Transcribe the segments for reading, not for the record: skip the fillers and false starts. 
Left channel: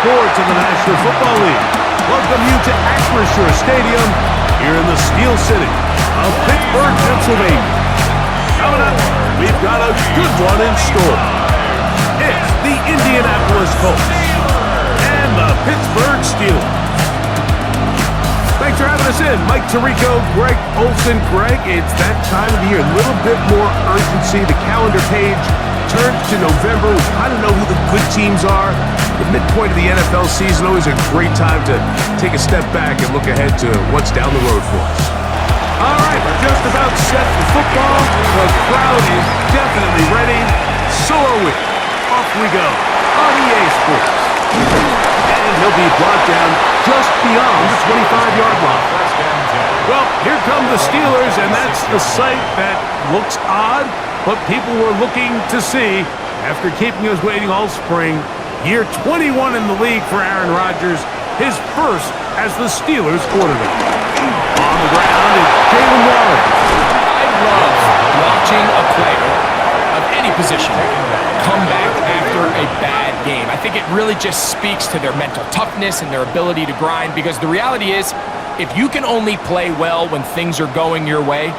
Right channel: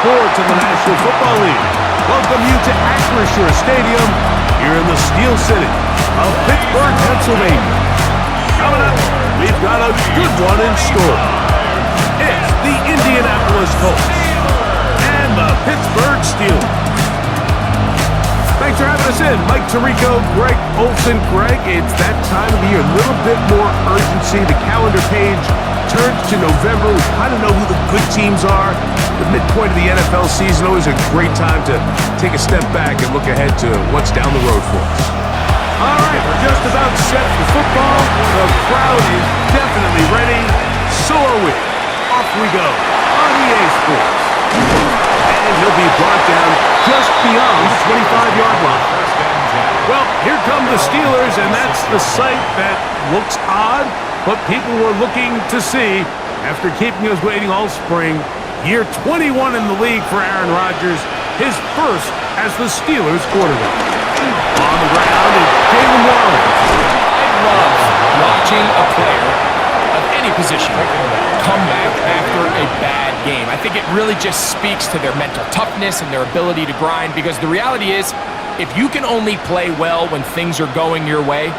sports in the National Football League. Welcome you to Acrisure Stadium here in the Steel City of Pittsburgh, Pennsylvania. Coming up, we've got a good one in store. It's the Indianapolis Colts and the Pittsburgh Steelers. Thanks for having us in. Mike Tirico, Greg Olson. Greg, it's that time of the year. A little bit more urgency. The calendar page turns to November. We kind of know who the good teams are. The midpoint of the NFL season, always a great time to take a step back and look ahead to what's down the road for us. All right, we're just about set for football. The crowd is definitely ready. So are we. Off we go on EA Sports. And he'll be brought down just beyond the 25-yard line. Well, here come the Steelers, and that's the sight that looks odd, but people were looking to see after keeping us waiting all spring. Year 21 in the league for Aaron Rodgers, his first as the Steelers quarterback. On the ground is Jalen Warren. I love watching a player of any position come back after a bad game. I think it really just speaks to their mental toughness and their ability to grind, because the reality is, if you can only play well when things are going your way,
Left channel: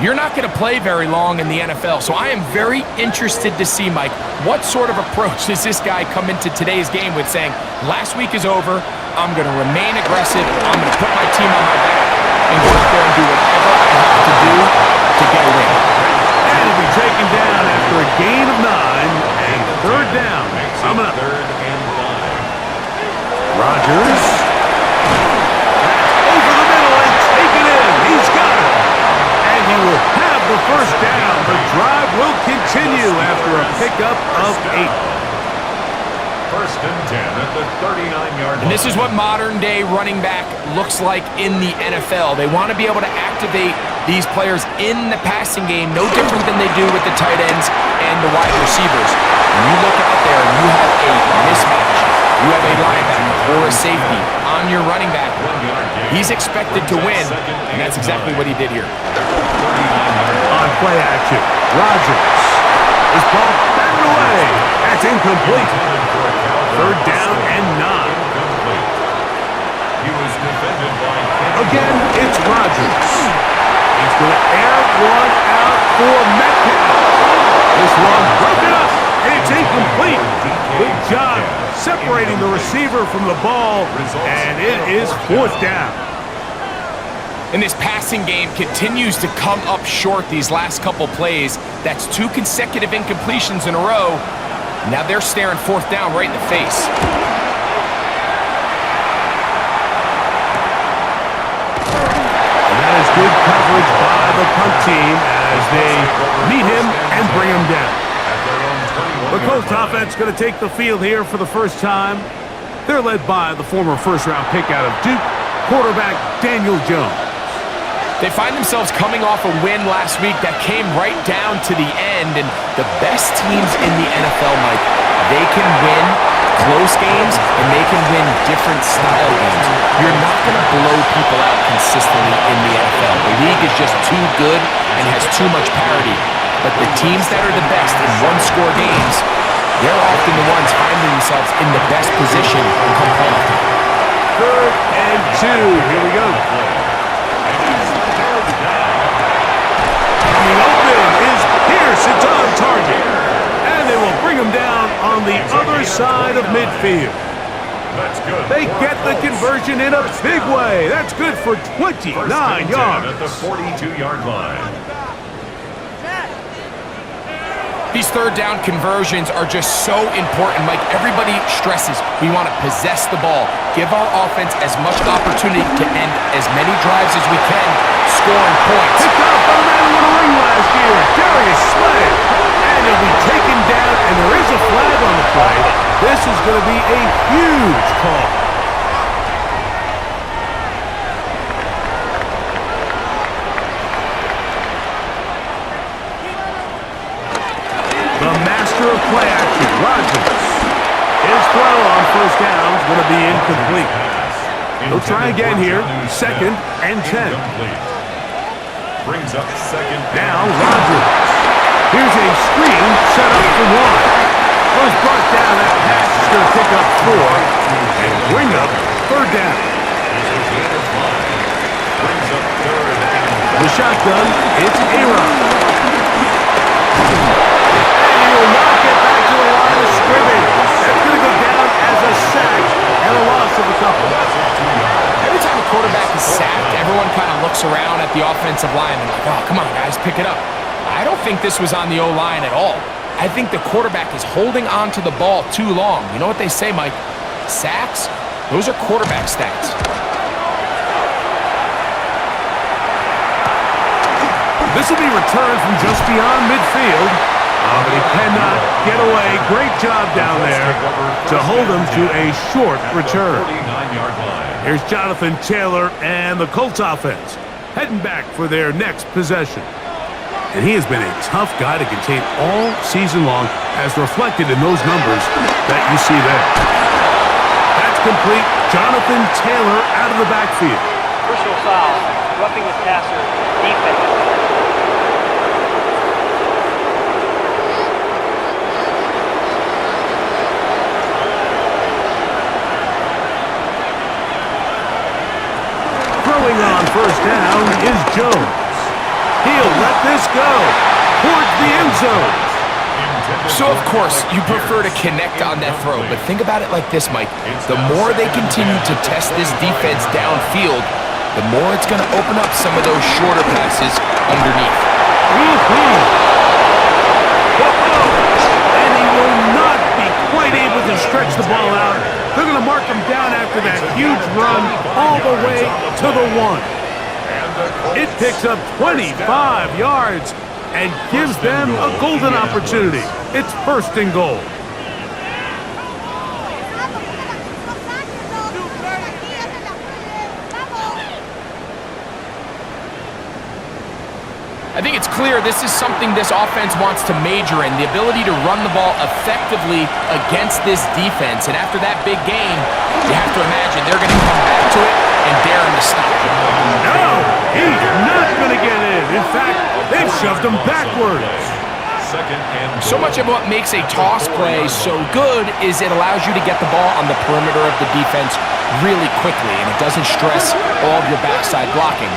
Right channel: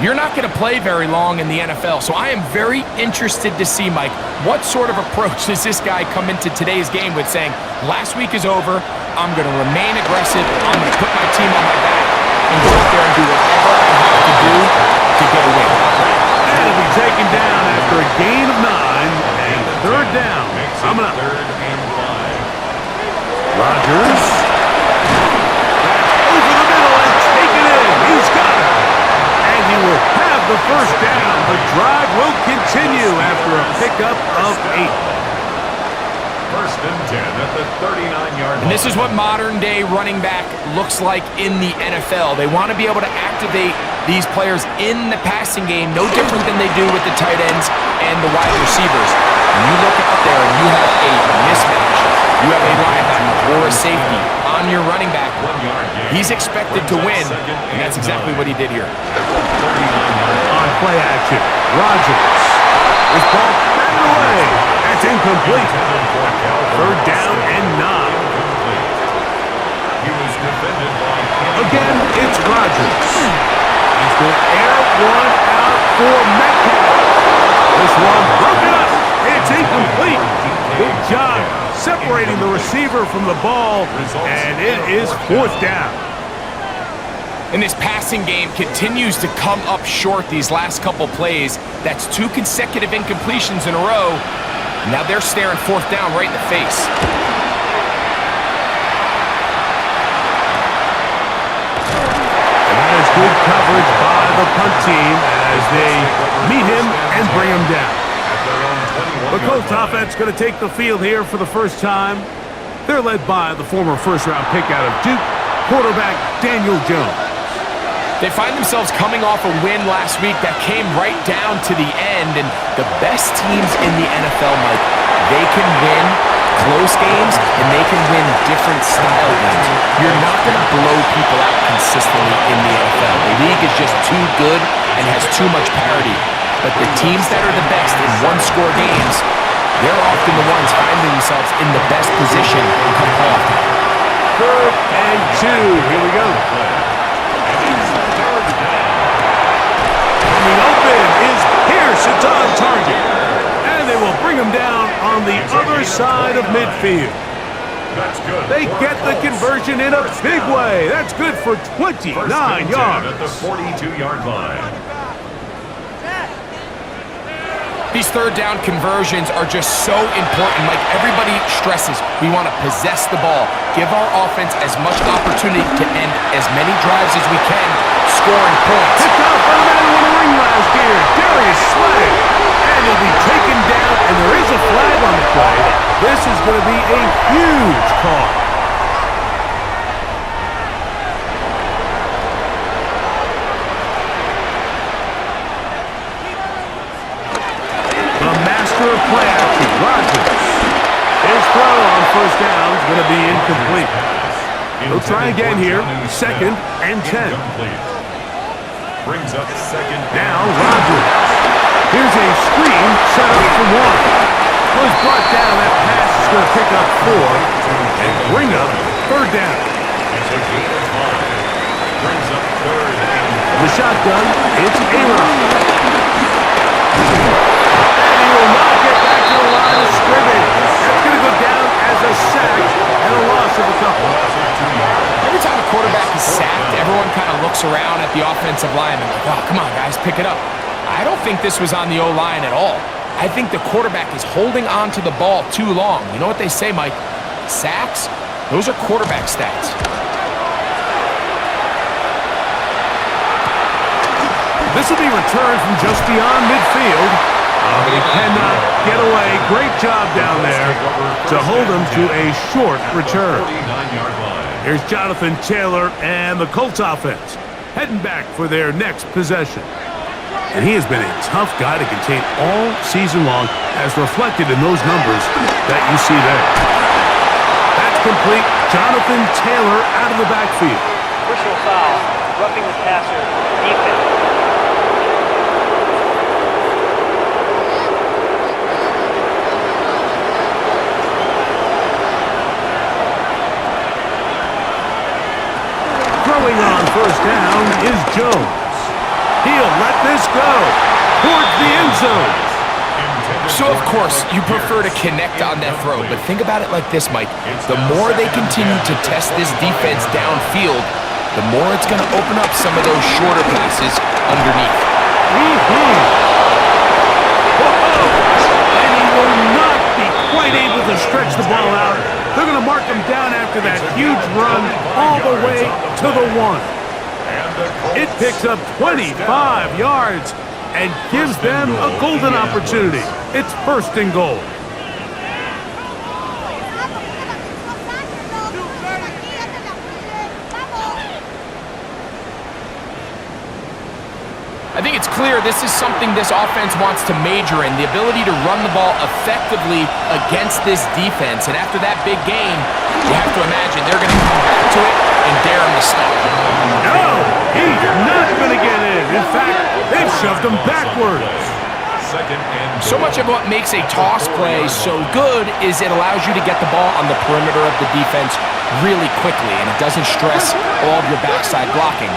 you're not going to play very long in the NFL. So I am very interested to see, Mike, what sort of approach does this guy come into today's game with, saying, last week is over, I'm going to remain aggressive, I'm going to put my team on my back and go out there and do whatever I have to do to get a win. And he'll be taken down after a gain of 9 and third down. Coming up. Third and 5. Rodgers. That's over the middle and taken in. He's got it. And he will have the first down. The drive will continue after a pickup of 8. First and 10 at the 39-yard line. And this is what modern-day running back looks like in the NFL. They want to be able to activate these players in the passing game, no different than they do with the tight ends and the wide receivers. When you look out there and you have a mismatch, you have a linebacker or a safety on your running back, he's expected to win, and that's exactly what he did here. On play action, Rodgers. This ball batted away. That's incomplete. Third down and 9. He was defended by again, it's Rodgers. He's going to air one out for Metcalf. This one broken up. It's incomplete. Good job separating the receiver from the ball, and it is 4th down. And this passing game continues to come up short these last couple plays. That's 2 consecutive incompletions in a row. Now they're staring 4th down right in the face. And that is good coverage by the punt team as they meet him and bring him down. The Colts offense going to take the field here for the first time. They're led by the former first-round pick out of Duke, quarterback Daniel Jones. They find themselves coming off a win last week that came right down to the end, and the best teams in the NFL, Mike, they can win close games and they can win different style games. You're not going to blow people out consistently in the NFL. The league is just too good and has too much parity. But the teams that are the best in one-score games, they're often the ones finding themselves in the best position come playoff time. 3rd and 2. Here we go. Coming open is Pierce. It's on target. And they will bring him down on the other side of midfield. That's good. They get the conversion in a big way. That's good for 29 yards. At the 42-yard line. These third down conversions are just so important, Mike. Everybody stresses we want to possess the ball, give our offense as much opportunity to end as many drives as we can, scoring points. Picked up by the man who won a ring last year, Darius Slay. And he'll be taken down, and there is a flag on the play. This is going to be a huge call. The master of play action, Rodgers. His throw on first down is going to be incomplete. He'll try again here, 2nd and 10. Brings up 2nd Now Rodgers. Here's a screen set up for 1. Was brought down. That pass is going to pick up 4 and bring up 3rd down. It's a gain of 5. Brings up 3rd and The shotgun, it's Aaron. And he will not get back to the line of scrimmage. That's going to go down as a sack and a loss of a couple. Every time a quarterback is sacked, everyone kind of looks around at the offensive lineman like, oh, come on, guys, pick it up. I don't think this was on the O-line at all. I think the quarterback is holding on to the ball too long. You know what they say, Mike? Sacks, those are quarterback stats. This will be returned from just beyond midfield. But he cannot get away. Great job down there to hold him to a short return. Here's Jonathan Taylor and the Colts offense heading back for their next possession. And he has been a tough guy to contain all season long, as reflected in those numbers that you see there. That's complete. Jonathan Taylor out of the backfield. Personal foul, roughing the passer, defense. Throwing on 1st down is Jones. He'll let this go towards the end zone. So, of course, you prefer to connect on that throw, but think about it like this, Mike. The more they continue to test this defense downfield, the more it's going to open up some of those shorter passes underneath. And he will not be quite able to stretch the ball out. They're going to mark him down after that huge run all the way to the 1. It picks up 25 yards and gives them a golden opportunity. It's 1st and goal. I think it's clear this is something this offense wants to major in, the ability to run the ball effectively against this defense. And after that big game, you have to imagine they're going to come back to it and dare him to stop him. No, he's not going to get in. In fact, they've shoved him backwards. So much of what makes a toss play so good is it allows you to get the ball on the perimeter of the defense really quickly, and it doesn't stress all of your backside blocking.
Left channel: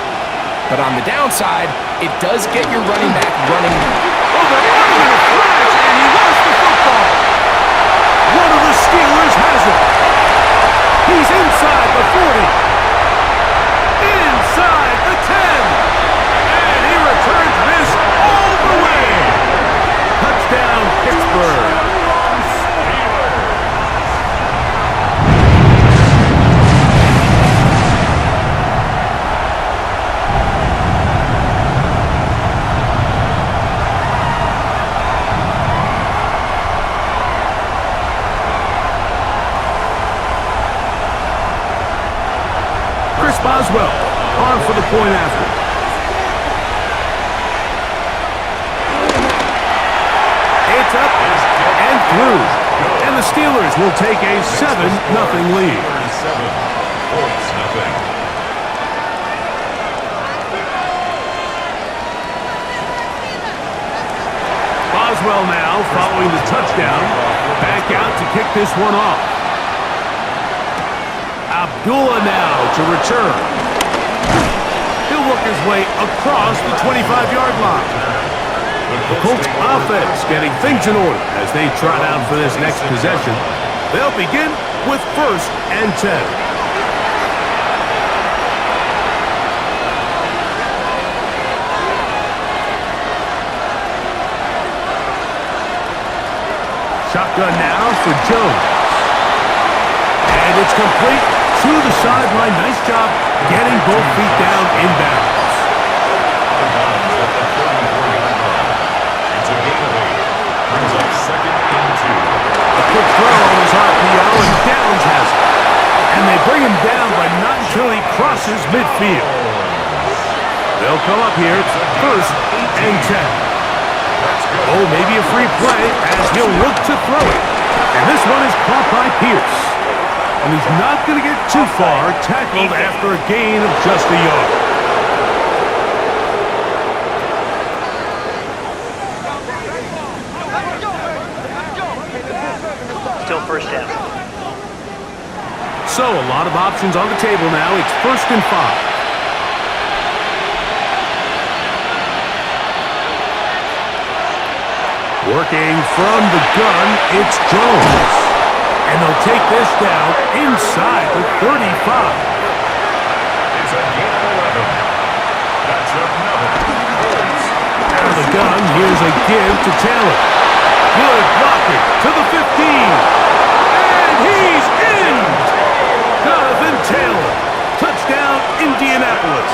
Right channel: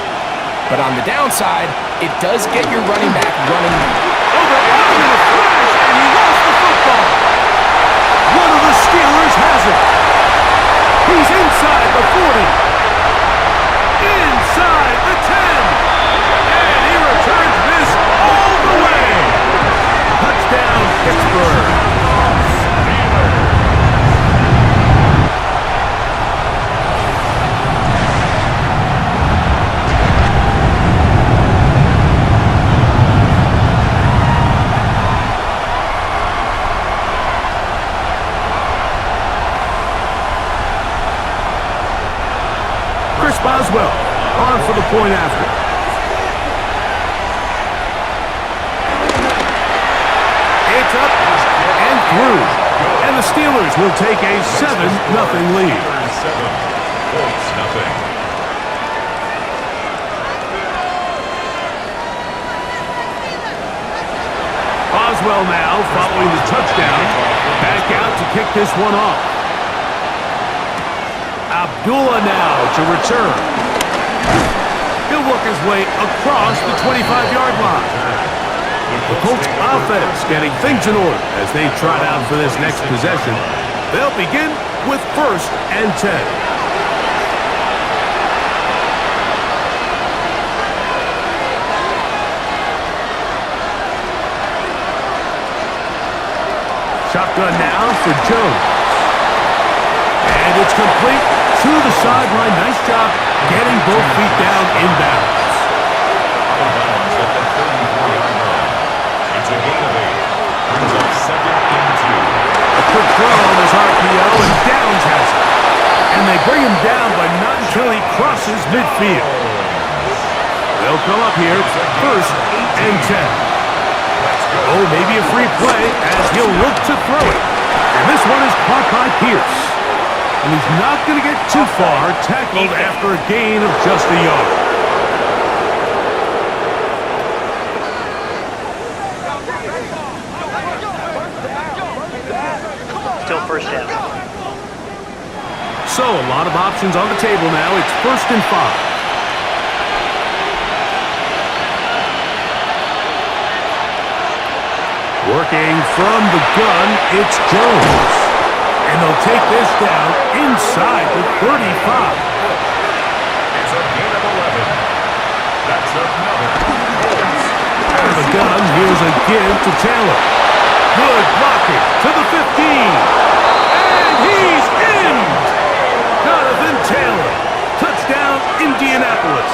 But on the downside, it does get your running back running. Oh, they're on him in a flash, and he lost the football. One of the Steelers has it. He's inside the 40. Inside the 10. And he returns this all the way. Touchdown, Pittsburgh. Boswell on for the point after. It's up and through. And the Steelers will take a 7-0 lead. 7, Colts nothing. Boswell now following the touchdown. Back out to kick this one off. Abdullah now to return. He'll work his way across the 25-yard line. The Colts offense getting things in order as they trot out for this next possession. They'll begin with 1st and 10. Shotgun now for Jones. And it's complete to the sideline. Nice job getting both feet down inbounds. Out of bounds at the 34-yard line. It's a gain of 8. Brings up 2nd and 2. A quick throw on his RPO, and Downs has it. And they bring him down, but not until he crosses midfield. They'll come up here 1st and 10. Oh, maybe a free play as he'll look to throw it. And this one is caught by Pierce. And he's not going to get too far, tackled after a gain of just a yard. So, a lot of options on the table now. It's 1st and 5. Working from the gun, it's Jones. And they'll take this down inside the 35. It's a gain of 11. That's another Colts. Out of the gun, here's a give to Taylor. Good blocking to the 15. And he's in! Jonathan Taylor. Touchdown, Indianapolis.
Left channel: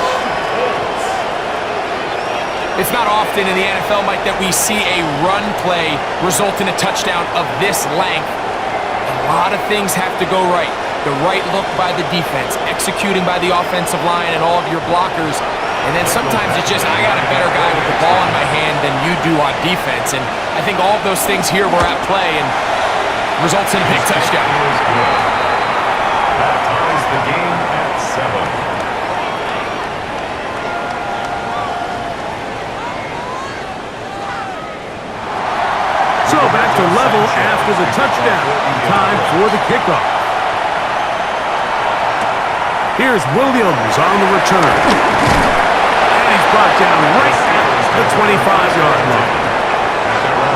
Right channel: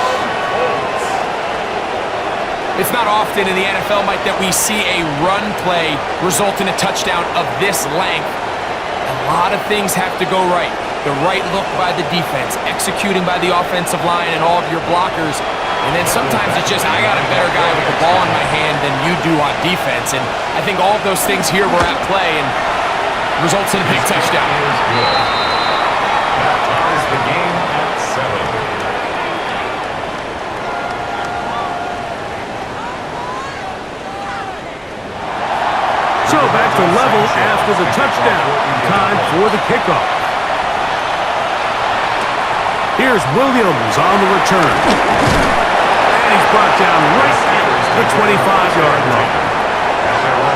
It's not often in the NFL, Mike, that we see a run play result in a touchdown of this length. A lot of things have to go right. The right look by the defense, executing by the offensive line and all of your blockers. And then sometimes it's just, I got a better guy with the ball in my hand than you do on defense. And I think all of those things here were at play and results in a big touchdown. That ties the game at 7. So back to level after the touchdown. Time for the kickoff. Here's Williams on the return. And he's brought down right at the 25-yard line.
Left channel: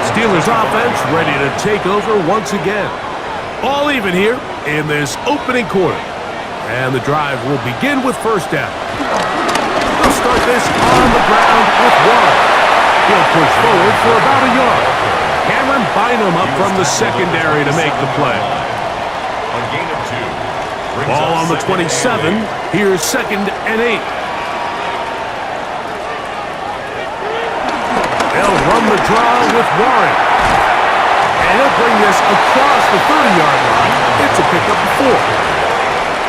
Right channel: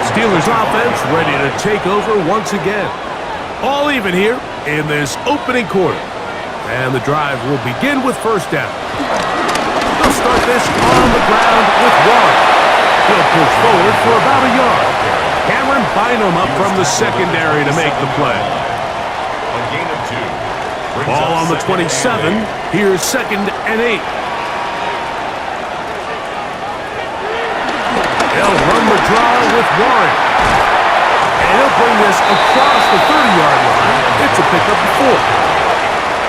Steelers offense ready to take over once again. All even here in this opening quarter. And the drive will begin with 1st down. They'll start this on the ground with Warren. He'll push forward for about a yard. Cameron Bynum up from the secondary to make the play. A gain of 2. Ball on the 27. Here's 2nd and 8. They'll run the draw with Warren. And he'll bring this across the 30-yard line. It's a pickup of 4.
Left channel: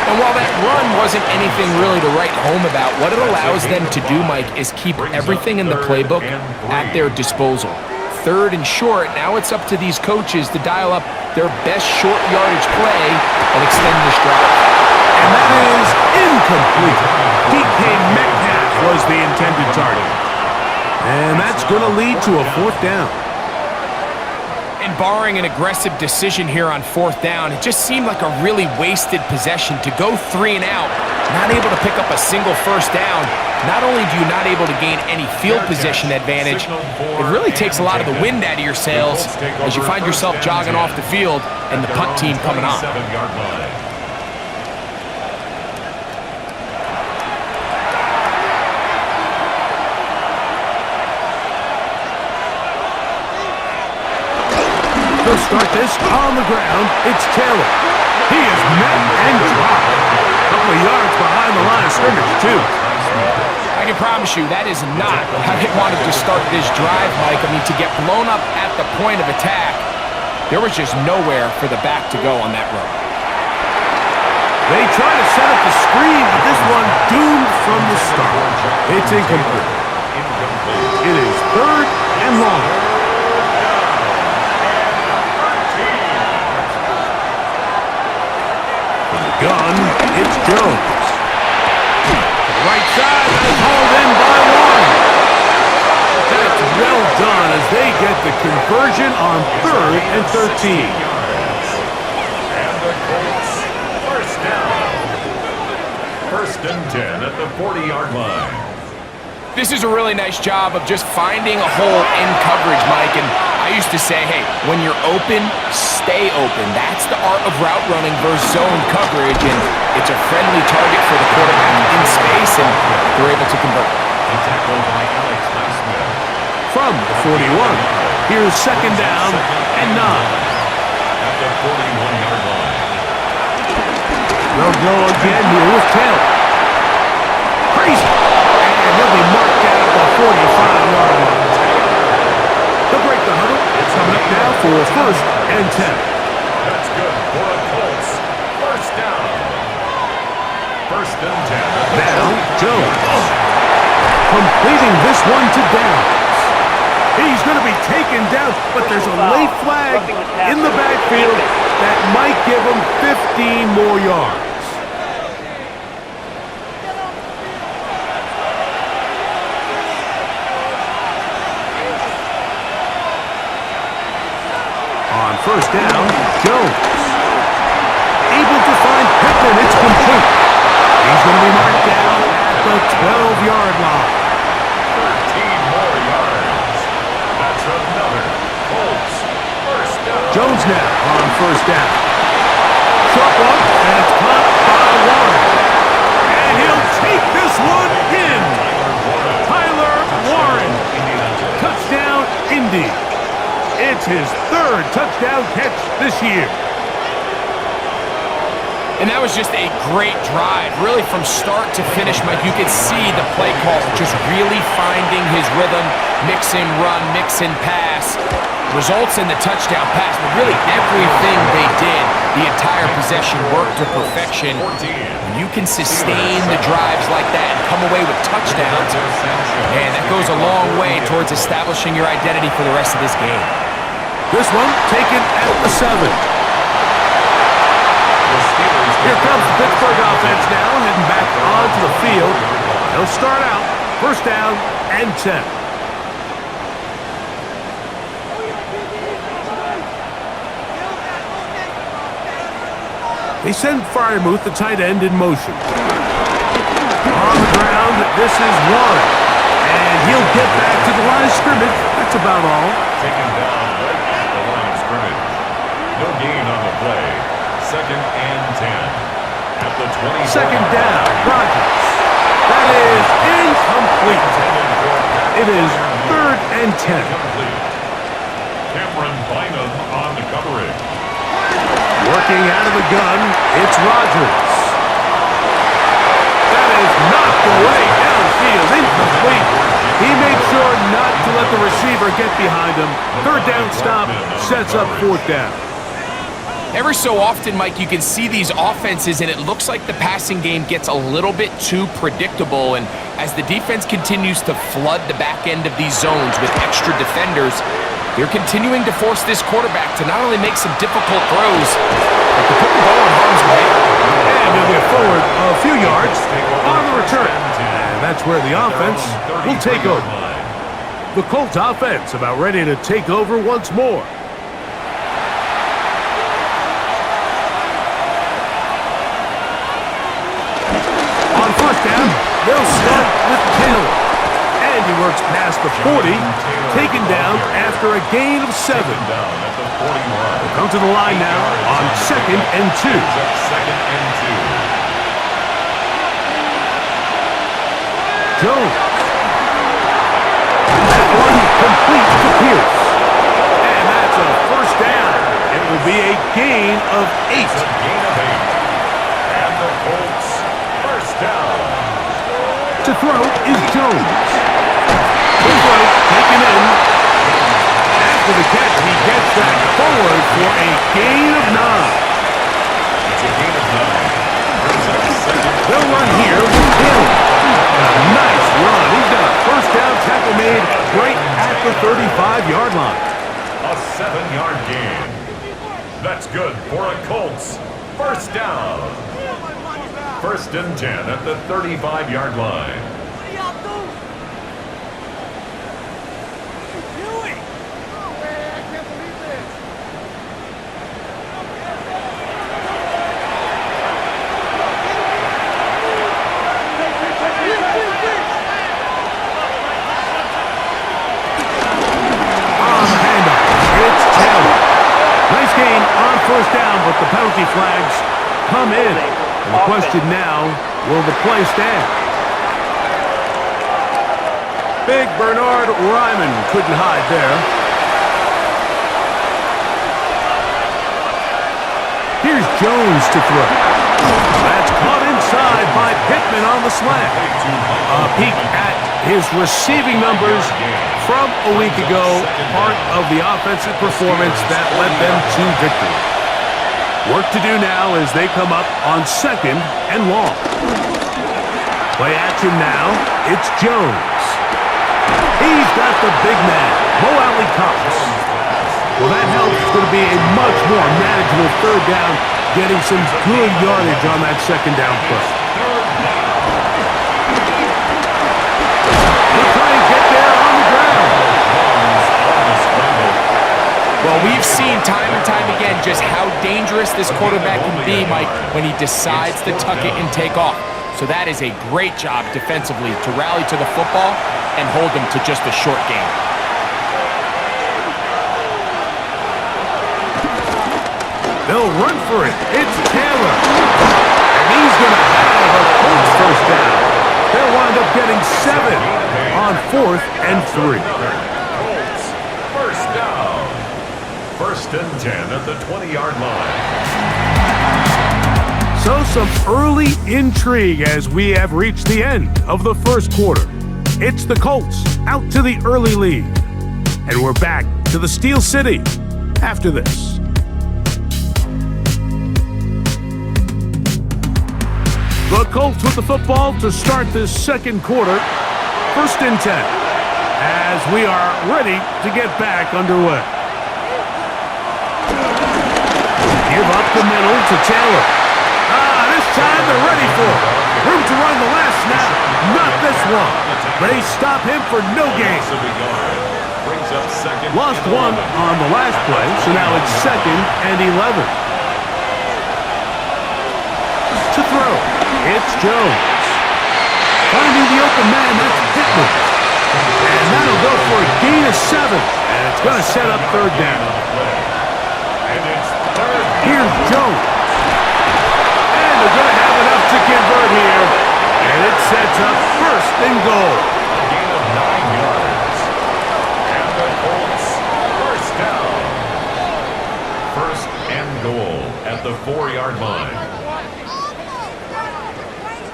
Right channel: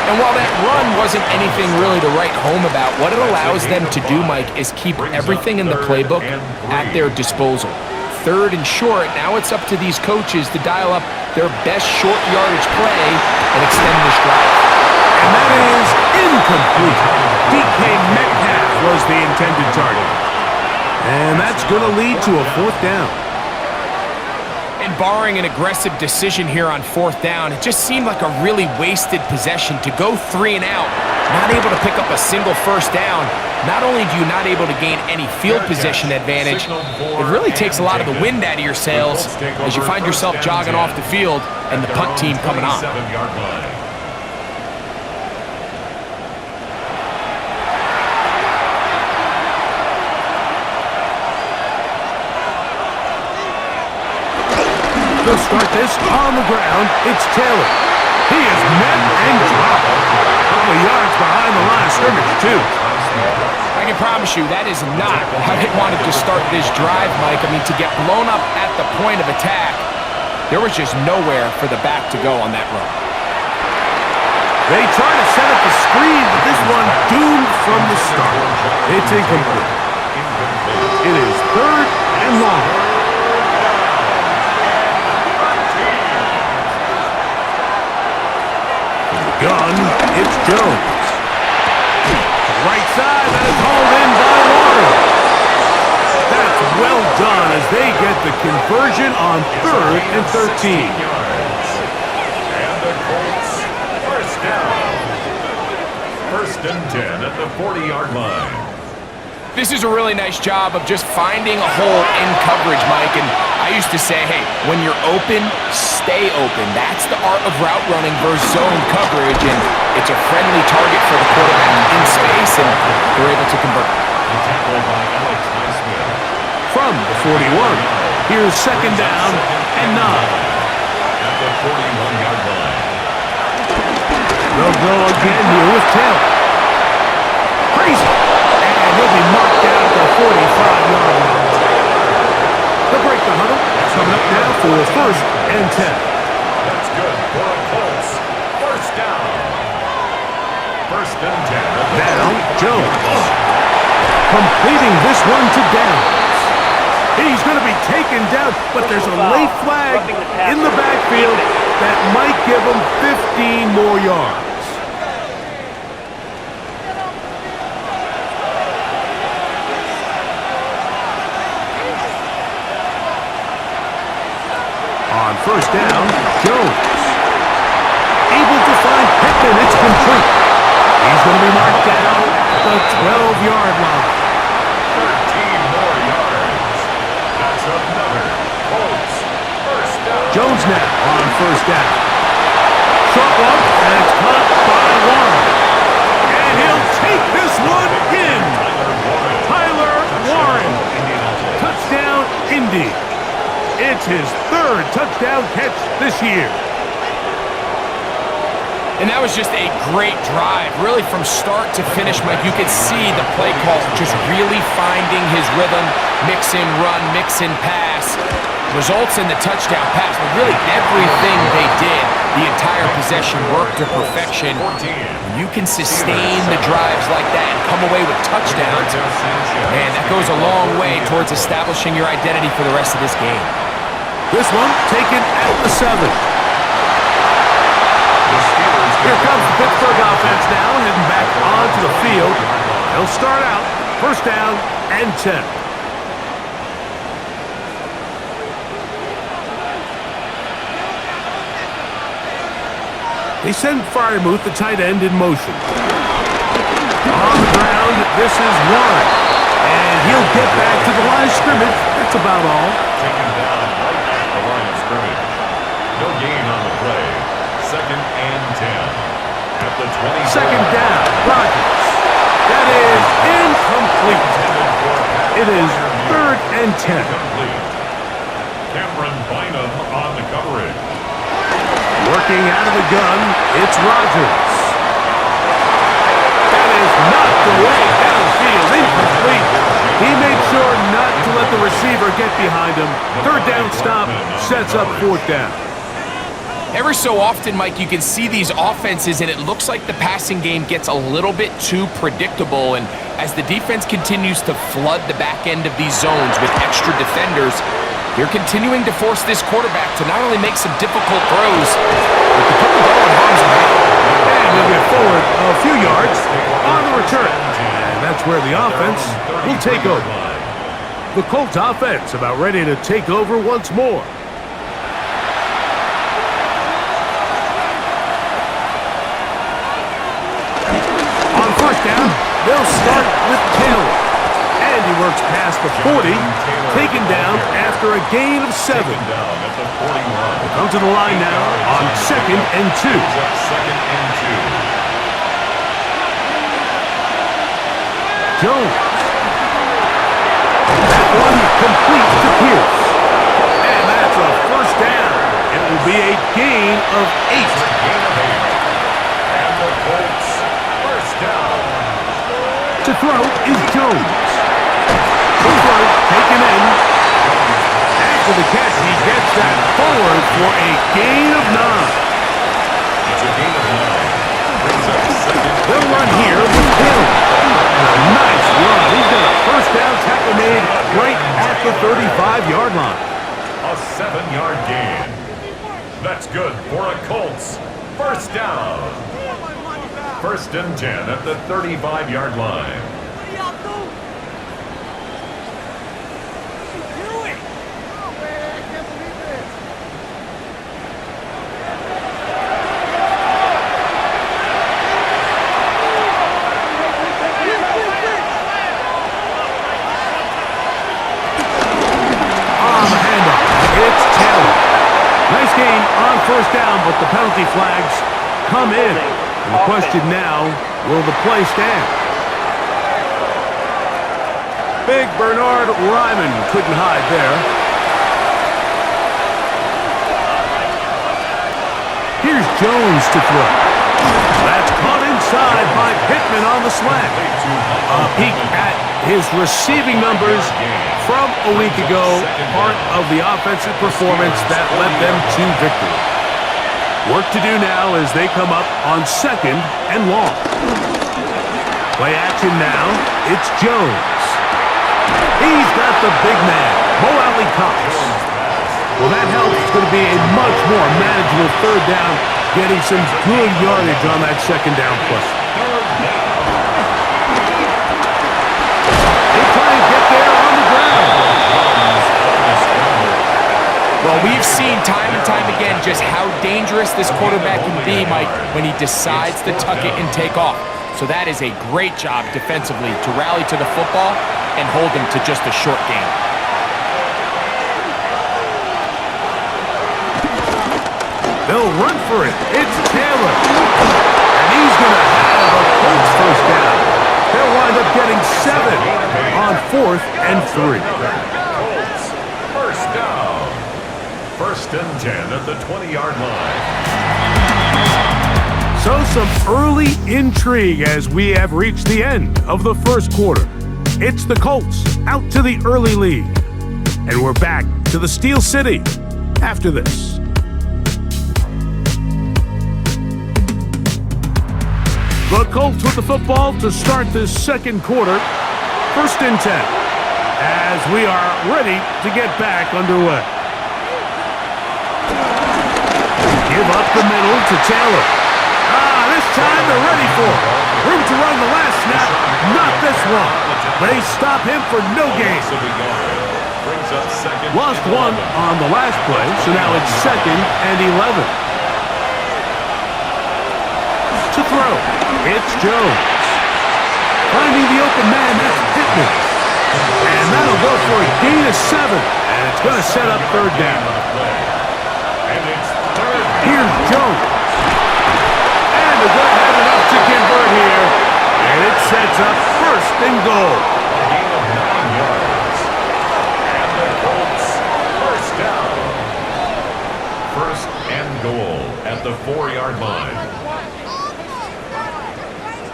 And while that run wasn't anything really to write home about, what it allows them to do, Mike, is keep everything in the playbook at their disposal. 3rd and short, now it's up to these coaches to dial up their best short yardage play and extend this drive. And that is incomplete. DK Metcalf was the intended target. And that's going to lead to a 4th down. And barring an aggressive decision here on 4th down, it just seemed like a really wasted possession to go 3 and out, not able to pick up a single 1st down. Not only do you not able to gain any field position advantage, it really takes a lot of the wind out of your sails as you find yourself jogging off the field and the punt team coming on. They'll start this on the ground. It's Taylor. He is met and dropped. A couple of yards behind the line of scrimmage, too. I can promise you that is not how they wanted to start this drive, Mike. I mean, to get blown up at the point of attack, there was just nowhere for the back to go on that run. They try to set up the screen, but this one doomed from the start. It's incomplete. It is 3rd and long. Gun, it's Jones. To the right side, that is hauled in by Warren. That's well done as they get the conversion on 3rd and 13. And the Colts, 1st down. 1st and 10 at the 40-yard line. This is a really nice job of just finding a hole in coverage, Mike. And I used to say, hey, when you're open, stay open. That's the art of route running versus zone coverage. And it's a friendly target for the quarterback in space, and they're able to convert. The tackle by Alex Highsmith. From the 41, here's 2nd down and 9. At the 41-yard line. They'll go again here with Taylor. Crazy. And he'll be marked down at the 45-yard line. They'll break the huddle. It's coming up now for 1st and 10. That's good for the Colts. 1st down. 1st and 10. Now, Jones. Completing this one to Downs. He's going to be taken down, but there's a late flag in the backfield that might give him 15 more yards. On 1st down, Jones. Able to find Pittman complete. He's going to be marked down at the 12-yard line. 13 more yards. That's another Colts first down. Jones now on first down. Short one, and it's caught by Warren. And he'll take this one in. Tyler Warren. Touchdown, Indy. It's his third touchdown catch this year. And that was just a great drive. Really from start to finish, Mike, you could see the play call just really finding his rhythm. Mix and run, mix and pass. Results in the touchdown pass. But really everything they did, the entire possession worked to perfection. When you can sustain the drives like that and come away with touchdowns, man, that goes a long way towards establishing your identity for the rest of this game. This one taken at the 7. Here comes the Pittsburgh offense now, heading back onto the field. They'll start out first down and 10. They send Freiermuth, the tight end, in motion. On the ground, this is Warren. And he'll get back to the line of scrimmage. That's about all. Taken down right at the line of scrimmage. No gain on the play. Second and 10. At the 20. Second down, Rodgers. That is incomplete. It is third and 10. Incomplete. Cameron Bynum on the coverage. Working out of the gun, it's Rodgers. That is knocked away downfield, incomplete. He made sure not to let the receiver get behind him. Third down stop sets up fourth down. Every so often, Mike, you can see these offenses, and it looks like the passing game gets a little bit too predictable. And as the defense continues to flood the back end of these zones with extra defenders, they're continuing to force this quarterback to not only make some difficult throws, but to put the ball in harm's way. And he'll get forward a few yards on the return. And that's where the offense will take over. The Colts offense about ready to take over once more. On first down, they'll start with Taylor. And he works past the 40, taken down after a gain of 7. He'll come to the line now on second and 2. Second and 2. Jones. That one complete to Pierce. And that's a first down. It will be a gain of 8. It's a gain of 8. And the Colts first down. To throw is Jones. The throw taken in. After the catch, he gets that forward for a gain of 9. It's a gain of 9. Brings up second. They'll run here with Hill. And a nice run. He's got a first down tackle made right at the 35-yard line. A 7-yard gain. That's good for a Colts first down. First and 10 at the 35-yard line. What are y'all doing? What are you doing? Oh, man, I can't believe this. On the handoff, it's Taylor. Nice gain on first down, but the penalty flags come in. And the question now, will the play stand? Big Bernard Ryman couldn't hide there. Here's Jones to throw. That's caught inside by Pittman on the slant. A peek at his receiving numbers from a week ago, part of the offensive performance that led them to victory. Work to do now as they come up on second and long. Play action now, it's Jones. He's got the big man, Mo Alley Cox. Well, that helps. It's going to be a much more manageable third down, getting some good yardage on that second down play. They try and get there on the ground. Well, Well, we've seen time and time again just how dangerous this quarterback can be, Mike, when he decides to tuck it and take off. So that is a great job defensively to rally to the football and hold him to just a short game. They'll run for it. It's Taylor. And he's going to have a Colts first down. They'll wind up getting 7 on 4th and 3. Colts, first down. 1st and 10 at the 20-yard line. So some early intrigue as we have reached the end of the first quarter. It's the Colts out to the early lead. And we're back to the Steel City after this. The Colts with the football to start this second quarter. 1st and 10 as we are ready to get back underway. Give up the middle to Taylor. This time they're ready for it. Room to run the last snap. Not this one. They stop him for no gain. Lost 1 on the last play, so now it's 2nd and 11. To throw, it's Jones. Finding the open man, that's Pittman. And that'll go for a gain of 7. And it's going to set up 3rd down. Here's Jones. And they're going to have enough to convert here. And it sets up 1st and goal. A gain of 9 yards. And the Colts, first down. 1st and goal at the 4-yard line.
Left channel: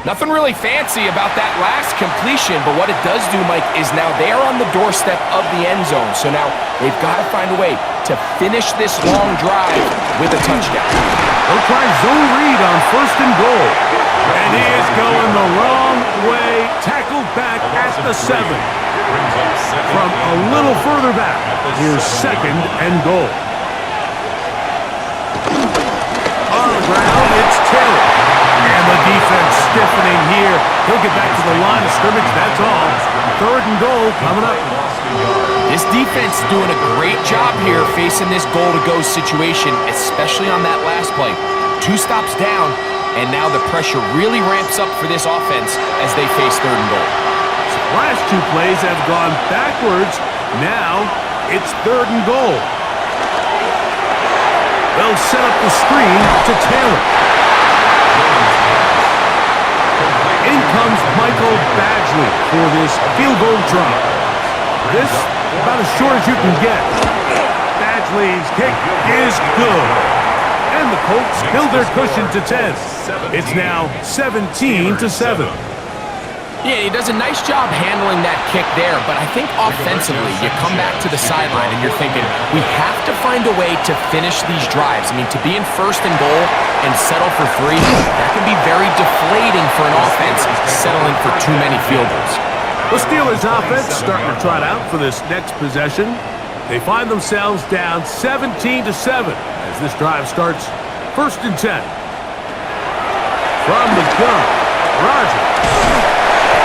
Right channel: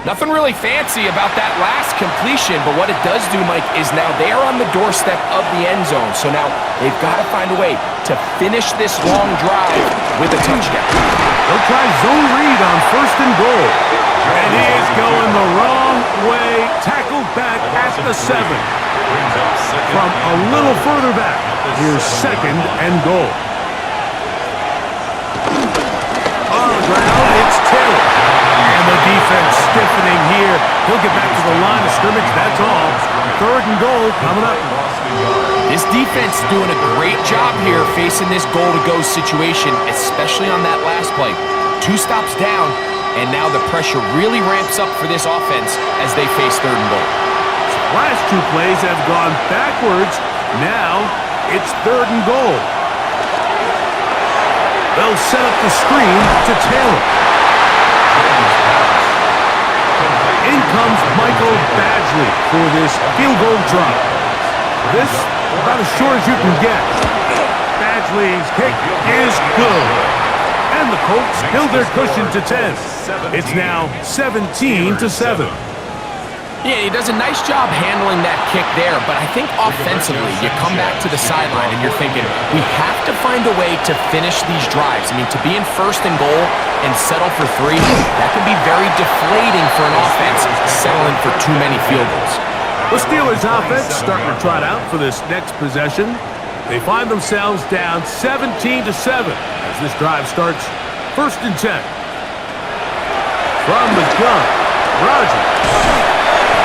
Nothing really fancy about that last completion, but what it does do, Mike, is now they are on the doorstep of the end zone. So now they've got to find a way to finish this long drive with a touchdown. They'll try zone read on 1st and goal. And he is going the wrong way. Tackled back at the 7. From a little further back, here's 2nd and goal. On the ground, it's Taylor. And the defense stiffening here. He'll get back to the line of scrimmage, that's all. 3rd and goal coming up. This defense doing a great job here facing this goal-to-go situation, especially on that last play. 2 stops down, and now the pressure really ramps up for this offense as they face 3rd and goal. Last 2 plays have gone backwards. Now it's 3rd and goal. They'll set up the screen to Taylor. In comes Michael Badgley for this field goal drop. This about as short as you can get. Badgley's kick is good. And the Colts build their cushion to 10. It's now 17-7. Yeah, he does a nice job handling that kick there, but I think offensively, you come back to the sideline and you're thinking, we have to find a way to finish these drives. I mean, to be in 1st and goal and settle for 3, that can be very deflating for an offense settling for too many field goals. The Steelers offense starting to trot out for this next possession. They find themselves down 17-7 as this drive starts 1st and 10. From the gun, Rodgers.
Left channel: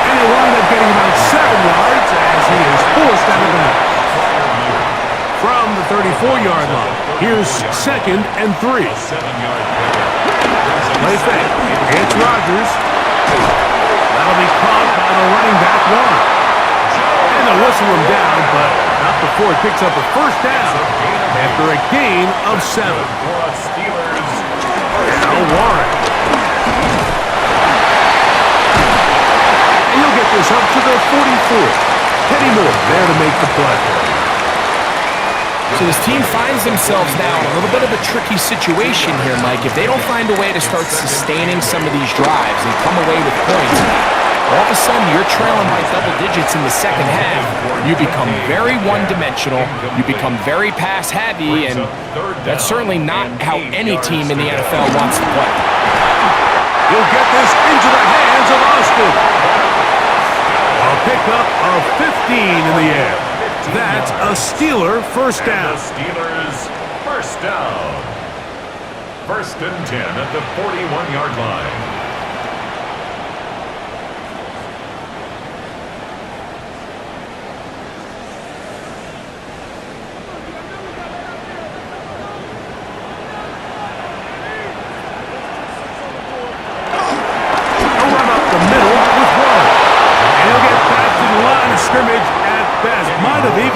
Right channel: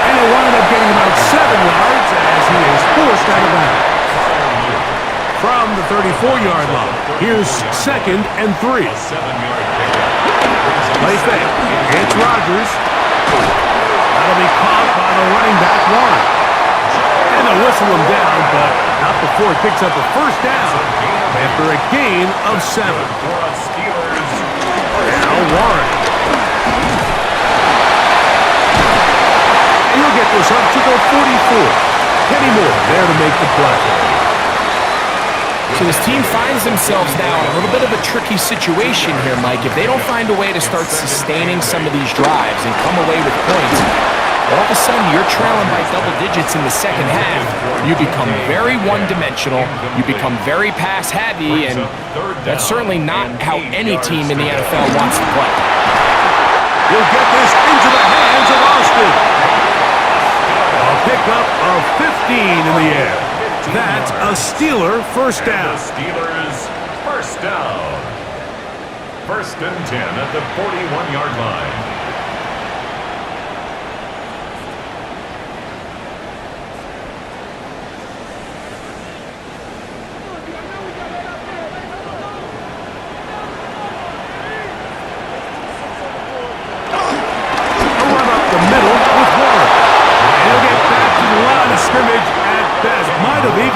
And he'll wind up getting about 7 yards as he is forced out of bounds. From the 34-yard line, here's 2nd and 3. Play fake. It's Rodgers. That'll be caught by the running back line. And they'll whistle him down, but not before he picks up a 1st down after a gain of 7. Now Warren. He'll get this up to the 44. Kenny Moore there to make the play. So this team finds themselves now in a little bit of a tricky situation here, Mike. If they don't find a way to start sustaining some of these drives and come away with points, all of a sudden you're trailing by double digits in the second half. You become very one-dimensional. You become very pass-heavy, and that's certainly not how any team in the NFL wants to play. He'll get this into the hands of Austin. A pickup of 15 in the air. That's a Steeler first down. The Steelers first down. 1st and 10 at the 41-yard line.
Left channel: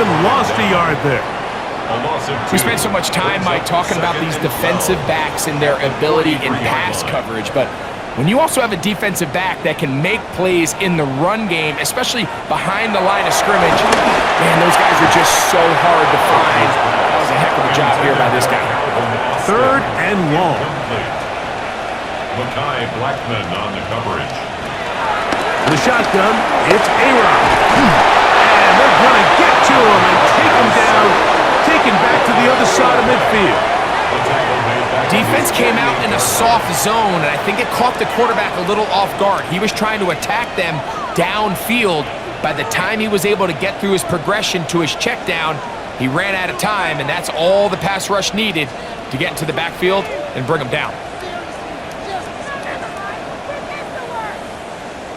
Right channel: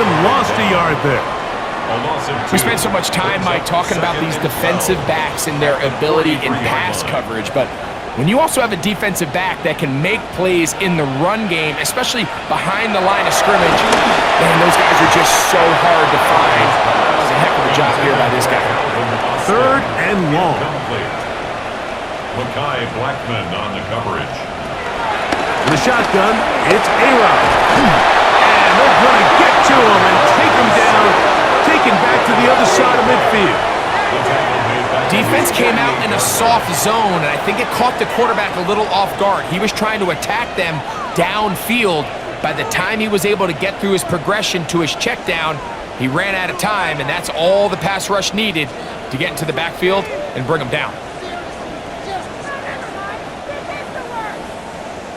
even lost a yard there. A loss of 2. We spent so much time, Mike, talking about these defensive backs and their ability in pass coverage, but when you also have a defensive back that can make plays in the run game, especially behind the line of scrimmage, man, those guys are just so hard to find. That was a heck of a job here by this guy. 3rd and long. Mekhi Blackman on the coverage. The shotgun, it's A-Rod. And they're going to get to him and take him down, taken back to the other side of midfield. Defense came out in a soft zone, and I think it caught the quarterback a little off guard. He was trying to attack them downfield. By the time he was able to get through his progression to his check down, he ran out of time, and that's all the pass rush needed to get into the backfield and bring him down.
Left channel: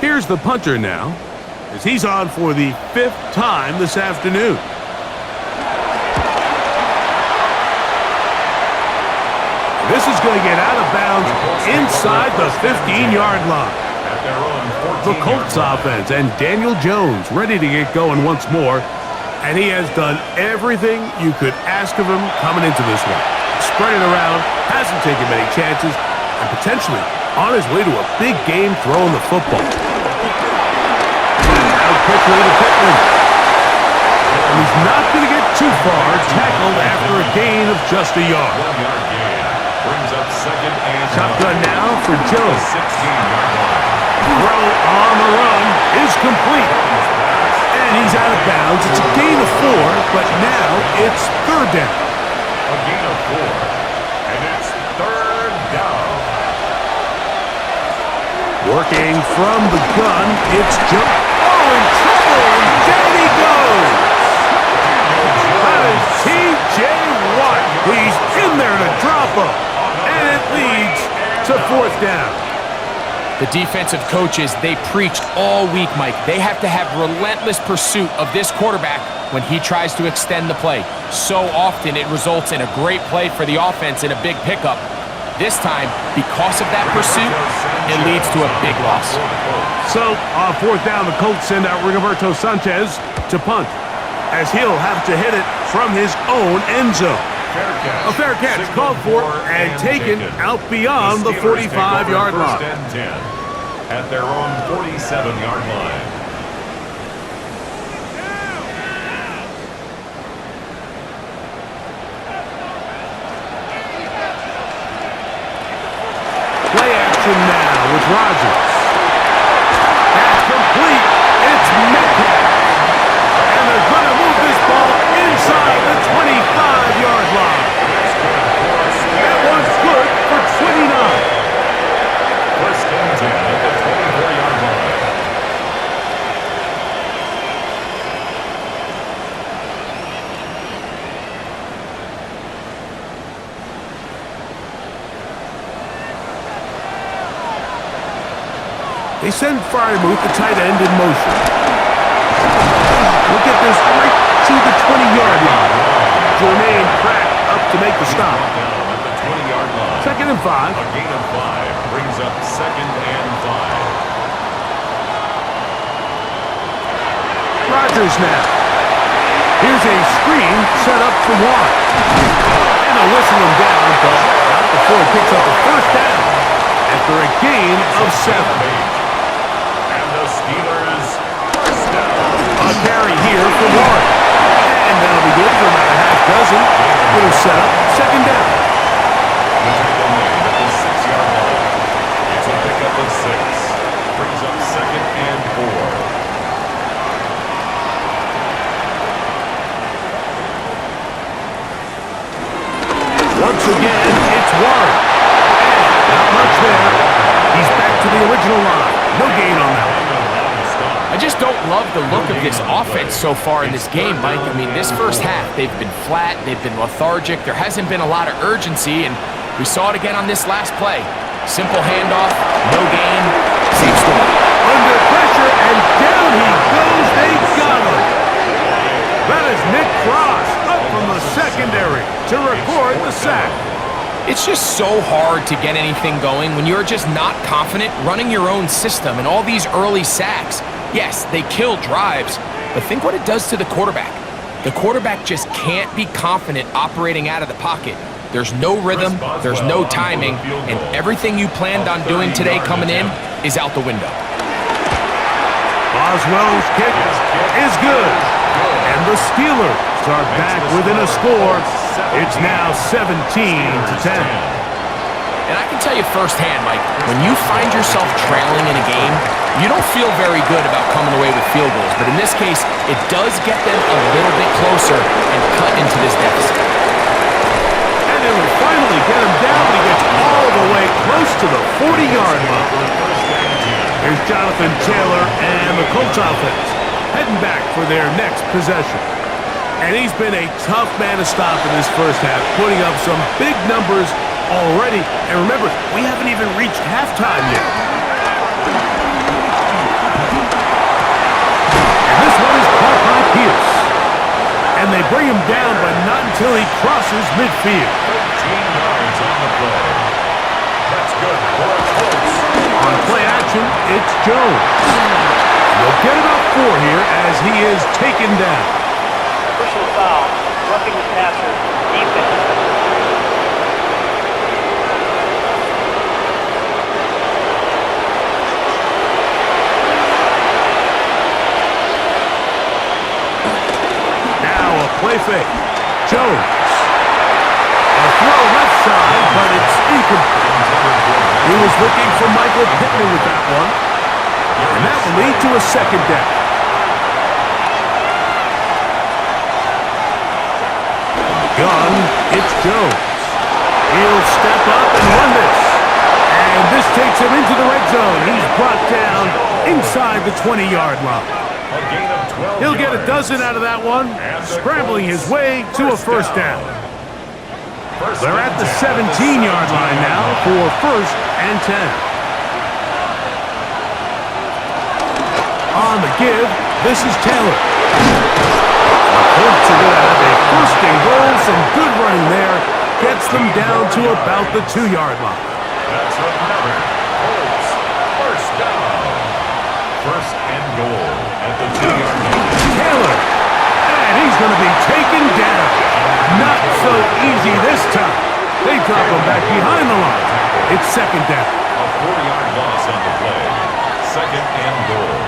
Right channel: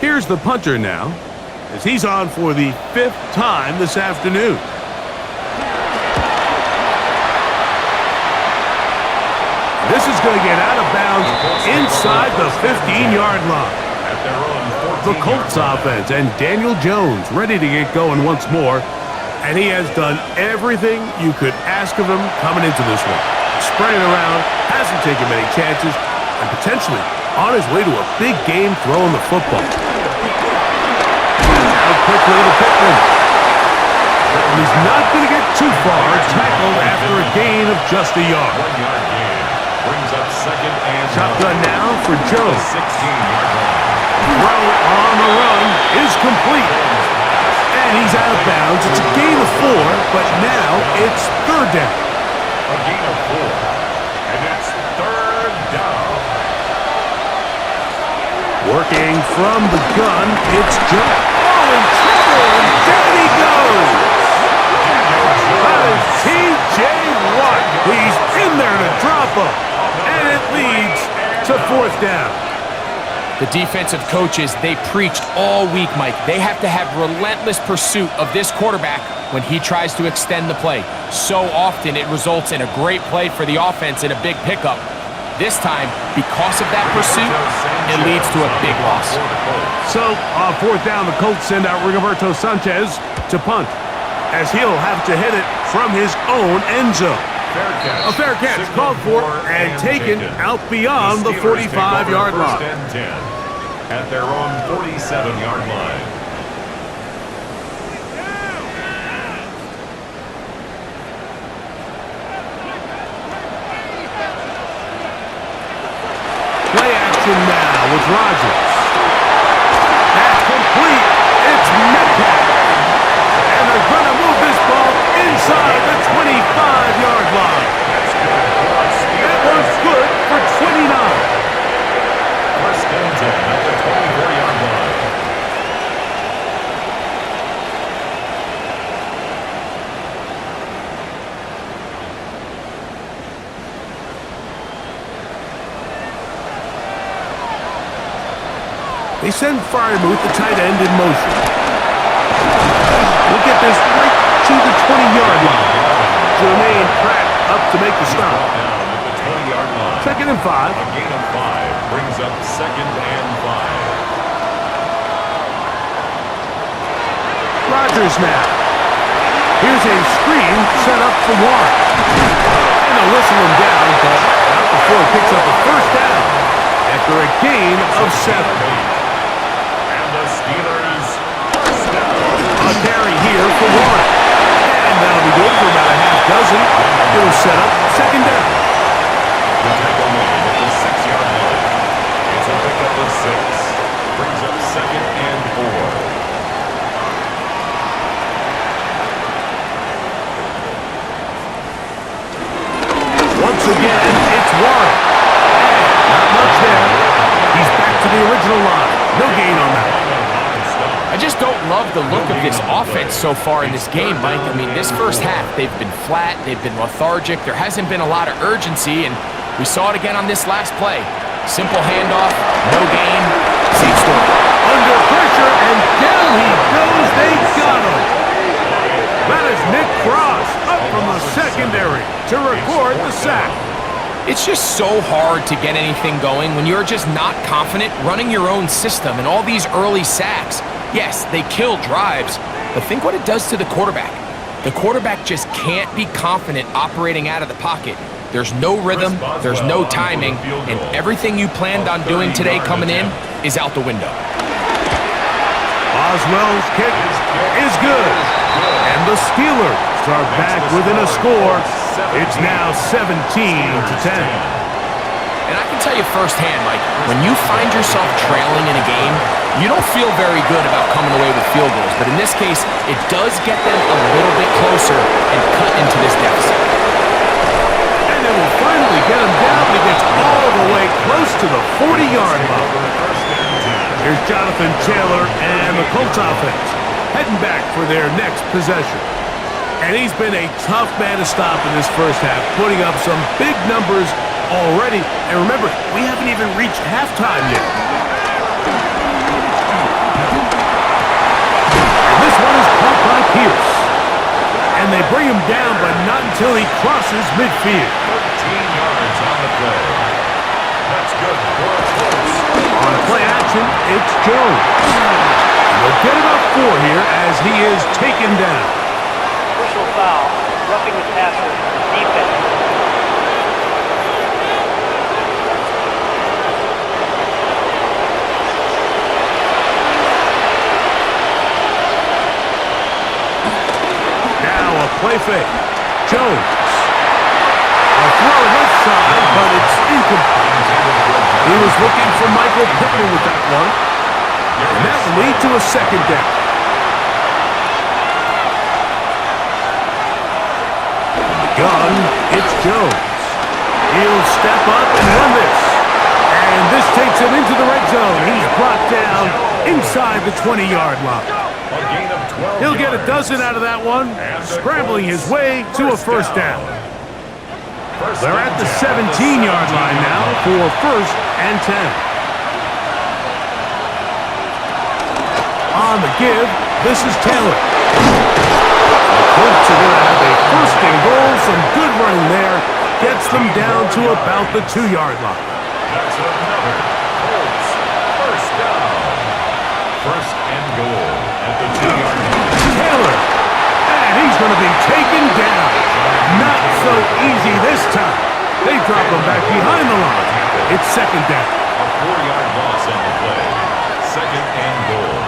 Here's the punter now, as he's on for the 5th time this afternoon. This is going to get out of bounds inside the 15-yard line. The Colts offense and Daniel Jones ready to get going once more. And he has done everything you could ask of him coming into this one. Spreading around, hasn't taken many chances, and potentially on his way to a big game throwing the football. And out quickly to Pittman. And he's not going to get too far, tackled after a gain of just a yard. 1 yard gain. Brings up 2nd and Shotgun now for Jones. 16-yard line. Throw on the run is complete. And he's out of bounds. It's a gain of 4, but now it's 3rd down. A gain of 4. And it's 3rd down. Working from the gun, it's Jones. Oh, in trouble, and down he goes. That is T.J. Watt. He's in there to drop him. And it leads to 4th down. The defensive coaches, they preached all week, Mike. They have to have relentless pursuit of this quarterback when he tries to extend the play. So often it results in a great play for the offense and a big pickup. This time, because of that pursuit, it leads to a big loss. So, on 4th down, the Colts send out Rigoberto Sanchez to punt, as he'll have to hit it from his own end zone. A fair catch called for and taken out beyond the 45-yard line. 1st and 10 at their own 47-yard line. Play action now with Rodgers. That's complete. It's Metcalf. And they're going to move this ball inside the 25-yard line. That one's good for 29. 1st and 10 at the 24-yard line. They send Freiermuth, the tight end, in motion. We'll get this right to the 20-yard line. Jermaine Pratt up to make the stop. Down at the 20-yard line. 2nd and 5. A gain of 5 brings up 2nd and 5. Rodgers now. Here's a screen set up for Warren. And they'll whistle him down, but not before he picks up a 1st down after a gain of 7. And the Steelers 1st down. A carry here for Warren. And that'll be good for about a half dozen. It'll set up 2nd down. The tackle made at the 6-yard line. It's a pickup of 6. Brings up 2nd and 4. Once again, it's Warren. And not much there. He's back to the original line. No gain on that one. I just don't love the look of this offense so far in this game, Mike. I mean, this first half, they've been flat, they've been lethargic, there hasn't been a lot of urgency, and we saw it again on this last play. Simple handoff, no gain, same story. Under pressure, and down he goes. They got him. That is Nick Cross up from the secondary to record the sack. It's just so hard to get anything going when you're just not confident running your own system, and all these early sacks, yes, they kill drives, but think what it does to the quarterback. The quarterback just can't be confident operating out of the pocket. There's no rhythm, there's no timing, and everything you planned on doing today coming in is out the window. Boswell's kick is good. And the Steelers are back within a score. It's now 17-10. And I can tell you firsthand, Mike, when you find yourself trailing in a game, you don't feel very good about coming away with field goals. But in this case, it does get them a little bit closer and cut into this deficit. And it will finally get him down, but he gets all the way close to the 40-yard line. Here's Jonathan Taylor and the Colts offense heading back for their next possession. And he's been a tough man to stop in this first half, putting up some big numbers already. And remember, we haven't even reached halftime yet. And this one is caught by Pierce. And they bring him down, but not until he crosses midfield. 13 yards on the play. That's good for a Colts. On play action, it's Jones. They'll get about 4 here as he is taken down. Personal foul, roughing the passer, defense. Now a play fake. Jones. A throw left side, but it's incomplete. He was looking for Michael Pittman with that one. And that will lead to a second down. From the gun, it's Jones. He'll step up and run this. And this takes him into the red zone. He's brought down inside the 20-yard line. A gain of 12 He'll get a yards. dozen out of that one, scrambling his way to a first down. They're at the 17-yard line now for 1st and 10. On the give, this is Taylor. The Colts are going to have a 1st and goal. Some good running there. Gets them down to about the 2-yard line. That's another Colts 1st down. 1st and goal at the 2-yard line. Taylor. And he's going to be taken down. Not so easy this time. They drop him back behind the line. It's 2nd down. A 4-yard loss on the play. 2nd and goal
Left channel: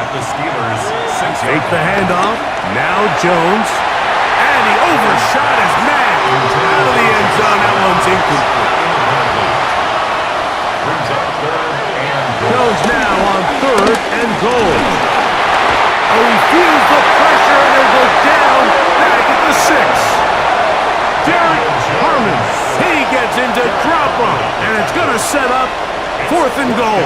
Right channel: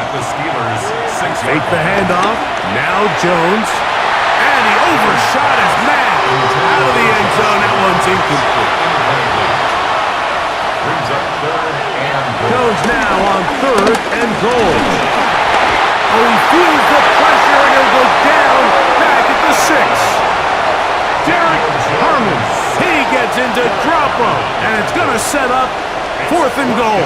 at the Steelers' 6-yard Take the handoff. Now Jones. And he overshot his man. Out of the end zone. That one's incomplete. Brings up 3rd and goal. Jones now on 3rd and goal. Oh, he feels the pressure and he'll go down back at the 6. Derek Harmon. He gets into drop him. And it's going to set up 4th and goal.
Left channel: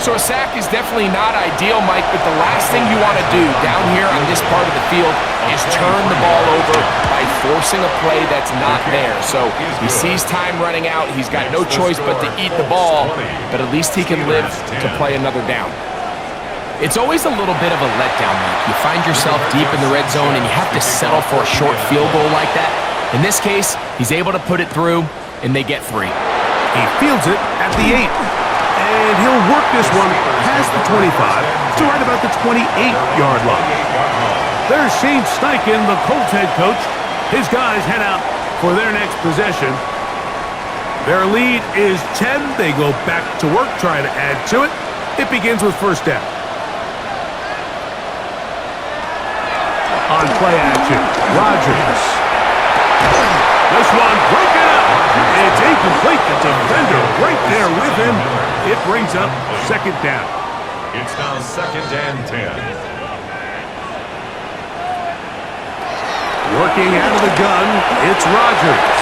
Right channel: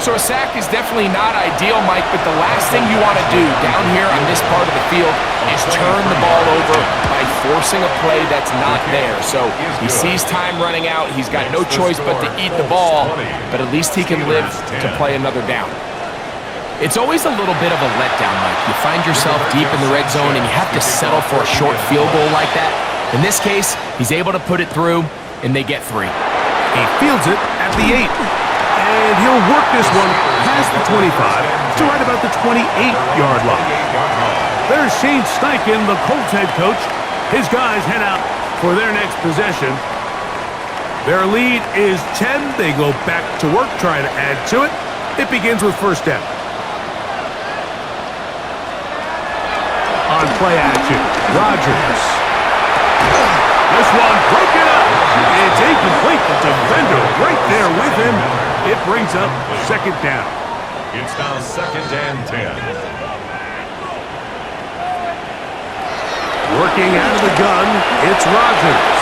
So a sack is definitely not ideal, Mike, but the last thing you want to do down here on this part of the field is turn the ball over by forcing a play that's not there. So he sees time running out. He's got no choice but to eat the ball, but at least he can live to play another down. It's always a little bit of a letdown, Mike. You find yourself deep in the red zone and you have to settle for a short field goal like that. In this case, he's able to put it through, and they get 3. He fields it at the 8. And he'll work this one past the 25 to right about the 28-yard line. There's Shane Steichen, the Colts head coach. His guys head out for their next possession. Their lead is 10. They go back to work, trying to add to it. It begins with 1st down. On play action, Rodgers. This one broken up. It's incomplete. The defender right there with him. It brings up 2nd down. It's now 2nd and 10. Working out of the gun, it's Rodgers.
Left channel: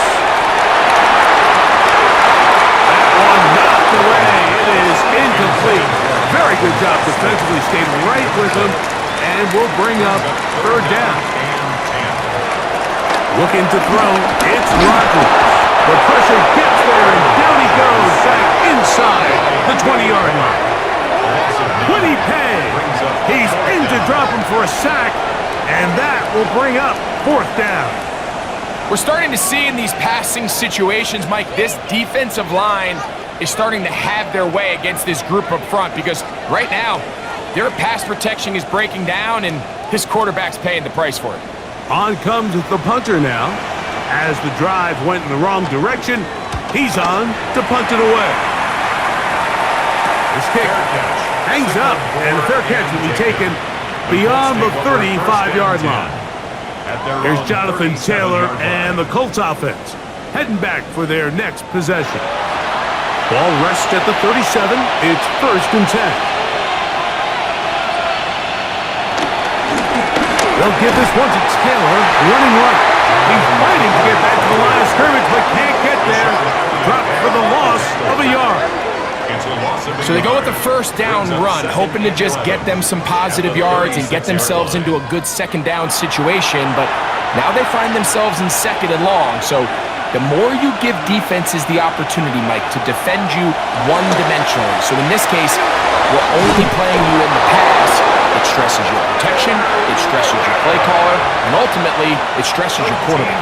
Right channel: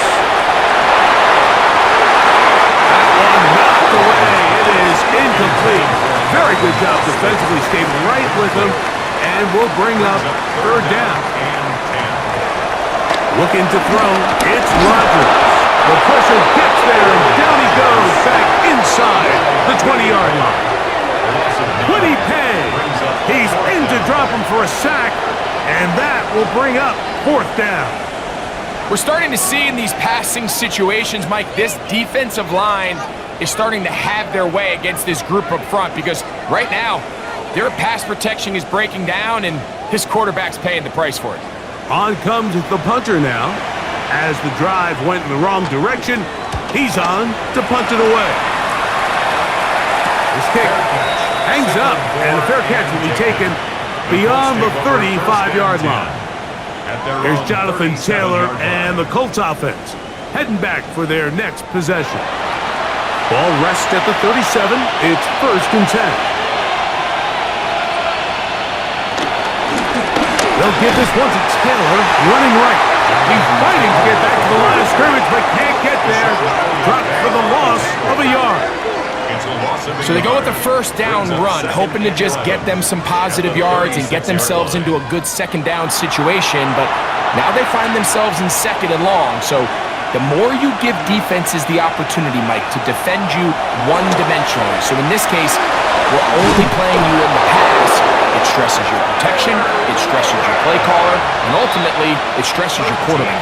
That one knocked away. It is incomplete. Very good job defensively. Stayed right with him. And will bring up 3rd down. Looking to throw, it's Rodgers. The pressure gets there, and down he goes back inside the 20-yard line. Would he pay? He's in to drop him for a sack, and that will bring up 4th down. We're starting to see in these passing situations, Mike, this defensive line is starting to have their way against this group up front because right now, their pass protection is breaking down, and his quarterback's paying the price for it. On comes the punter now. As the drive went in the wrong direction, he's on to punt it away. This kick hangs up, and the fair catch will be taken beyond the 35-yard line. Here's Jonathan Taylor and the Colts offense heading back for their next possession. Ball rests at the 37. It's 1st and 10. They'll give this one to Taylor, running right. He's fighting to get back to the line of scrimmage, but can't get there. Dropped for the loss of a yard. So they go with the 1st down run, hoping to just get them some positive yards and get themselves into a good 2nd down situation, but now they find themselves in 2nd and long. So the more you give defenses the opportunity, Mike, to defend you one-dimensionally. So in this case, we're only playing you in the pass. It stresses your protection, it stresses your play caller, and ultimately, it stresses your quarterback.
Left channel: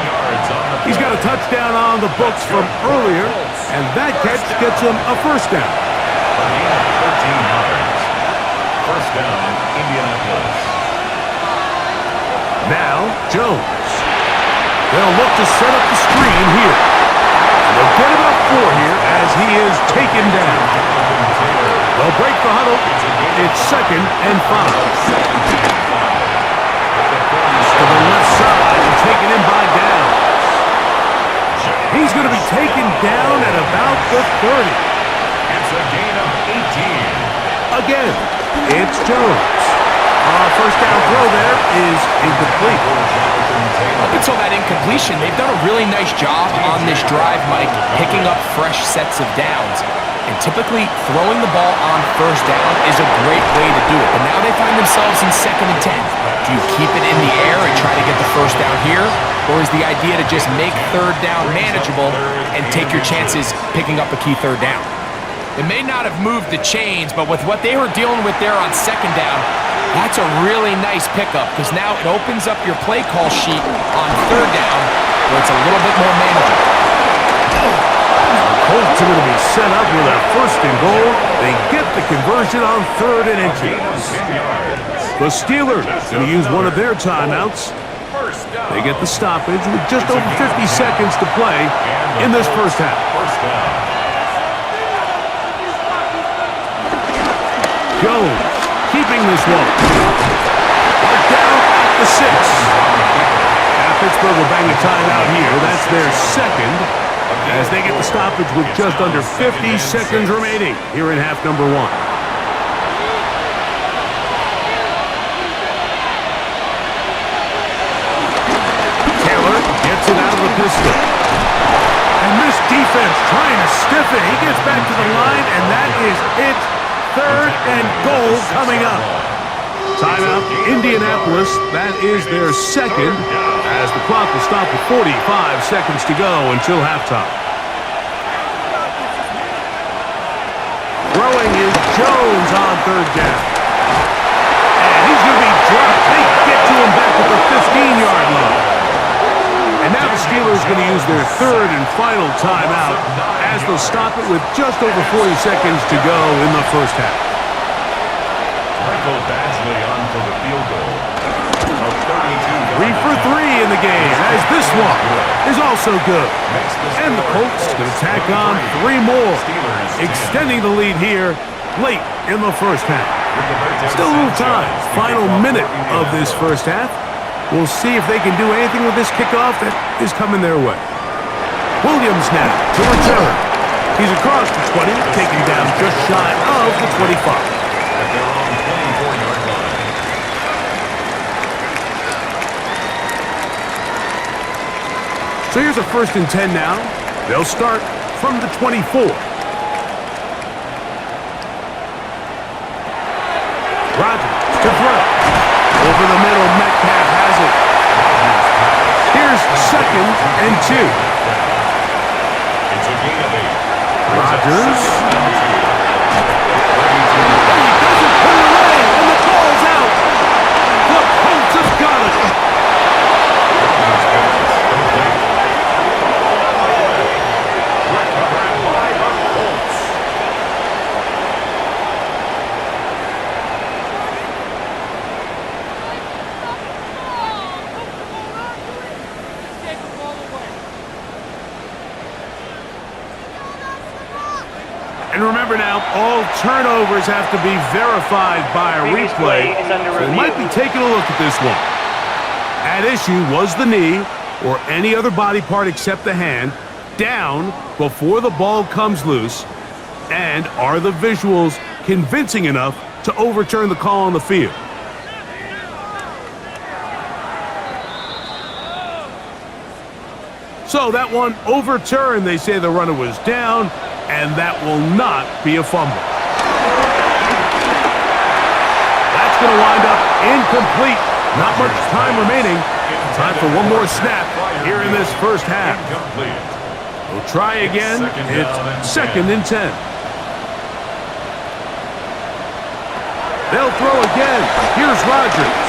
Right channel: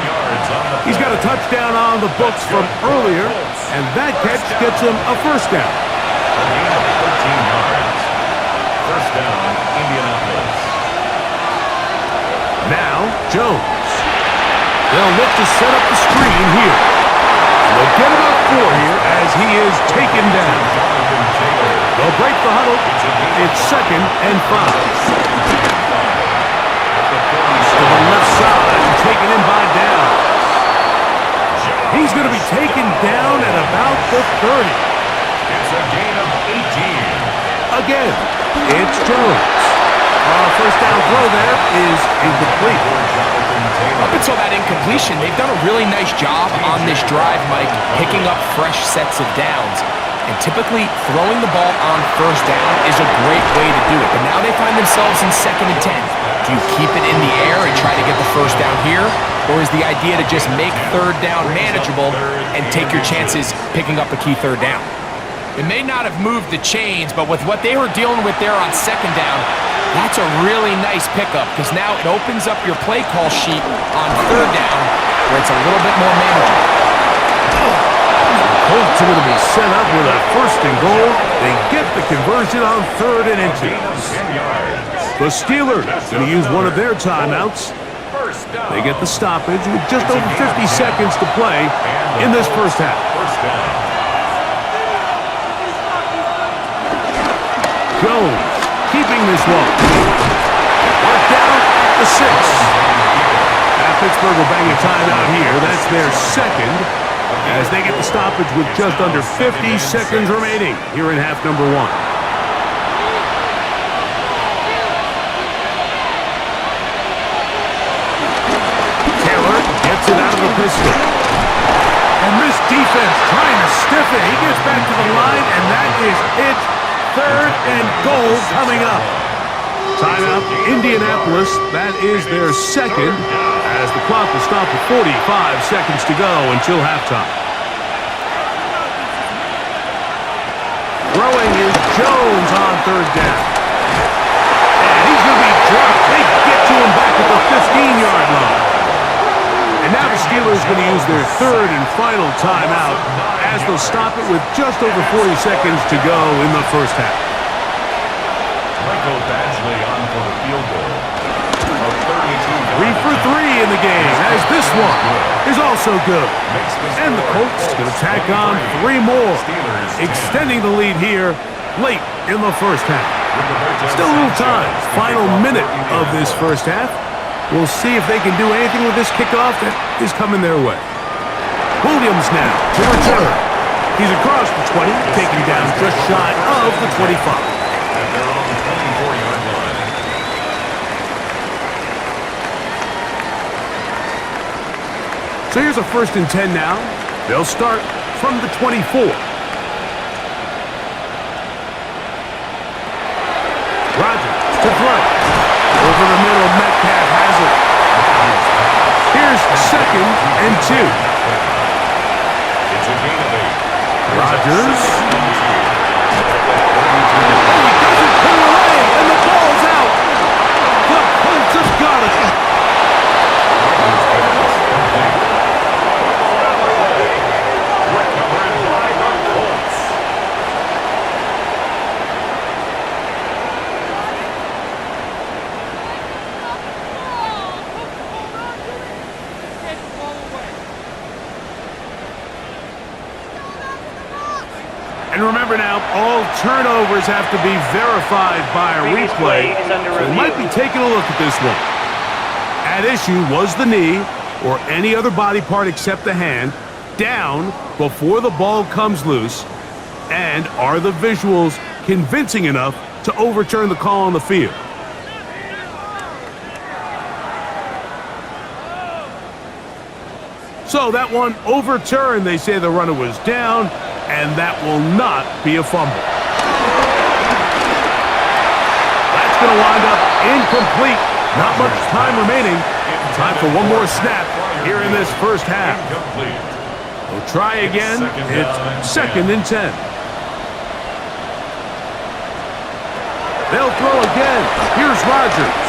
He's got a touchdown on the books from earlier, and that catch gets him a 1st down. A gain of 13 yards. 1st down, Indianapolis. Now, Jones. They'll look to set up the screen here. And they'll get about 4 here as he is taken down. They'll break the huddle. It's 2nd and 5. To the left side and taken in by Downs. He's going to be taken down at about the 30. It's a gain of 18. Again, it's Jones. 1st down throw there is incomplete. Up until that incompletion, they've done a really nice job on this drive, Mike, picking up fresh sets of downs. And typically, throwing the ball on 1st down is a great way to do it. But now they find themselves in 2nd and 10. Do you keep it in the air and try to get the 1st down here? Or is the idea to just make 3rd down manageable and take your chances picking up a key 3rd down? It may not have moved the chains, but with what they were dealing with there on 2nd down, that's a really nice pickup because now it opens up your play call sheet on 3rd down where it's a little bit more manageable. Colts are going to be set up with a 1st and goal. They get the conversion on 3rd and inches. The Steelers going to use one of their timeouts. They get the stoppage with just over 50 seconds to play in this 1st half. Jones keeping this one. Marked down at the 6. Now Pittsburgh will bang a timeout here. That's their 2nd. As they get the stoppage with just under 50 seconds remaining here in half number 1. Taylor gets it out of the pistol. And this defense trying to stiff it. He gets back to the line, and that is it. 3rd and goal coming up. Timeout, Indianapolis. That is their 2nd. As the clock will stop with 45 seconds to go until halftime. Throwing is Jones on 3rd down. And he's going to be dropped. They get to him back at the 15-yard line. And now the Steelers are going to use their 3rd and final timeout as they'll stop it with just over 40 seconds to go in the 1st half. Michael Badgley on for the field goal. 3 for 3 in the game, as this one is also good. And the Colts going to tack on 3 more, extending the lead here late in the 1st half. Still a little time, final minute of this 1st half. We'll see if they can do anything with this kickoff that is coming their way. Williams now to return. He's across the 20, taken down just shy of the 25. At their own 24-yard line. So here's a 1st and 10 now. They'll start from the 24. Rodgers to throw. Over the middle, Metcalf has it. Here's 2nd and 2. It's a gain of 8. Rodgers. Oh, he doesn't put it away, and the ball's out. The Colts have got it. Recovered by the Colts. And remember now, all turnovers have to be verified by a Previous replay. play is under So we review. might be taking a look at this one. At issue was the knee or any other body part except the hand down before the ball comes loose. And are the visuals convincing enough to overturn the call on the field? So that one overturned. They say the runner was down, and that will not be a fumble. That's going to wind up incomplete. Not much time remaining. Time for one more snap here in this first half. We'll try again. It's 2nd and 10. They'll throw again. Here's Rodgers.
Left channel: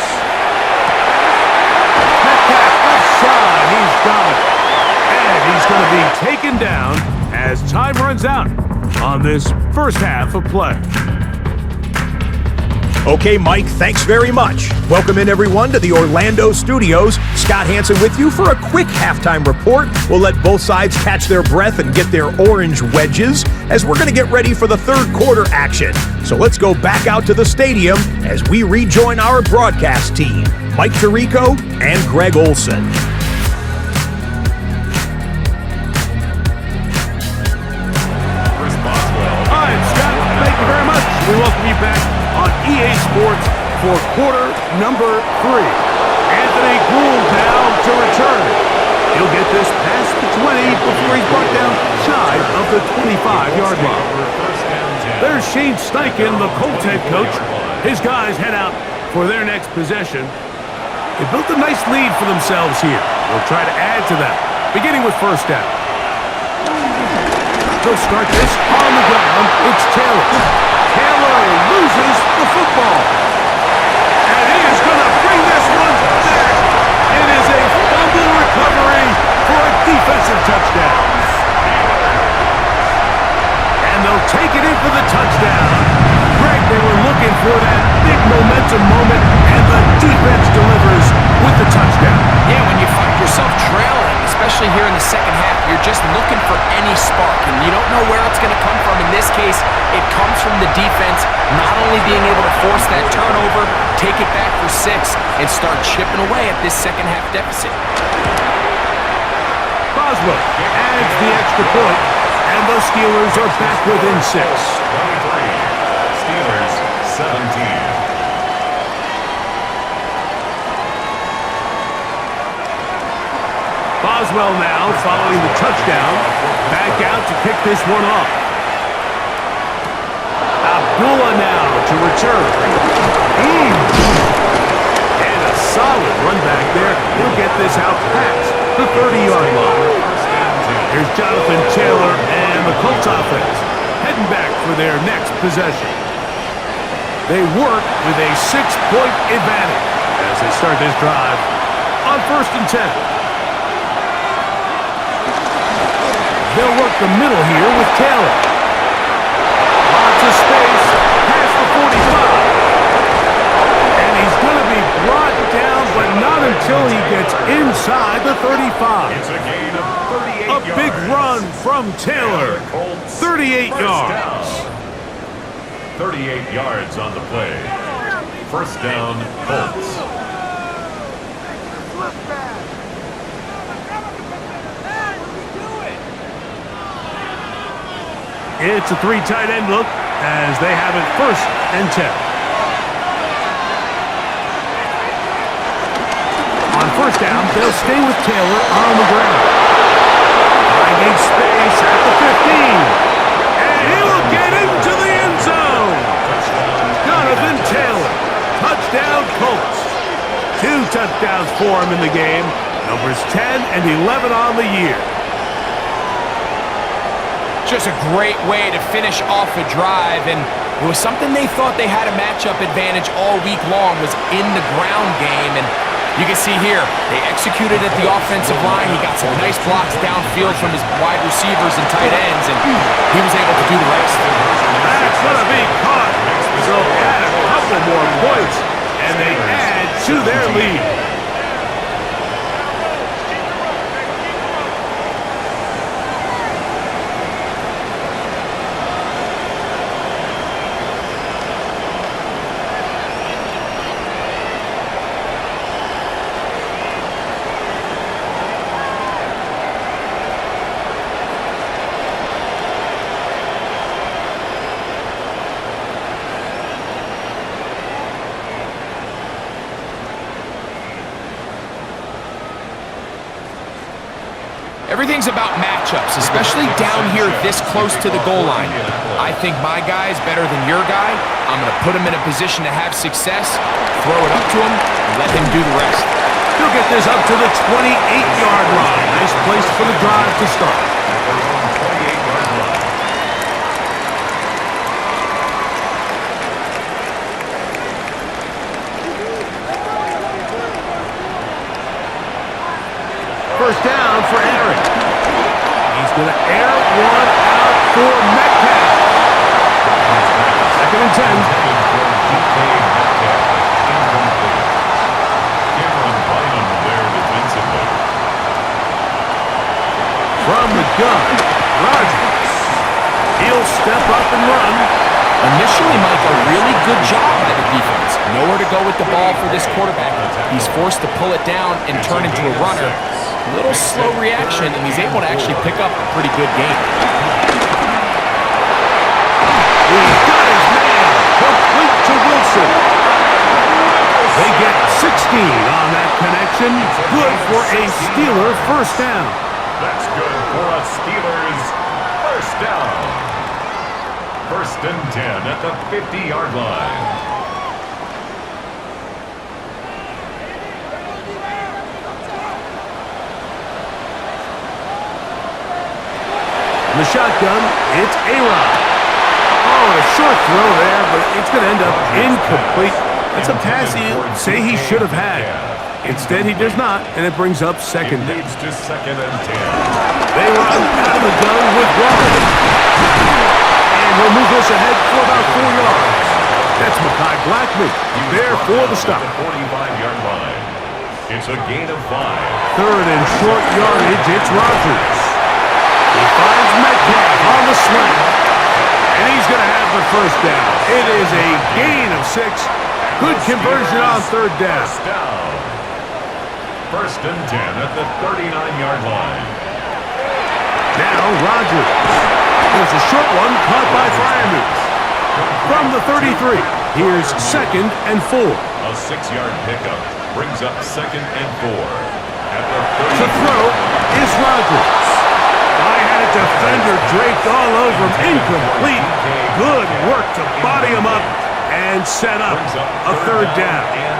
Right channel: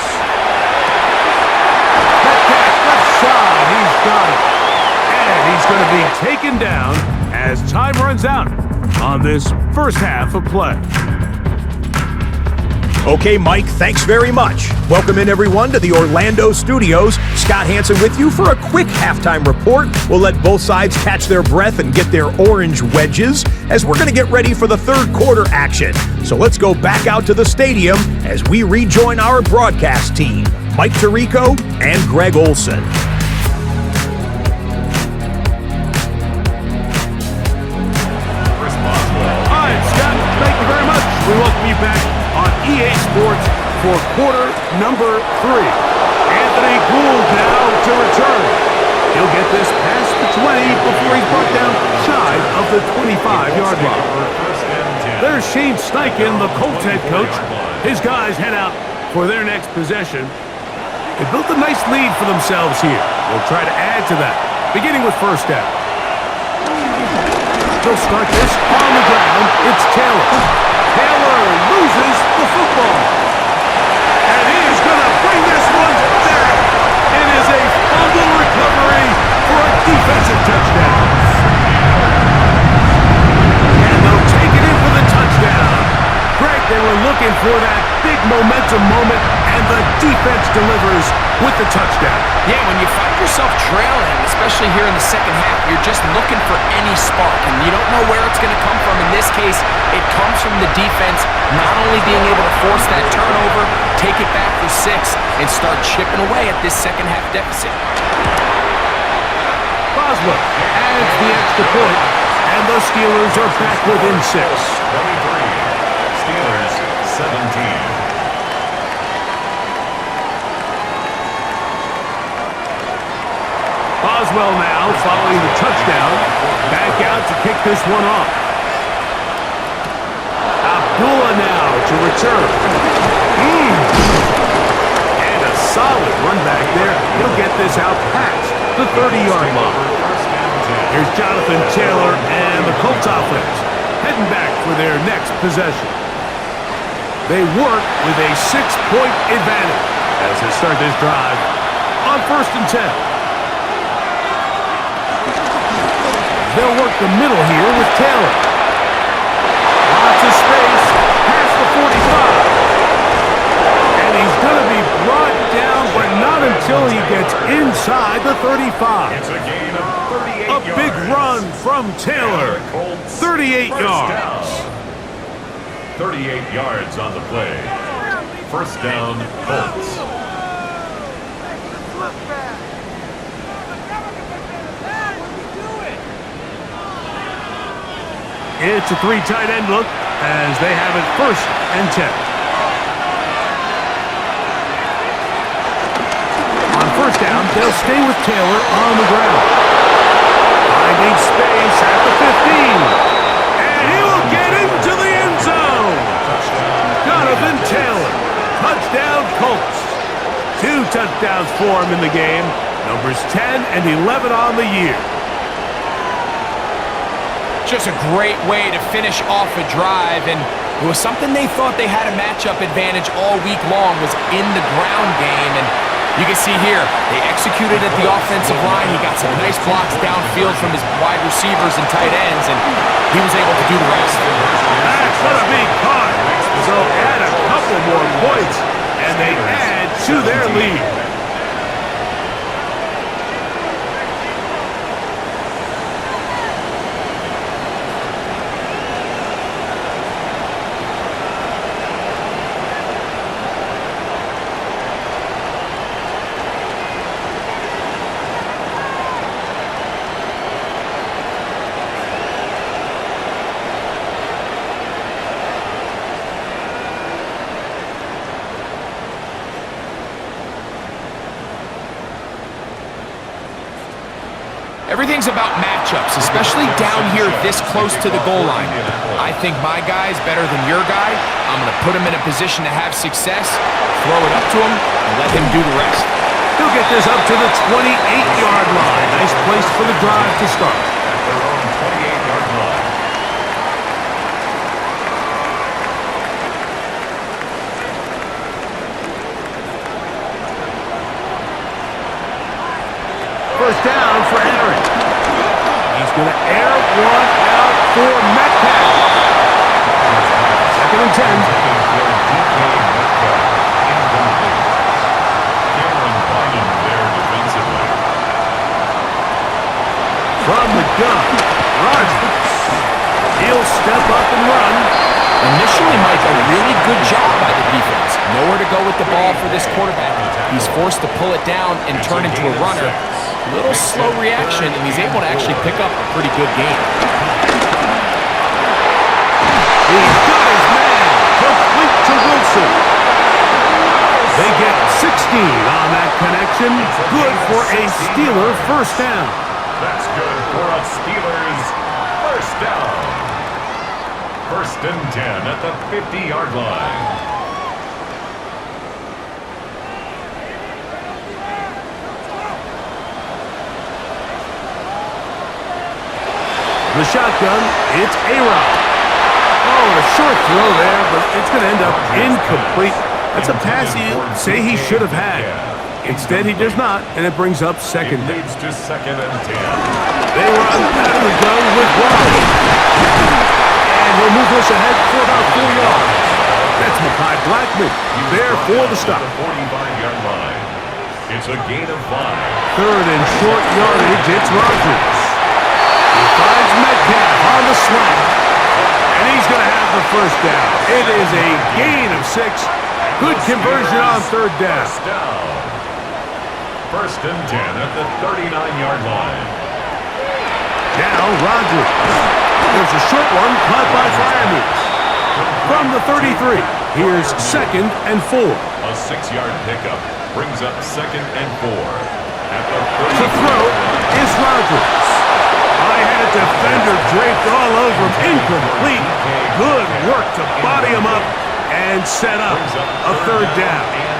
Metcalf left side. He's got it. And he's going to be taken down as time runs out on this first half of play. Okay, Mike, thanks very much. Welcome in, everyone, to the Orlando studios. Scott Hansen with you for a quick halftime report. We'll let both sides catch their breath and get their orange wedges as we're going to get ready for the third quarter action. So let's go back out to the stadium as we rejoin our broadcast team, Mike Tirico and Greg Olson. All right, Scott, thank you very much. We welcome you back on EA Sports for quarter number 3. Anthony Gould now to return. He'll get this past the 20 before he's brought down shy of the 25-yard line. There's Shane Steichen, the Colts head coach. His guys head out for their next possession. They built a nice lead for themselves here. They'll try to add to that, beginning with first down. They'll start this on the ground. It's Taylor. Taylor loses the football. And he is going to bring this one back. It is a fumble recovery for a defensive touchdown. And they'll take it in for the touchdown. Greg, they were looking for that big momentum moment, and the defense delivers with the touchdown. Yeah, when you find yourself trailing, especially here in the second half, you're just looking for any spark, and you don't know where it's going to come from. In this case, it comes from the defense not only being able to force that turnover, take it back for 6, and start chipping away at this second half deficit. Boswell adds the extra point, and the Steelers are back within 6. 23. Steelers 17. Boswell now following the touchdown. Back out to kick this one off. Abdullah now to return. And a solid run back there. He'll get this out past the 30-yard line. Here's Jonathan Taylor and the Colts offense heading back for their next possession. They work with a 6-point advantage as they start this drive on 1st and 10. They'll work the middle here with Taylor. Lots of space past the 45. And he's going to be brought down, but not until he gets inside the 35. It's a gain of 38 A big run from Taylor. 38 yards. 38 yards on the play. First down, Colts. It's a 3 tight end look as they have it 1st and 10. On 1st down, they'll stay with Taylor on the ground. Finding space at the 15. And he will get into the end zone. Jonathan Taylor. Touchdown Colts. 2 touchdowns for him in the game. Numbers 10 and 11 on the year. Just a great way to finish off a drive, and it was something they thought they had a matchup advantage all week long, was in the ground game, and you can see here, they executed at the offensive line. He got some nice blocks downfield from his wide receivers and tight ends, and he was able to do the rest. That's going to be caught. So add a couple more points, and they add to their lead. Everything's about matchups, especially down here this close to the goal line. I think my guy is better than your guy. I'm going to put him in a position to have success, throw it up to him, and let him do the rest. He'll get this up to the 28-yard line. Nice place for the drive to start. At their own 28-yard line. First down for Aaron. He's going to air one out for Metcalf. Second and 10. Intended for DK Metcalf. Incomplete. Cameron Bynum there defensively. From the gun, Rodgers. He'll step up and run. Initially, Mike, a really good job by the defense. Nowhere to go with the ball for this quarterback. He's forced to pull it down and turn into a runner. A little slow reaction, and he's able to actually pick up a pretty good game. He's got his man. Complete to Wilson. They get 16 on that connection. Good for a Steeler first down. That's good for a Steelers first down. First and 10 at the 50-yard line. The shotgun, it's A-Rod. Oh, a short throw there, but it's going to end up incomplete. That's a pass he'll say he should have had. Instead, he does not, and it brings up second down. Leads to second and 10. They run out of the gun with Wally. And he'll move this ahead for about 4 yards. That's Mekhi Blackman there for the stop. The 45-yard line. It's a gain of 5. Third and short yardage, it's Rodgers. He finds Metcalf on the slant. And he's going to have the first down. It is a gain of 6. Good conversion on third down. First down. First and 10 at the 39-yard line. Now Rodgers. There's a short one caught by Freiermuth. From the 33, here's second and 4. A 6-yard pickup brings up second and 4. At the 30. To throw is Rodgers. I had a defender draped all over him. Incomplete. Good work to body him up and set up a third down. And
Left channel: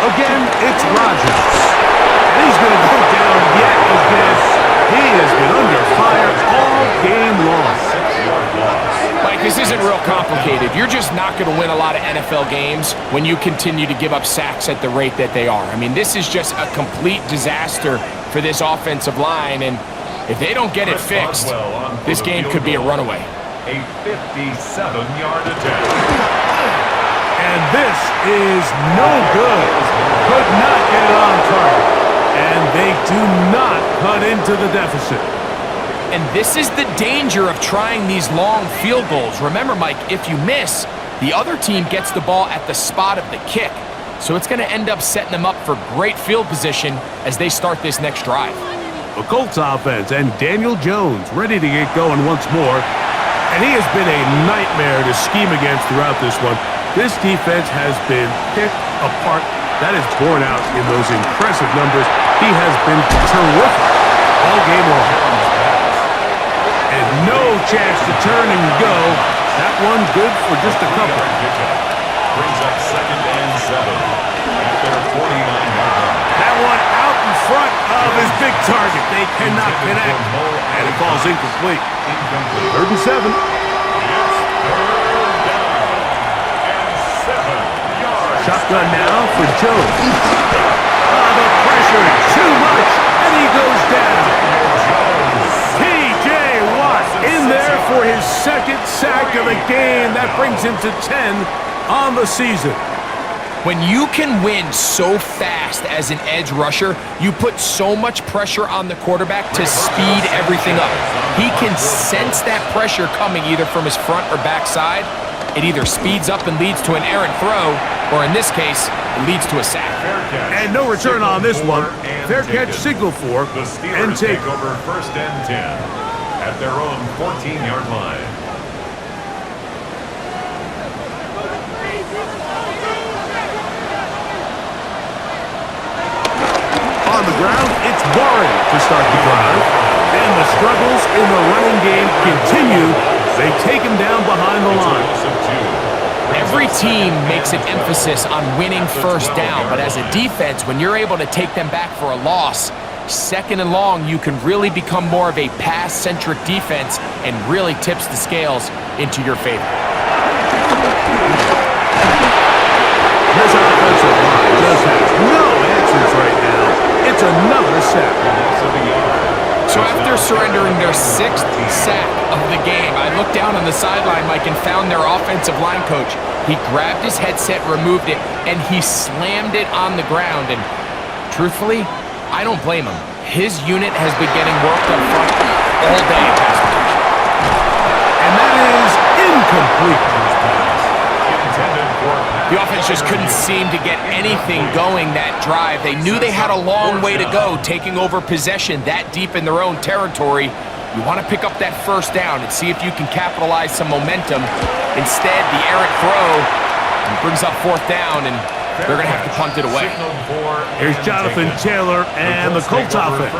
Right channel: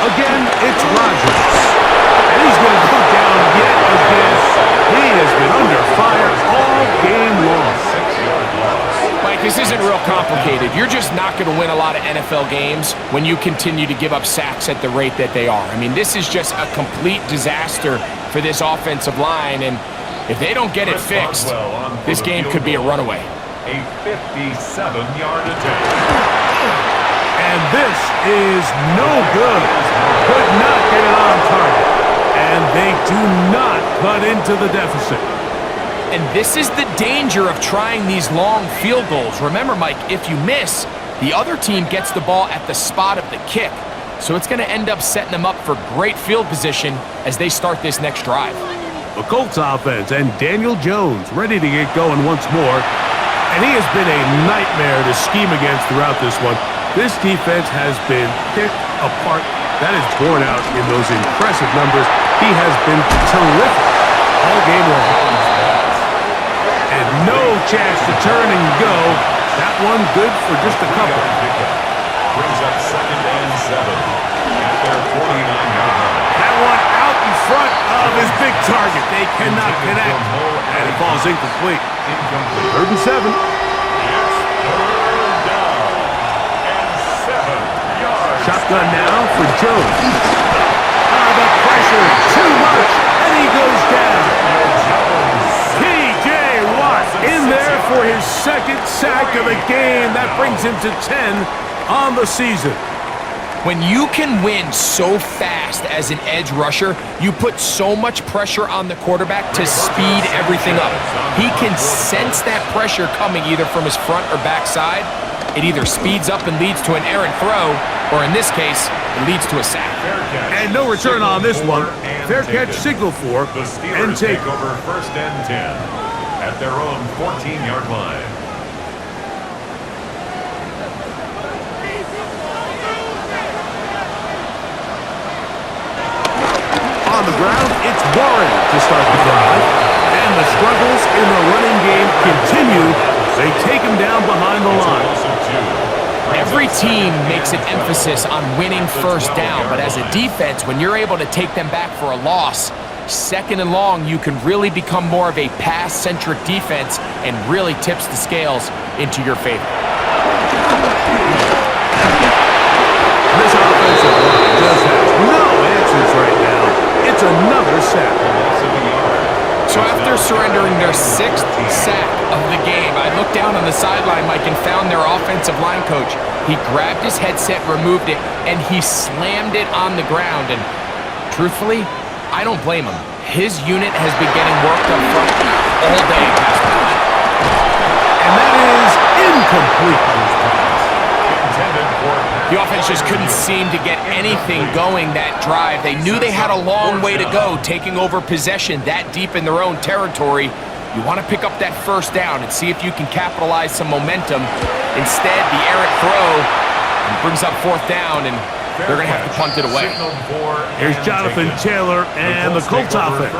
4. Again, it's Rodgers. And he's going to go down yet again. He has been under fire all game long. 6-yard loss. Mike, this isn't real complicated. You're just not going to win a lot of NFL games when you continue to give up sacks at the rate that they are. I mean, this is just a complete disaster for this offensive line, and if they don't get it fixed, this game could be a runaway. A 57-yard attempt. And this is no good. Could not get it on target. And they do not cut into the deficit. And this is the danger of trying these long field goals. Remember, Mike, if you miss, the other team gets the ball at the spot of the kick. So it's going to end up setting them up for great field position as they start this next drive. The Colts offense and Daniel Jones ready to get going once more. And he has been a nightmare to scheme against throughout this one. This defense has been picked apart. That is borne out in those impressive numbers. He has been terrific all game long. And no chance to turn and go. That one good for just a couple. Brings up second and 7 at their 49-yard line. That one out in front of his big target. They cannot connect. And it falls incomplete. Third and 7. It's third down and 7 yards. Shotgun now for Jones. The pressure, too much, and he goes down. T.J. Watt in there for his second sack of the game. That brings him to 10 on the season. When you can win so fast as an edge rusher, you put so much pressure on the quarterback to speed everything up. He can sense that pressure coming either from his front or back side. It either speeds up and leads to an errant throw, or in this case, it leads to a sack. And no return on this one. Fair catch, signal for, The Steelers and take. take over first and 10 at their own 14-yard line. On the ground, it's Warren to start the drive. And the struggles in the running game continue. They take him down behind the line. Every team makes an emphasis on winning first down, but as a defense, when you're able to take them back for a loss, second and long, you can really become more of a pass-centric defense and really tips the scales into your favor. This offensive line just has no answers right now. It's another sack. So after surrendering their 6th sack of the game, I looked down on the sideline, Mike, and found their offensive line coach. He grabbed his headset, removed it, and he slammed it on the ground. And truthfully, I don't blame him. His unit has been getting worked up front all day in pass protection. And that is incomplete. The offense just couldn't seem to get anything going that drive. They knew they had a long way to go taking over possession that deep in their own territory. You want to pick up that first down and see if you can capitalize some momentum. Instead, the errant throw brings up 4th down, and they're going to have to punt it away. Here's Jonathan Taylor and the Colts offense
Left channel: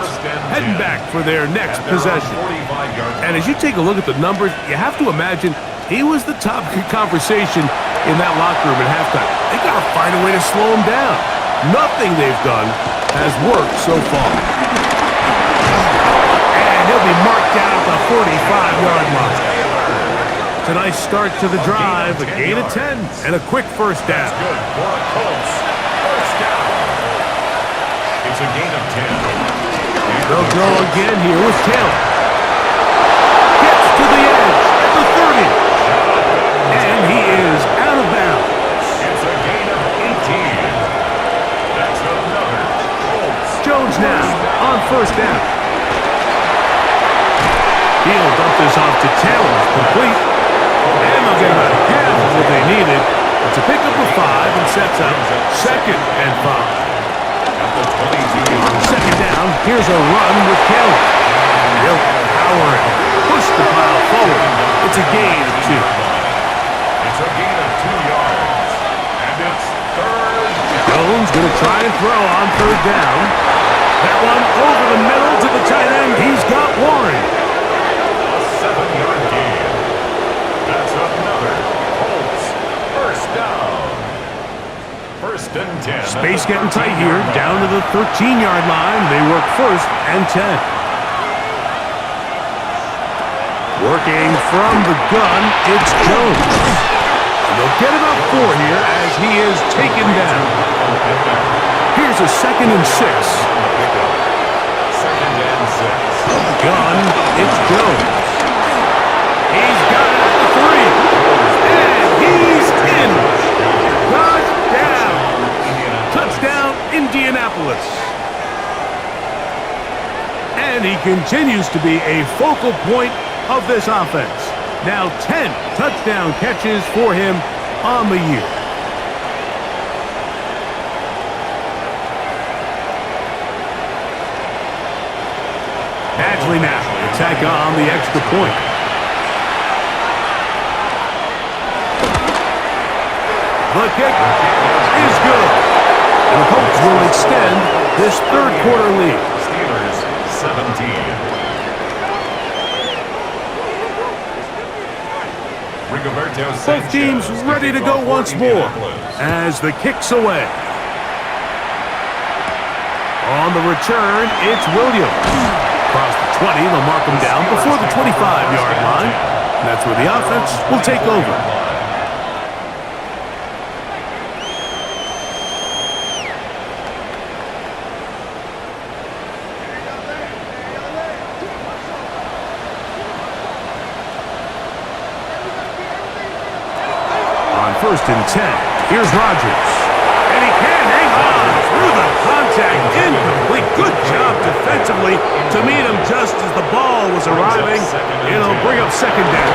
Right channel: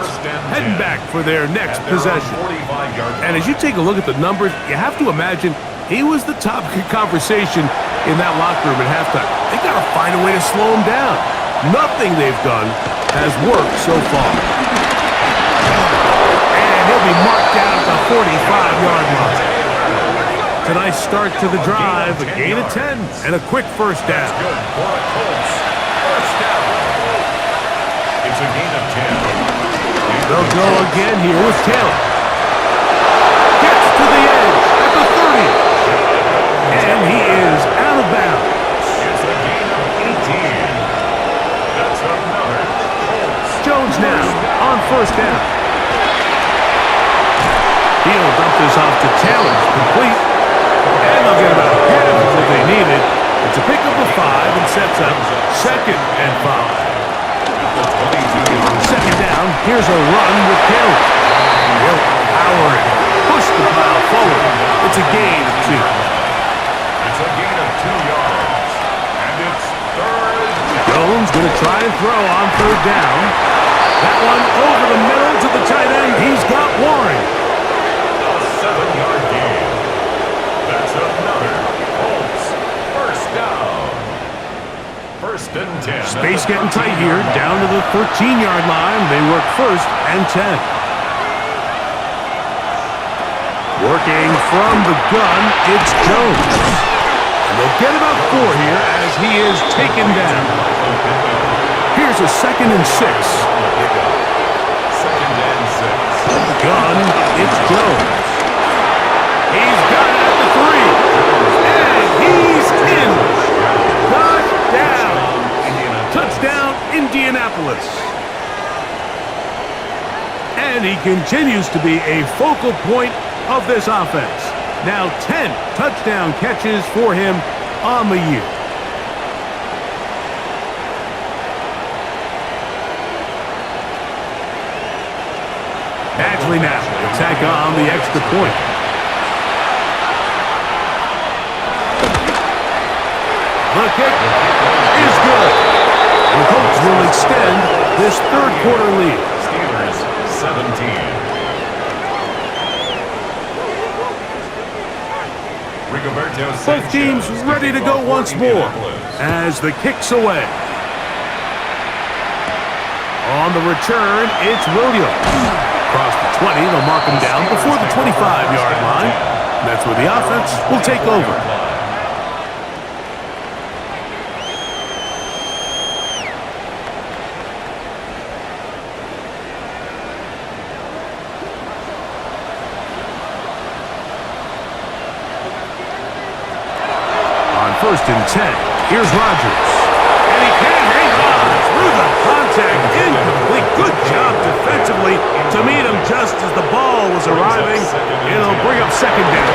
heading back for their next possession. And as you take a look at the numbers, you have to imagine he was the topic of conversation in that locker room at halftime. They got to find a way to slow him down. Nothing they've done has worked so far. And he'll be marked down at the 45-yard line. It's a nice start to the drive, a gain of 10, and a quick first down. Good for the Colts. First down. It's a gain of 10. They'll go again here with Taylor. Gets to the edge at the 30. And he is out of bounds. It's a gain of 18. That's another Colts. Jones now on first down. He'll dump this off to Taylor. Complete. And they'll get about half of what they needed. It's a pickup of 5 and sets up 2nd and 5. Second down, here's a run with Taylor. He'll power it. Push the pile forward. It's a gain of 2. It's a gain of 2 yards. And it's 3rd down. Jones going to try and throw on 3rd down. That one over the middle to the tight end. He's got Warren. A 7-yard gain. That's another Colts first down. 1st and 10. Space getting tight here. Down to the 13-yard line. They work 1st and 10. Working from the gun, it's Jones. And they'll get about 4 here as he is taken down. Here's a 2nd and 6. 2nd and 6. From the gun, it's Jones. He's got it at the 3. And he's in. Touchdown. Touchdown, Indianapolis. And he continues to be a focal point of this offense. Now 10 touchdown catches for him on the year. Badgley now to tack on the extra point. The kick is good. And the Colts will extend this 3rd quarter lead. Steelers 17. Both teams ready to go once more as the kick's away. On the return, it's Williams. Across the 20, they'll mark him down before the 25-yard line. And that's where the offense will take over. On 1st and 10, here's Rodgers. And he can hang on through the contact. Incomplete. Good job defensively to meet him just as the ball was arriving. It'll bring up 2nd down.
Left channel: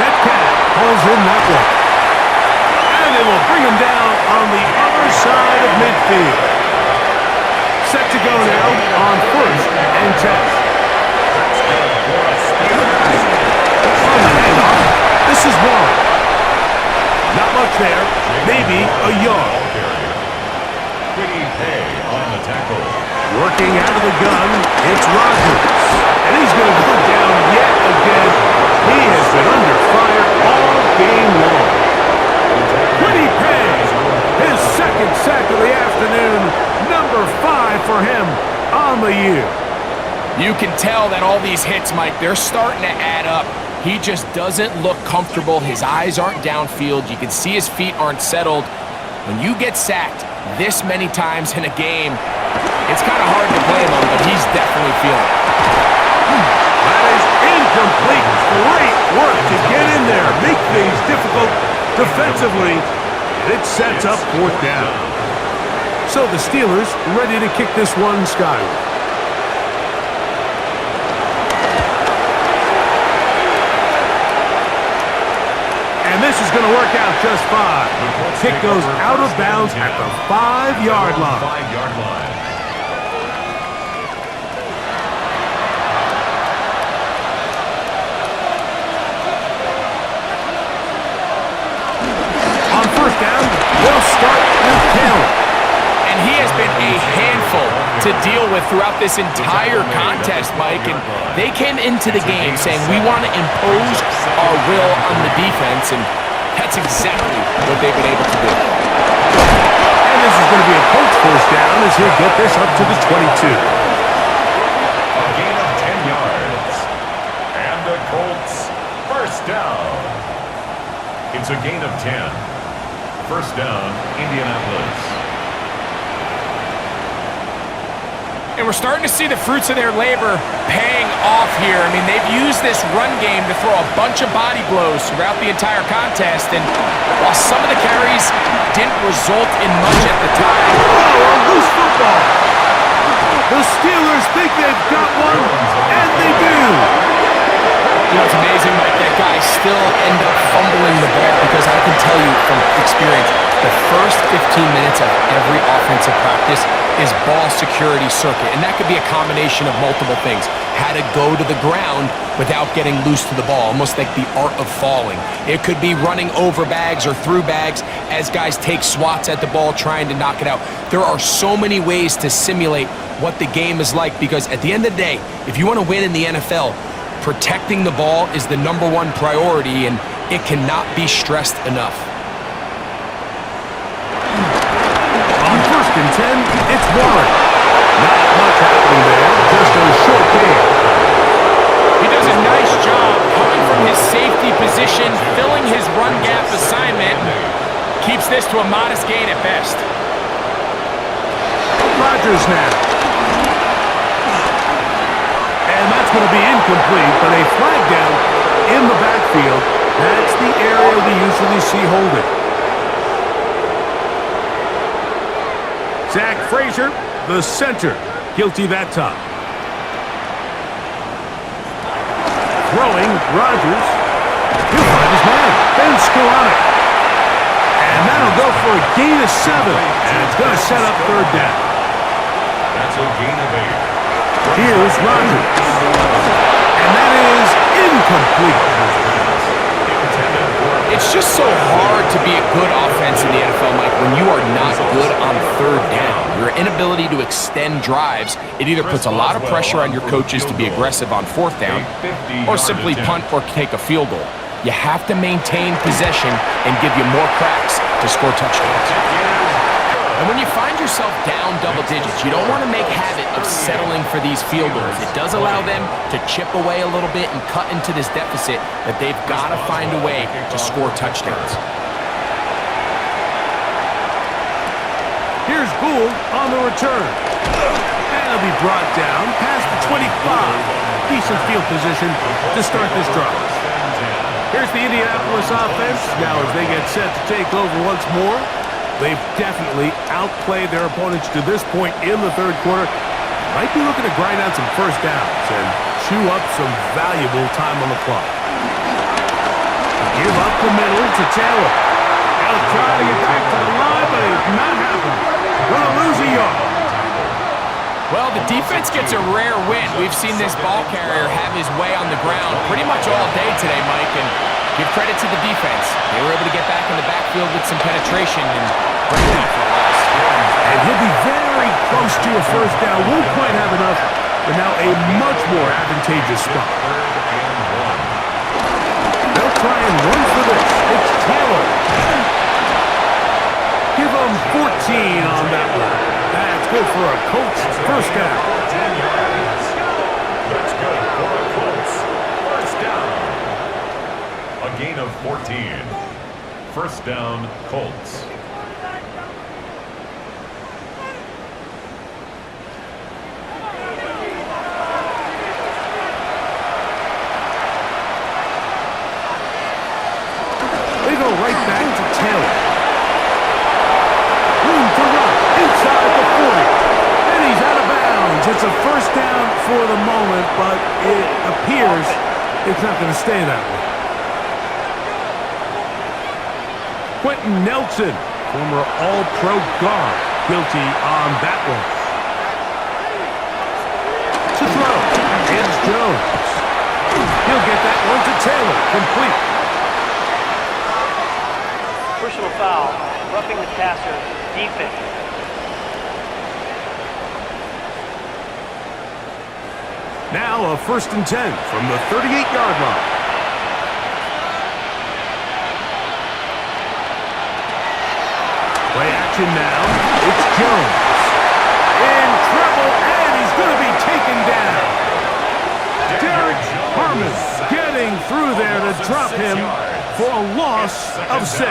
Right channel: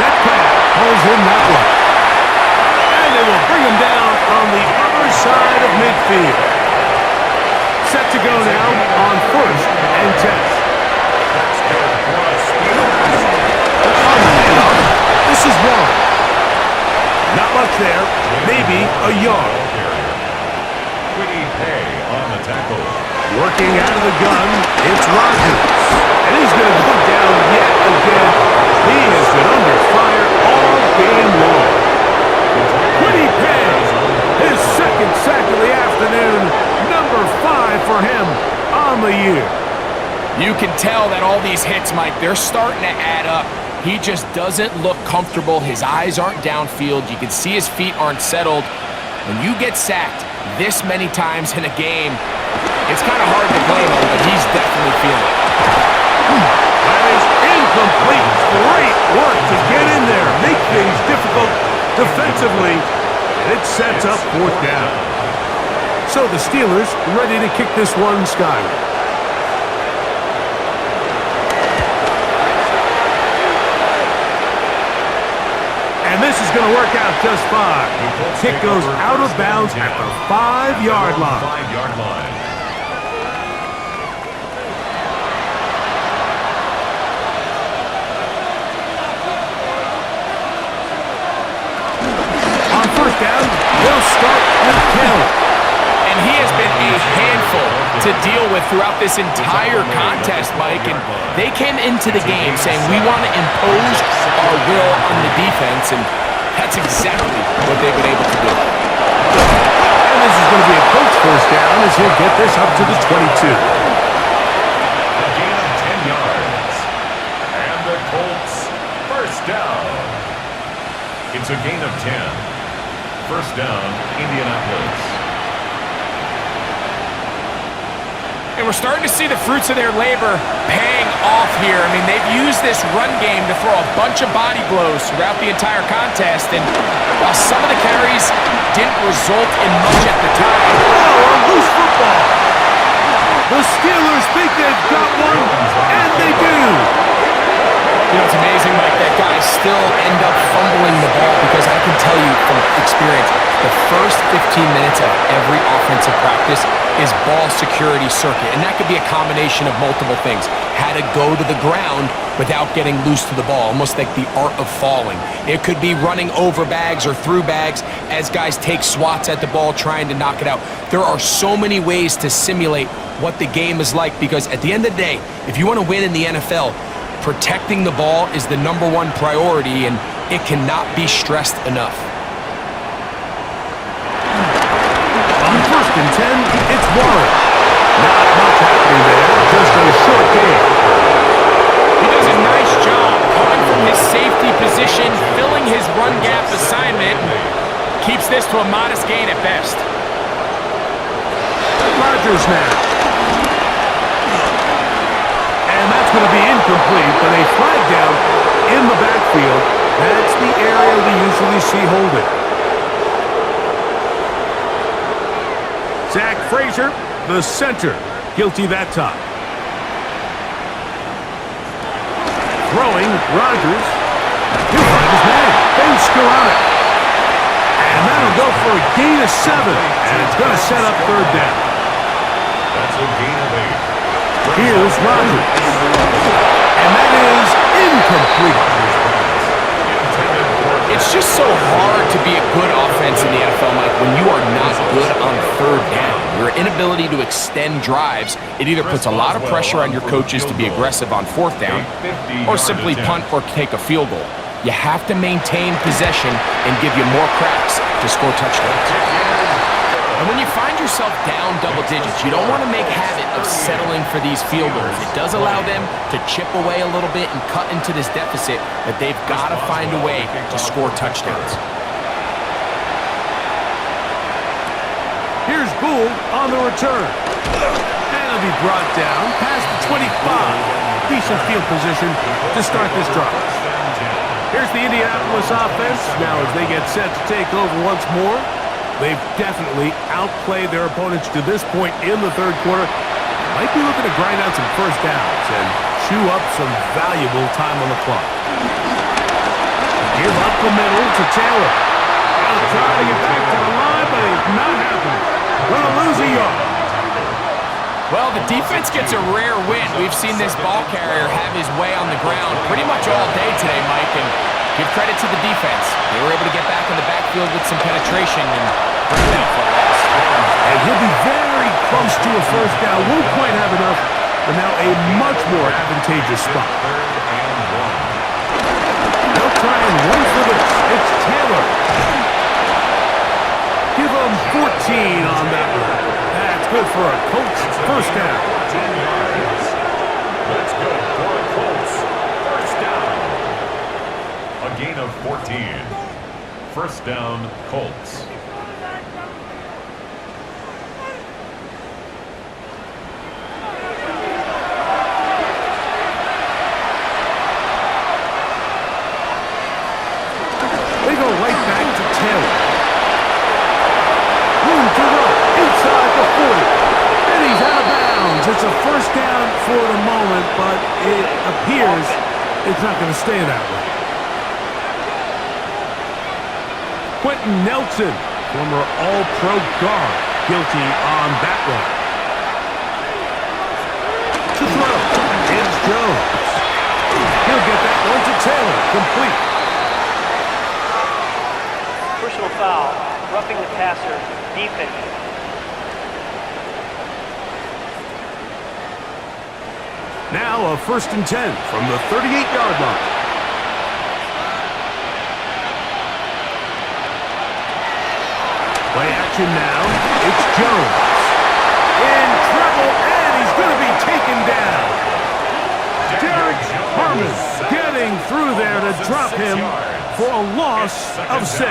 Metcalf pulls in that one. And they will bring him down on the other side of midfield. Set to go now on 1st and 10. That's good for a Steelers. On the handoff, this is Warren. Not much there, maybe a yard. pay on the tackle. Working out of the gun, it's Rodgers. And he's going to go down yet again. He has been under fire all game long. Quiddy Pay, his second sack of the afternoon, number 5 for him on the year. You can tell that all these hits, Mike, they're starting to add up. He just doesn't look comfortable. His eyes aren't downfield. You can see his feet aren't settled. When you get sacked this many times in a game, it's kind of hard to blame him, but he's definitely feeling it. That is incomplete. Great work to get in there, make things difficult defensively, and it sets up 4th down. So the Steelers ready to kick this one skyward. And this is going to work out just fine. Kick goes out of bounds at the 5-yard line. 5-yard line. On 1st down, they'll start with Taylor. And he has been a handful to deal with throughout this entire contest, Mike. And they came into the game saying, we want to impose our will on the defense, and that's exactly what they've been able to do. And this is going to be a Colts 1st down as he'll get this up to the 22. A gain of 10 yards. And the Colts 1st down. It's a gain of 10. 1st down, Indianapolis. And we're starting to see the fruits of their labor paying off here. I mean, they've used this run game to throw a bunch of body blows throughout the entire contest. And while some of the carries didn't result in much at the time. Oh, a loose football. The Steelers think they've got one, and they do. You know, it's amazing, Mike, that guys still end up fumbling the ball, because I can tell you from experience, the first 15 minutes of every offensive practice is ball security circuit, and that could be a combination of multiple things. How to go to the ground without getting loose to the ball, almost like the art of falling. It could be running over bags or through bags as guys take swats at the ball trying to knock it out. There are so many ways to simulate what the game is like, because at the end of the day, if you want to win in the NFL, protecting the ball is the #1 priority, and it cannot be stressed enough. On 1st and 10, it's Warren. Not much happening there, just a short game. He does a nice job coming from his safety position, filling his run gap assignment, keeps this to a modest gain at best. Rodgers now. And that's going to be incomplete, but a flag down in the backfield. That's the area we usually see holding. Zach Frazier, the center, guilty that time. Throwing, Rodgers. He'll find his man, Ben Skoranek. And that'll go for a gain of 7, and it's going to set up 3rd down. That's a gain of 8. Here's Rodgers. And that is incomplete. It's just so hard to be a good offense in the NFL, Mike, when you are not good on 3rd down. Your inability to extend drives, it either puts a lot of pressure on your coaches to be aggressive on 4th down, or simply punt or take a field goal. You have to maintain possession and give you more cracks to score touchdowns. And when you find yourself down double digits, you don't want to make habit of settling for these field goals. It does allow them to chip away a little bit and cut into this deficit, but they've got to find a way to score touchdowns. Here's Gould on the return. And he'll be brought down past the 25. Decent field position to start this drive. Here's the Indianapolis offense. Now as they get set to take over once more, they've definitely outplayed their opponents to this point in the 3rd quarter. Might be looking to grind out some 1st downs and chew up some valuable time on the clock. Give up the middle to Taylor. He'll try to get back to the line, but it's not happening. Gonna lose a yard. Well, the defense gets a rare win. We've seen this ball carrier have his way on the ground pretty much all day today, Mike, and give credit to the defense. They were able to get back in the backfield with some penetration and bring it down for a loss. And he'll be very close to a first down. Won't quite have enough, but now a much more advantageous spot. They'll try and run for this. It's Taylor. Give him 14 on that one. That's good for a Colts first down. 14 yards. That's good for a Colts first down. A gain of 14. First down, Colts. They go right back to Taylor. Room to run inside the 40. And he's out of bounds. It's a first down for the moment, but it appears it's not going to stay that way. Quentin Nelson, former All-Pro guard, guilty on that one. To throw, it's Jones. He'll get that one to Taylor, complete. Personal foul, roughing the passer, defense. Now a 1st and 10 from the 38-yard line. Play action now. It's Jones. In trouble, and he's going to be taken down. Derek Harmon getting through there to drop him for a loss of 6.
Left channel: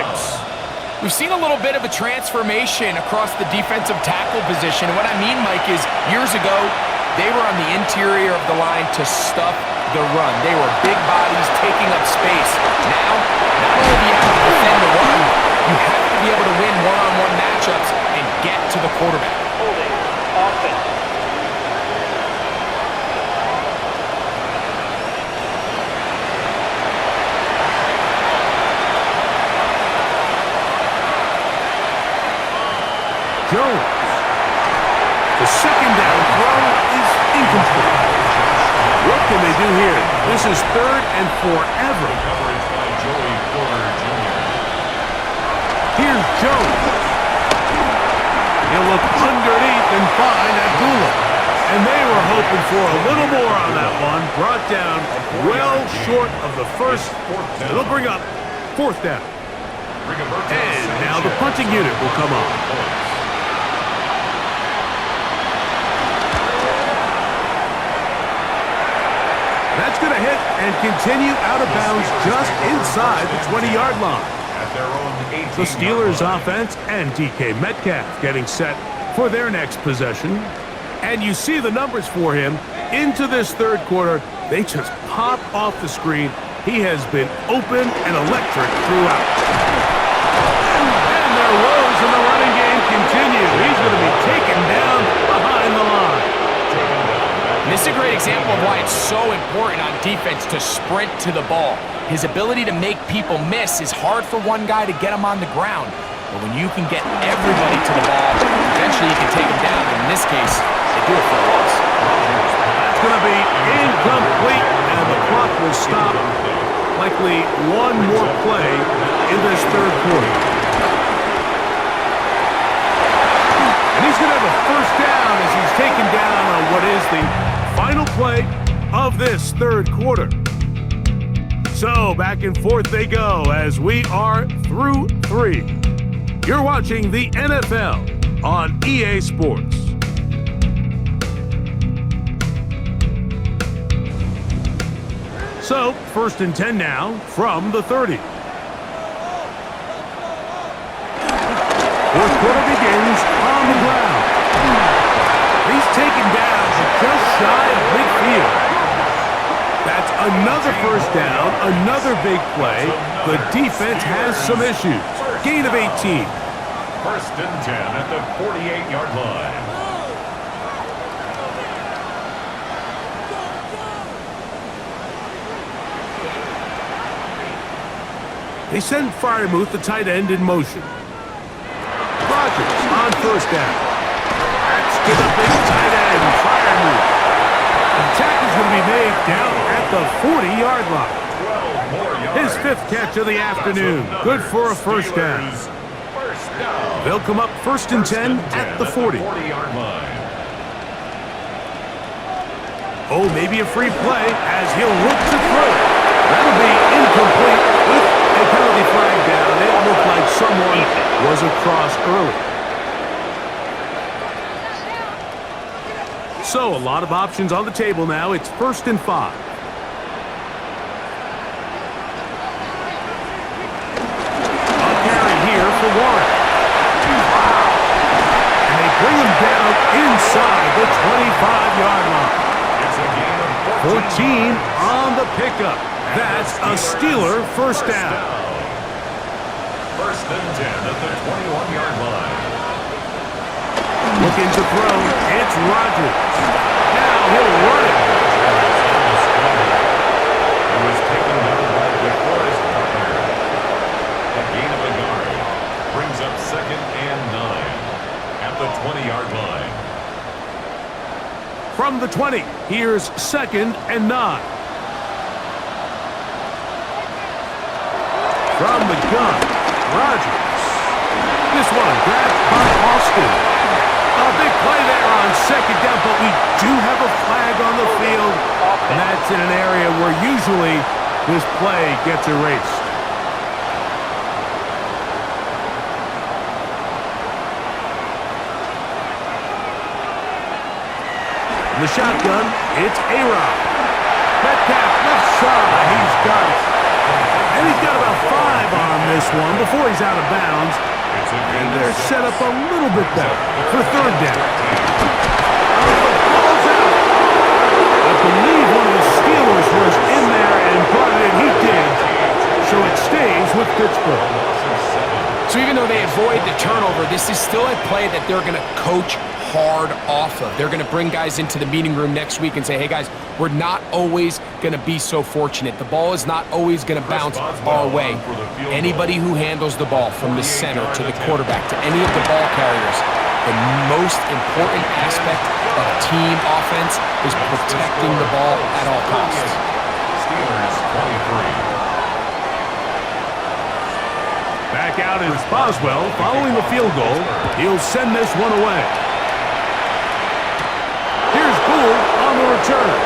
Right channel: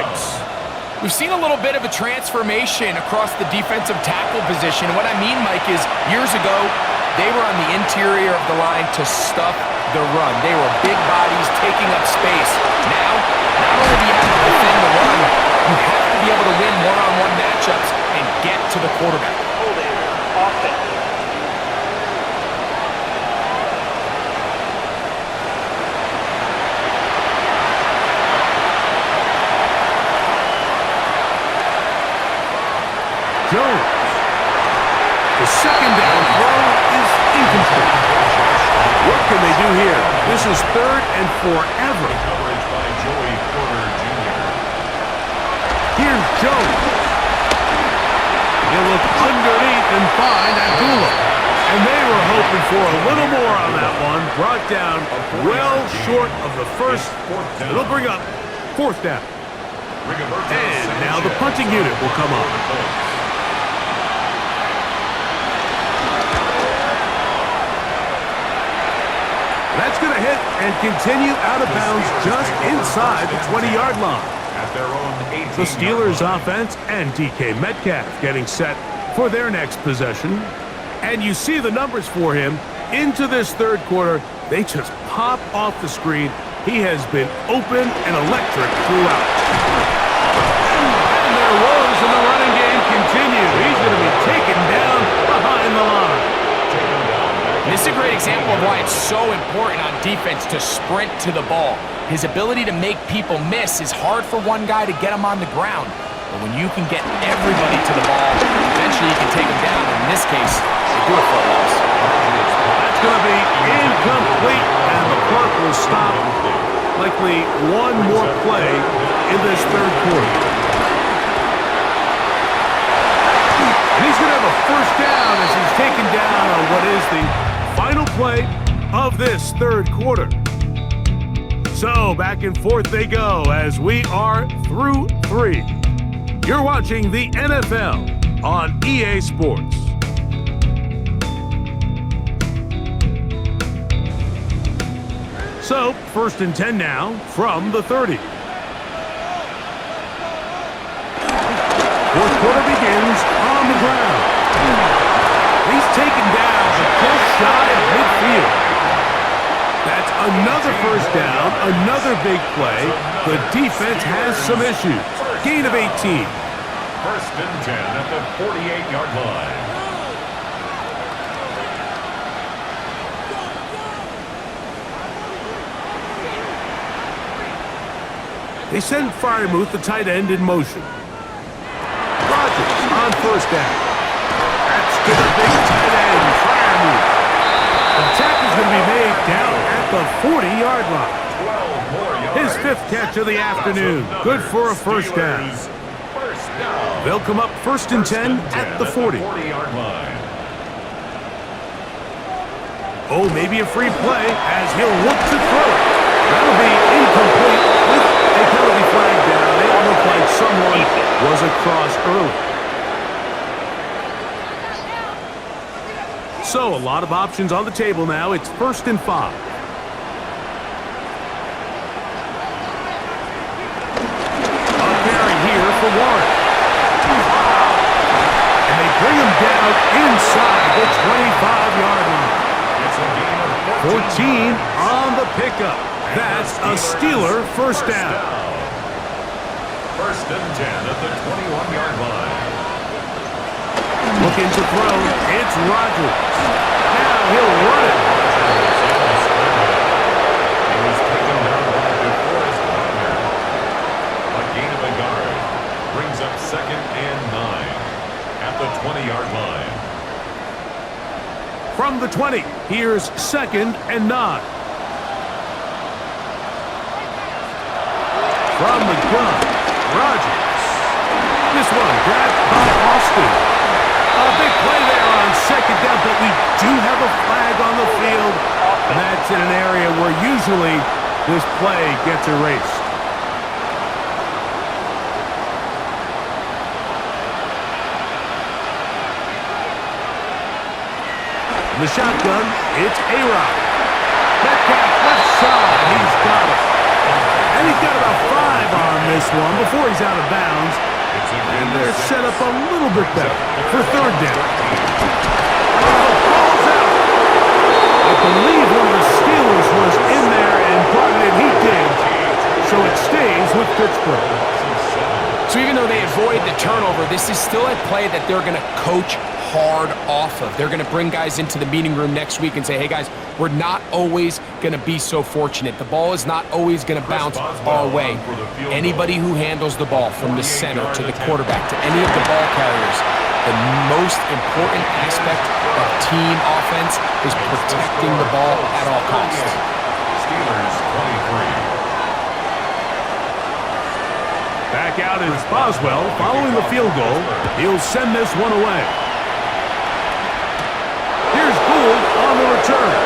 We've seen a little bit of a transformation across the defensive tackle position. And what I mean, Mike, is years ago, they were on the interior of the line to stuff the run. They were big bodies taking up space. Now, not only do you have to defend the run, you have to be able to win one-on-one matchups and get to the quarterback. Holding, offense. Jones. The second down throw is incomplete. What can they do here? This is 3rd and forever. Coverage by Joey Porter Jr. Here's Jones. He'll look underneath and find Abdullah. And they were hoping for a little more on that one. Brought down well short of the first. It'll bring up 4th down. And now the punting unit will come on. That's going to hit and continue out of bounds just inside the 20-yard line. At their own 18-yard line. The Steelers offense and DK Metcalf getting set for their next possession. And you see the numbers for him into this 3rd quarter. They just pop off the screen. He has been open and electric throughout. And their woes in the running game continue. He's going to be taken down behind the line. And this is a great example of why it's so important on defense to sprint to the ball. His ability to make people miss is hard for one guy to get him on the ground. But when you can get everybody to the ball, eventually you can take him down. And in this case, they do it for a loss. That's going to be incomplete, and the clock will stop. Likely one more play in this 3rd quarter. And he's going to have a first down as he's taken down on what is the final play of this 3rd quarter. So back and forth they go as we are through 3. You're watching the NFL on EA Sports. So 1st and 10 now from the 30. 4th quarter begins on the ground. He's taken down, but just shy of midfield. That's another first down, another big play. The defense has some issues. Gain of 18. 1st and 10 at the 48-yard line. They send Freiermuth, the tight end, in motion. Rodgers on 1st down. That's to the big tight end, Freiermuth. The tackle is going to be made down at the 40-yard line. 12 more yards. His 5th catch of the afternoon. Good for a first down. First down. They'll come up first and 10 at the 40. 40-yard line. Oh, maybe a free play as he'll look to throw it. That'll be incomplete with a penalty flag down. It looked like someone was across early. So a lot of options on the table now. It's first and 5. A carry here for Warren. And they bring him down inside the 25-yard line. It's a gain of 14 on the pickup. That's a Steeler first down. First and 10 at the 21-yard line. Looking to throw. It's Rodgers. Now he'll run it. Rodgers on the scramble. He was taken down by DeForest Buckner. A gain of a yard. Brings up second and 9 at the 20-yard line. From the 20, here's second and 9. From the gun, Rodgers. This one grabbed by Austin. A big play there on second down, but we do have a flag on the field, and that's in an area where usually this play gets erased. In the shotgun, it's A-Rod. Metcalf left side, he's got it. And he's got about 5 on this one before he's out of bounds. And they're set up a little bit better for third down. Oh, the ball's out. I believe one of the Steelers was in there and brought it in. He did. So it stays with Pittsburgh. So even though they avoid the turnover, this is still a play that they're going to coach hard off of. They're going to bring guys into the meeting room next week and say, hey guys, we're not always going to be so fortunate. The ball is not always going to bounce our way. Anybody who handles the ball from the center to the quarterback to any of the ball carriers, the most important aspect of team offense is protecting the ball at all costs. Steelers 23. Back out is Boswell following the field goal. He'll send this one away. Here's Gould on the return.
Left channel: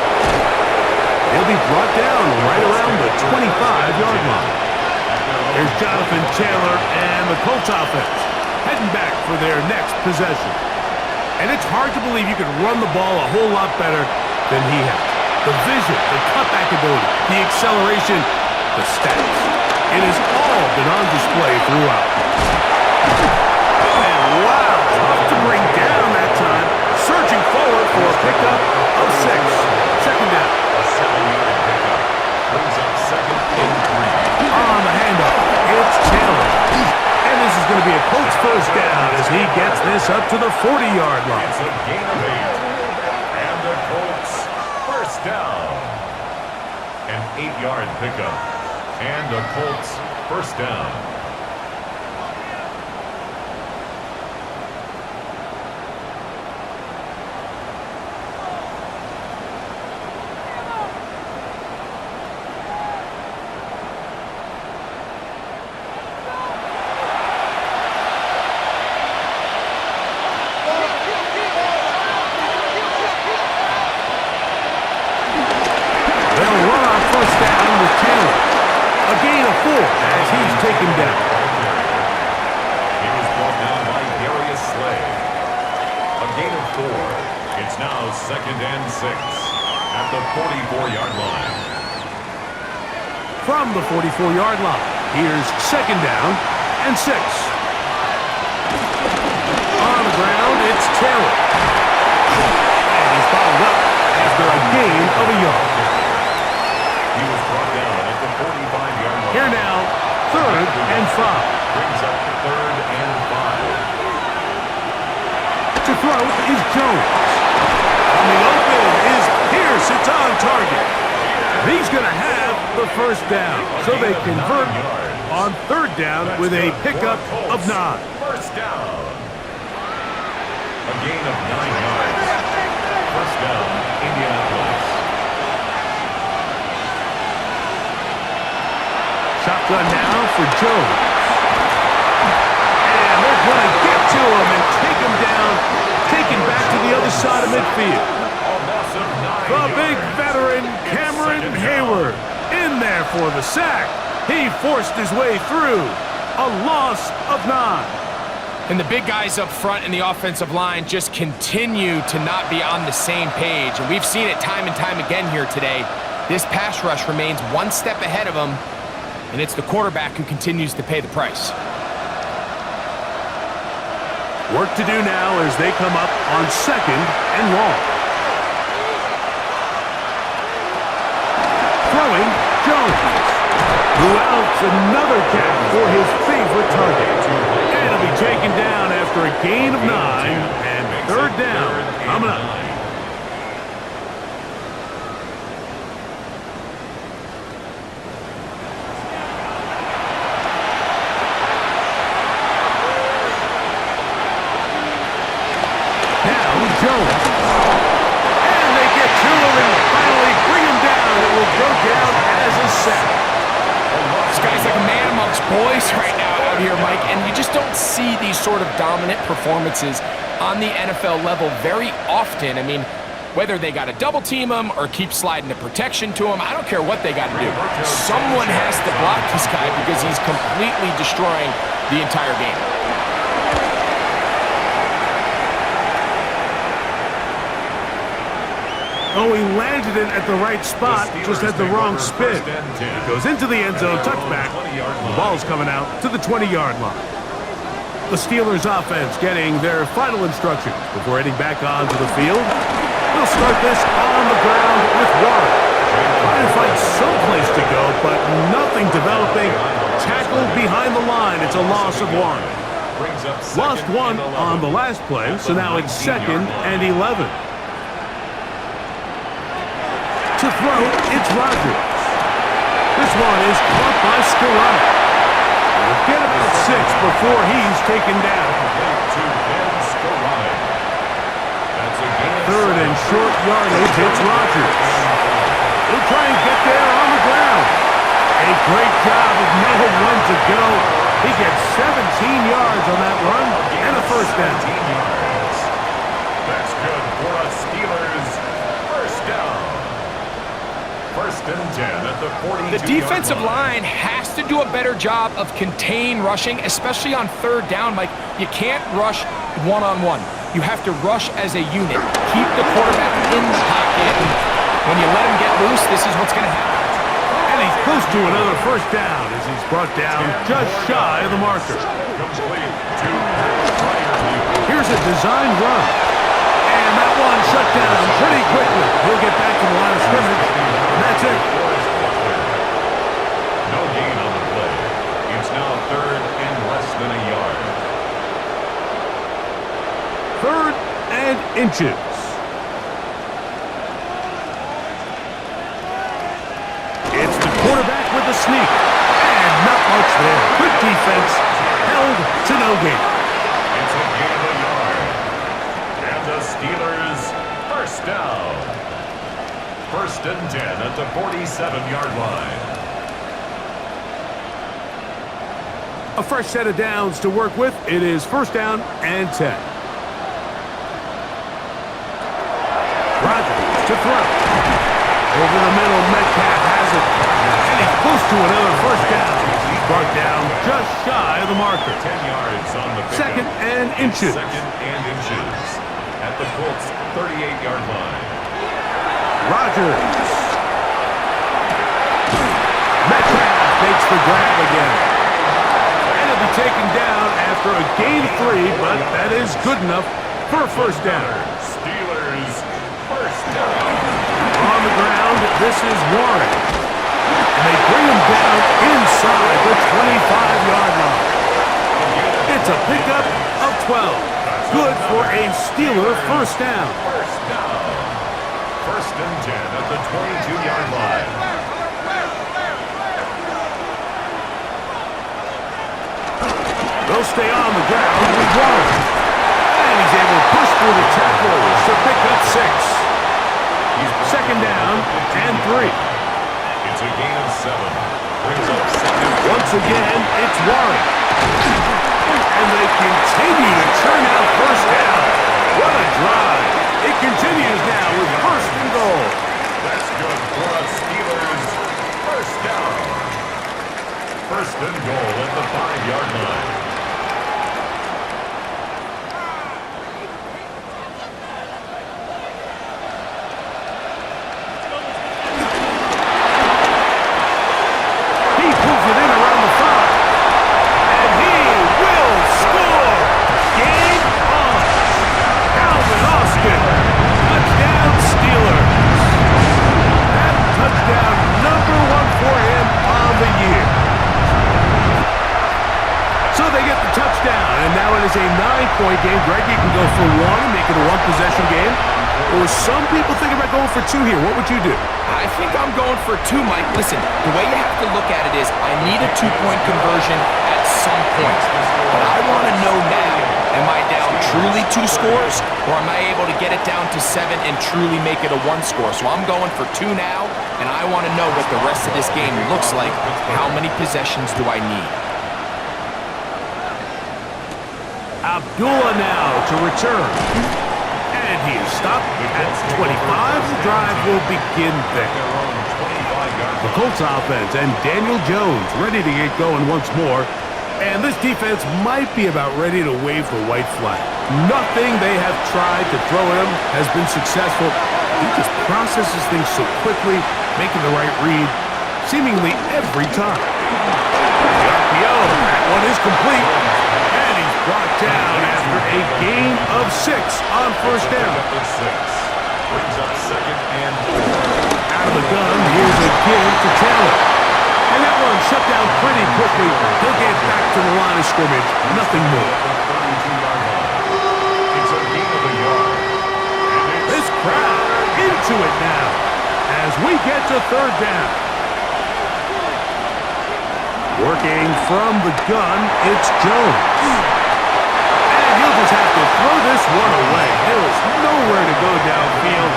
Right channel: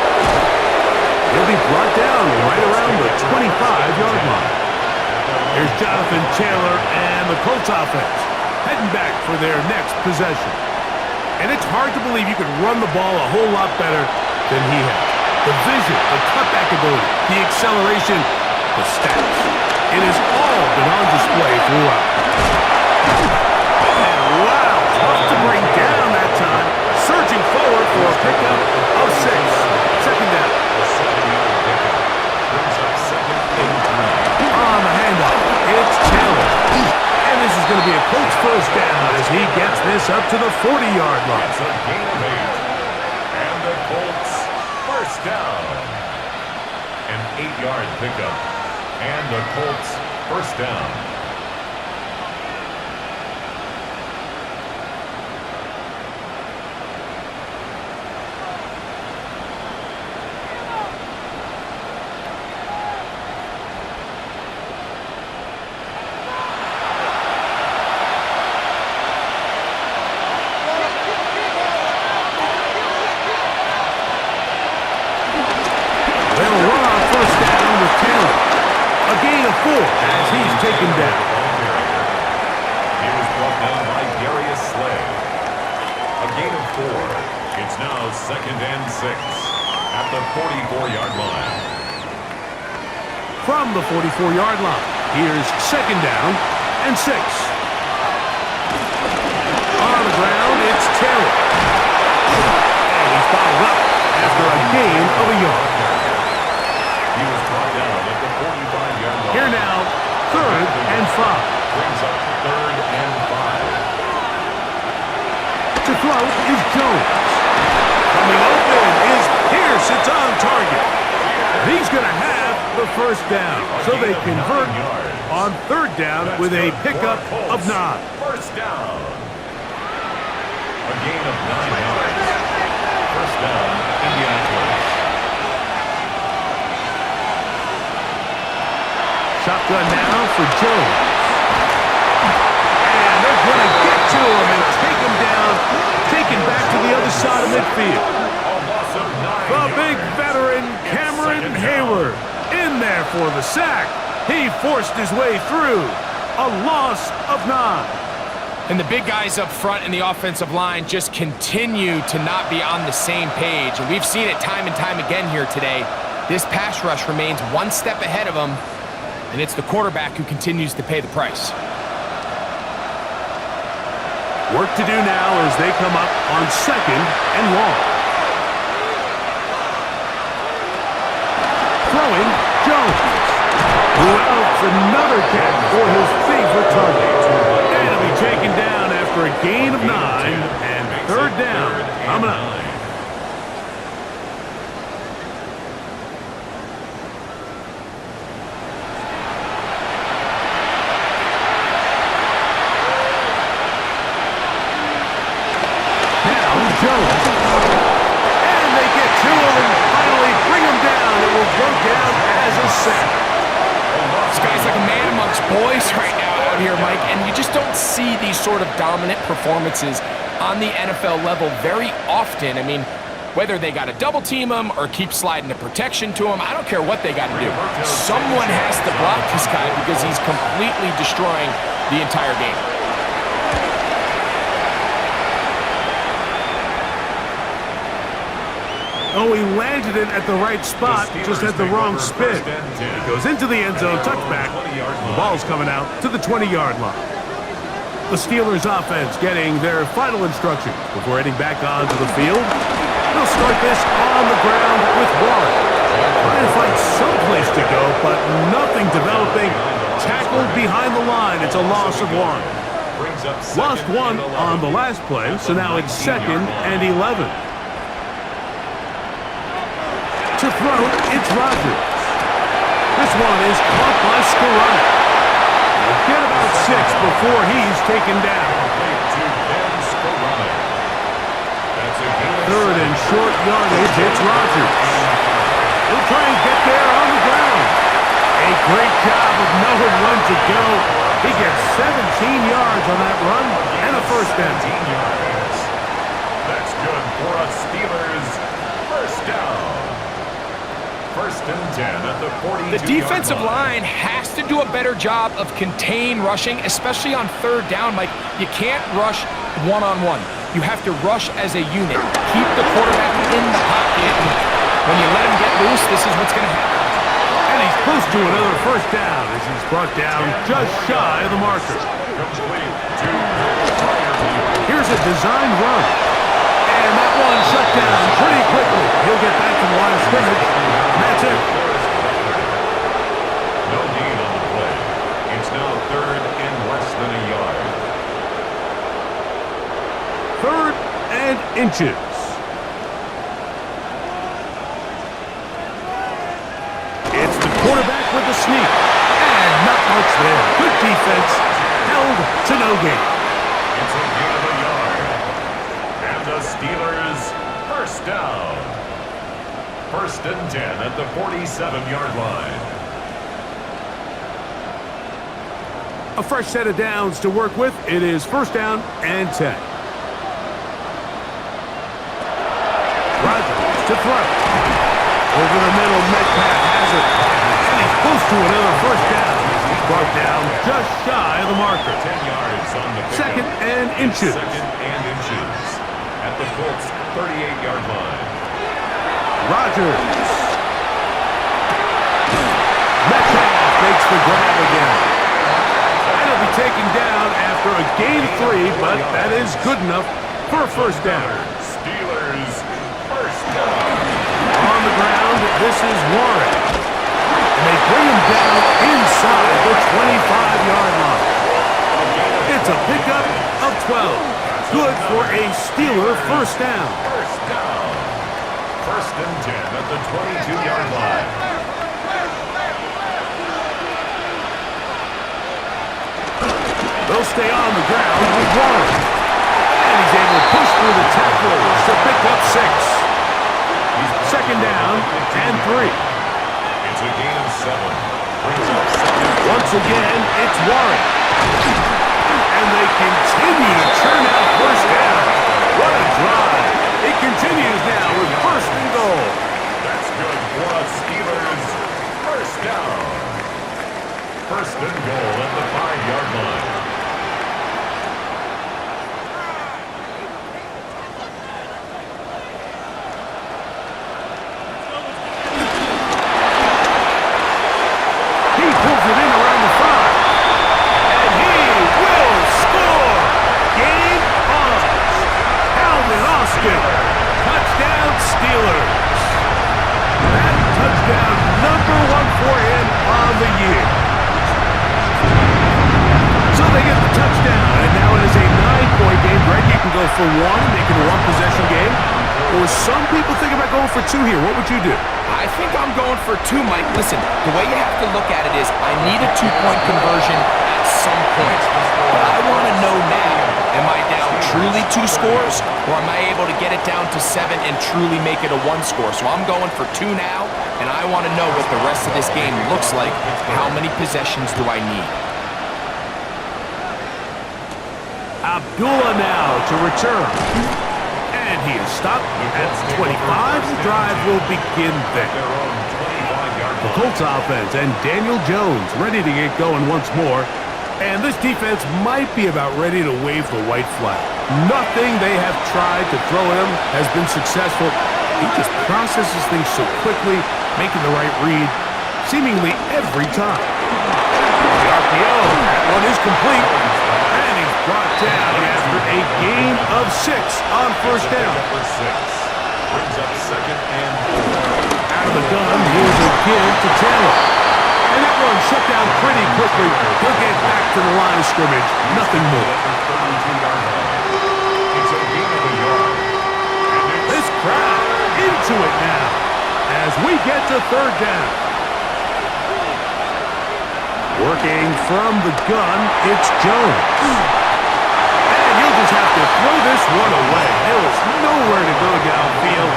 He'll be brought down right around the 25-yard line. Here's Jonathan Taylor and the Colts offense heading back for their next possession. And it's hard to believe you could run the ball a whole lot better than he has. The vision, the cutback ability, the acceleration, the stats. It has all been on display throughout. And wow, tough to bring down that time. Surging forward for a pickup of 6. Second down. A 7-yard pickup. Brings up second and 3. On the handoff, it's Taylor. And this is going to be a Colts first down as he gets this up to the 40-yard line. It's a gain of 8. And the Colts first down. An 8-yard pickup. And the Colts first down. They'll run on first down with Taylor. A gain of 4 as he's taken down. He was brought down by Darius Slay. A gain of 4. It's now second and 6 at the 44-yard line. From the 44-yard line, here's second down and 6. On the ground, it's Taylor. And he's bottled up after a gain of a yard. He was brought down at the 45-yard line. Here now, third and 5. Brings up third and 5. To throw is Jones. Coming open is Pierce. It's on target. He's going to have the first down. So they convert on third down with a pickup of 9. First down. A gain of 9 yards. First down, Indianapolis. Shotgun now for Jones. And they're going to get to him and take him down, taken back to the other side of midfield. The big veteran, Cameron Hayward, in there for the sack. He forced his way through. A loss of 9. And the big guys up front in the offensive line just continue to not be on the same page. And we've seen it time and time again here today. This pass rush remains one step ahead of them, and it's the quarterback who continues to pay the price. Work to do now as they come up on 2nd and long. Throwing, Jones. Who else? Another catch for his favorite target. And he'll be taken down after a gain of 9 and 3rd down coming up. Now Jones. And they get to him and finally bring him down. It will go down as a sack. This guy's like a man amongst boys right now out here, Mike, and you just don't see these sort of dominant performances on the NFL level very often. I mean, whether they got to double team him or keep sliding the protection to him, I don't care what they got to do. Someone has to block this guy because he's completely destroying the entire game. Oh, he landed it at the right spot, just had the wrong spin. It goes into the end zone, touchback. The ball's coming out to the 20-yard line. The Steelers offense getting their final instructions before heading back onto the field. They'll start this on the ground with Warren. Trying to find some place to go, but nothing developing. Tackled behind the line. It's a loss of 1. Lost 1 on the last play, so now it's 2nd and 11. To throw, it's Rodgers. This one is caught by Scarani. He'll get about 6 before he's taken down. 3rd and short yardage, it's Rodgers. He'll try and get there on the ground. A great job of knowing when to go. He gets 17 yards on that run and a 1st down. That's good for a Steelers 1st down. 1st and 10 at the 42-yard line. The defensive line has to do a better job of contain rushing, especially on 3rd down. Mike, you can't rush one-on-one. You have to rush as a unit. Keep the quarterback in the pocket. And when you let him get loose, this is what's going to happen. And he's close to another 1st down as he's brought down just shy of the marker. Complete to prior view. Here's a design run. And that one shut down pretty quickly. He'll get back to the line of scrimmage. And that's it. No gain on the play. It's now 3rd and less than a yard. 3rd and inches. It's the quarterback with the sneak. And not much there. Good defense. Held to no gain. It's a gain of a yard. And the Steelers 1st down. 1st and 10 at the 47-yard line. A fresh set of downs to work with. It is 1st down and 10. Rodgers to throw. Over the middle, Metcalf has it. And he's close to another 1st down. He's brought down just shy of the marker. 10 yards on the pickup. 2nd and inches. 2nd and inches at the Colts 38-yard line. Rodgers. Metcalf makes the grab again. And he'll be taken down after a gain of 3, but that is good enough for a 1st down. Steelers 1st down. On the ground, this is Warren. And they bring him down inside the 25-yard line. It's a pickup of 12. Good for a Steeler 1st down. 1st down. 1st and 10 at the 22-yard line. They'll stay on the ground with Warren. And he's able to push through the tackles to pick up 6. 2nd down and 3. It's a gain of 7. Brings up second. Once again, it's Warren. And they continue to churn out first down. What a drive. It continues now with first and goal. That's good for a Steelers first down. First and goal at the 5-yard line. He pulls it in around the 5. And he will score. Game on. Calvin Austin. Touchdown Steelers. That touchdown number 1 for him on the year. So they get the touchdown, and now it is a 9-point game. Greg, you can go for 1 and make it a 1-possession game. Or some people think about going for 2 here. What would you do? I think I'm going for 2, Mike. Listen, the way you have to look at it is I need a 2-point conversion at some point. But I want to know now, am I down truly 2 scores, or am I able to get it down to 7 and truly make it a 1 score? So I'm going for 2 now, and I want to know what the rest of this game looks like. How many possessions do I need? Abdullah now to return. And he is stopped at 25. The drive will begin there. Their own 25-yard The Colts offense and Daniel Jones ready to get going once more. And this defense might be about ready to wave the white flag. Nothing they have tried to throw at him has been successful. He just processes things so quickly, making the right read seemingly every time. The RPO, that one is complete. And he's brought down after a gain of 6 on first down. Number 6 brings up second and 4. Out of the gun, here's a give to Taylor. And that one shut down pretty quickly. He'll get back to the line of scrimmage. Nothing more. At the 32-yard line. It's a gain of a yard. And This crowd into it now as we get to third down. Working from the gun, it's Jones. And he'll just have to throw this one away. There was nowhere to go downfield.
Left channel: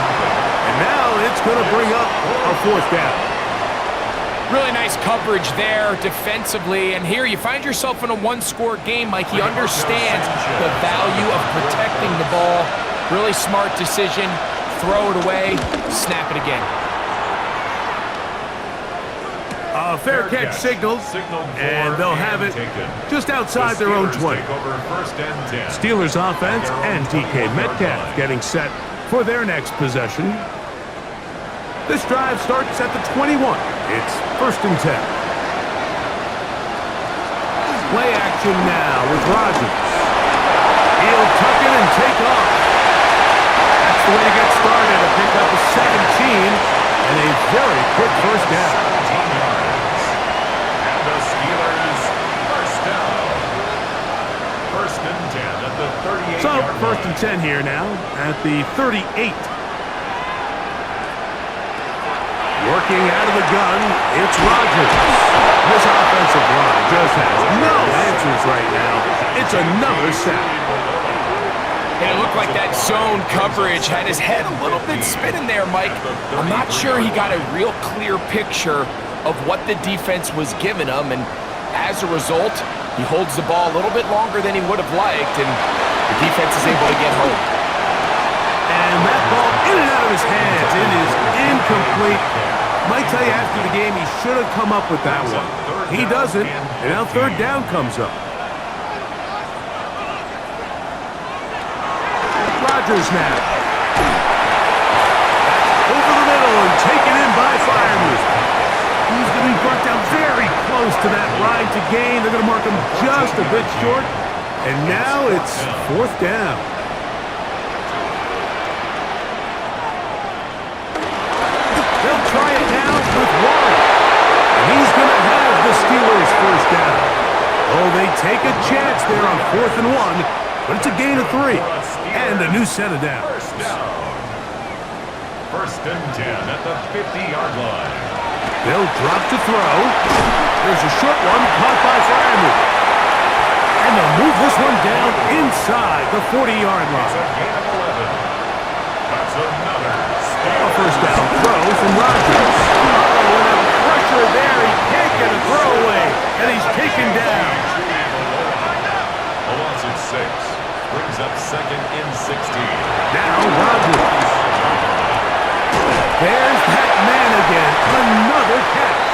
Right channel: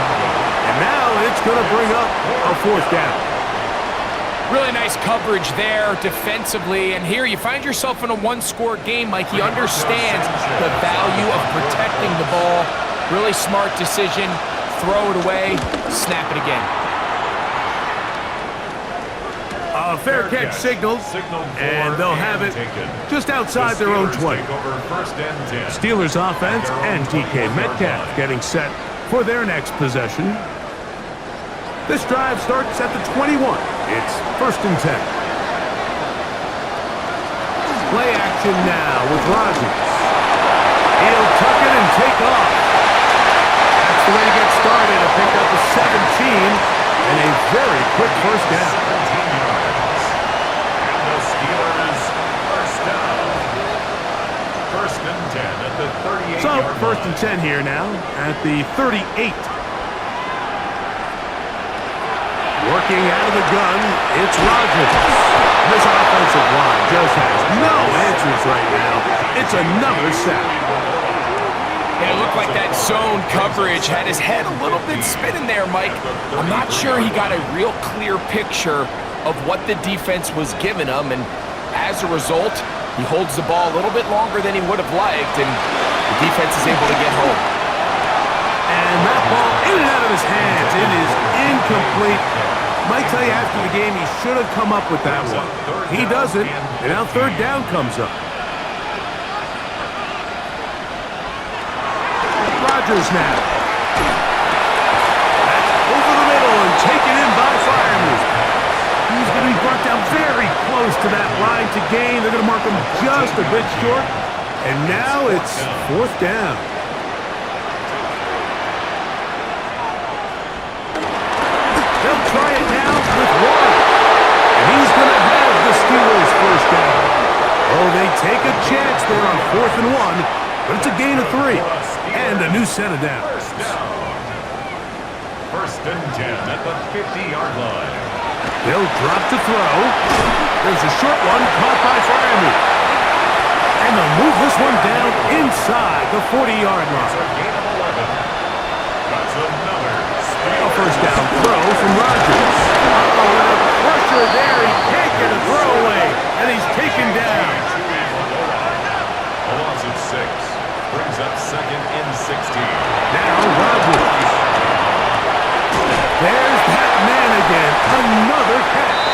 And now it's going to bring up a fourth down. Really nice coverage there defensively, and here you find yourself in a 1-score game, Mike. He understands the value of protecting the ball. Really smart decision. Throw it away, snap it again. A fair catch signaled, and they'll have it just outside their own 20. Steelers offense and DK Metcalf getting set for their next possession. This drive starts at the 21. It's first and 10. Play action now with Rodgers. He'll tuck it and take off. That's the way to get started, to pick up a 17 and a very quick first down. 17 yards. And the Steelers first down. First and 10 at the 38-yard line. So first and 10 here now at the 38. Working out of the gun, it's Rodgers. This offensive line just has no answers right now. It's another sack. And it looked like that zone coverage had his head a little bit spinning there, Mike. I'm not sure he got a real clear picture of what the defense was giving him, and as a result, he holds the ball a little bit longer than he would have liked, and the defense is able to get home. And that ball in and out of his hands. It is incomplete. Might tell you after the game he should have come up with that one. He doesn't, and now third down comes up. Rodgers now. That's over the middle and taken in by Freiermuth. He's going to be brought down very close to that line to gain. They're going to mark him just a bit short. And now it's fourth down. They'll try it now with Warren. And he's going to have the Steelers first down. Oh, they take a chance there on 4th and 1, but it's a gain of 3. And a new set of downs. First down. First and 10 at the 50-yard line. They'll drop to throw. There's a short one caught by Freiermuth. And they'll move this one down inside the 40-yard It's line. a gain of 11. That's another A first down throw from Rodgers. Oh, and a pressure there. He can't get a and he's taken down. A loss of 6 brings up 2nd and 16. Now Rodgers. There's that man again. Another catch.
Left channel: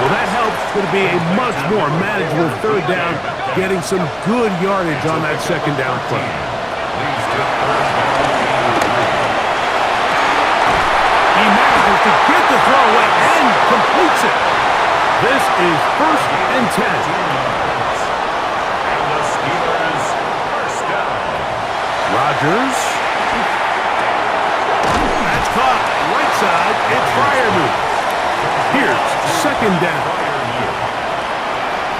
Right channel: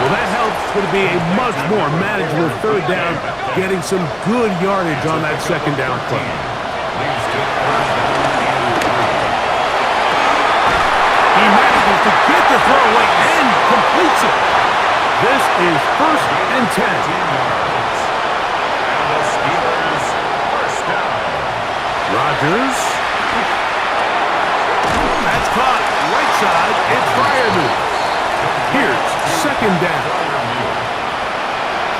Well, that helps. It's going to be a much more manageable 3rd down, getting some good yardage on that 2nd down play. Leads to 3rd down and 3. He manages to get the throw away and completes it. This is 1st and 10. Yards. And the Steelers 1st down. Rodgers. That's caught right side. It's Freiermuth. Here's 2nd down.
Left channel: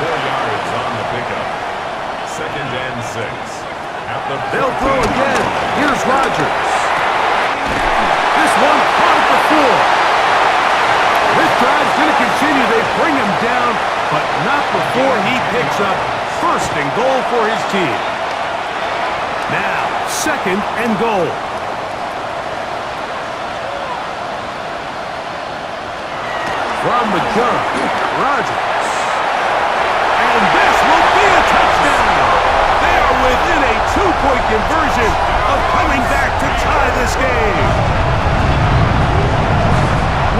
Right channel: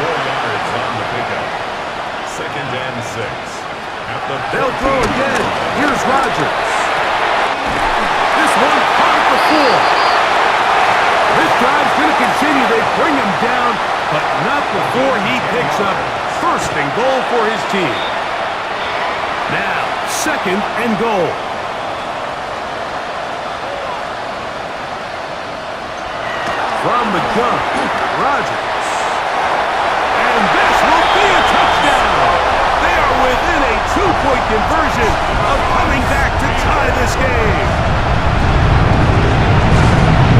4 yards on the pickup. 2nd and 6. At the They'll throw again. Here's Rodgers. This one caught at the 4. This drive's going to continue. They bring him down, but not before he picks up 1st and goal for his team. Now, 2nd and goal. From the gun, Rodgers. And this will be a touchdown. They are within a 2-point conversion of coming back to tie this game.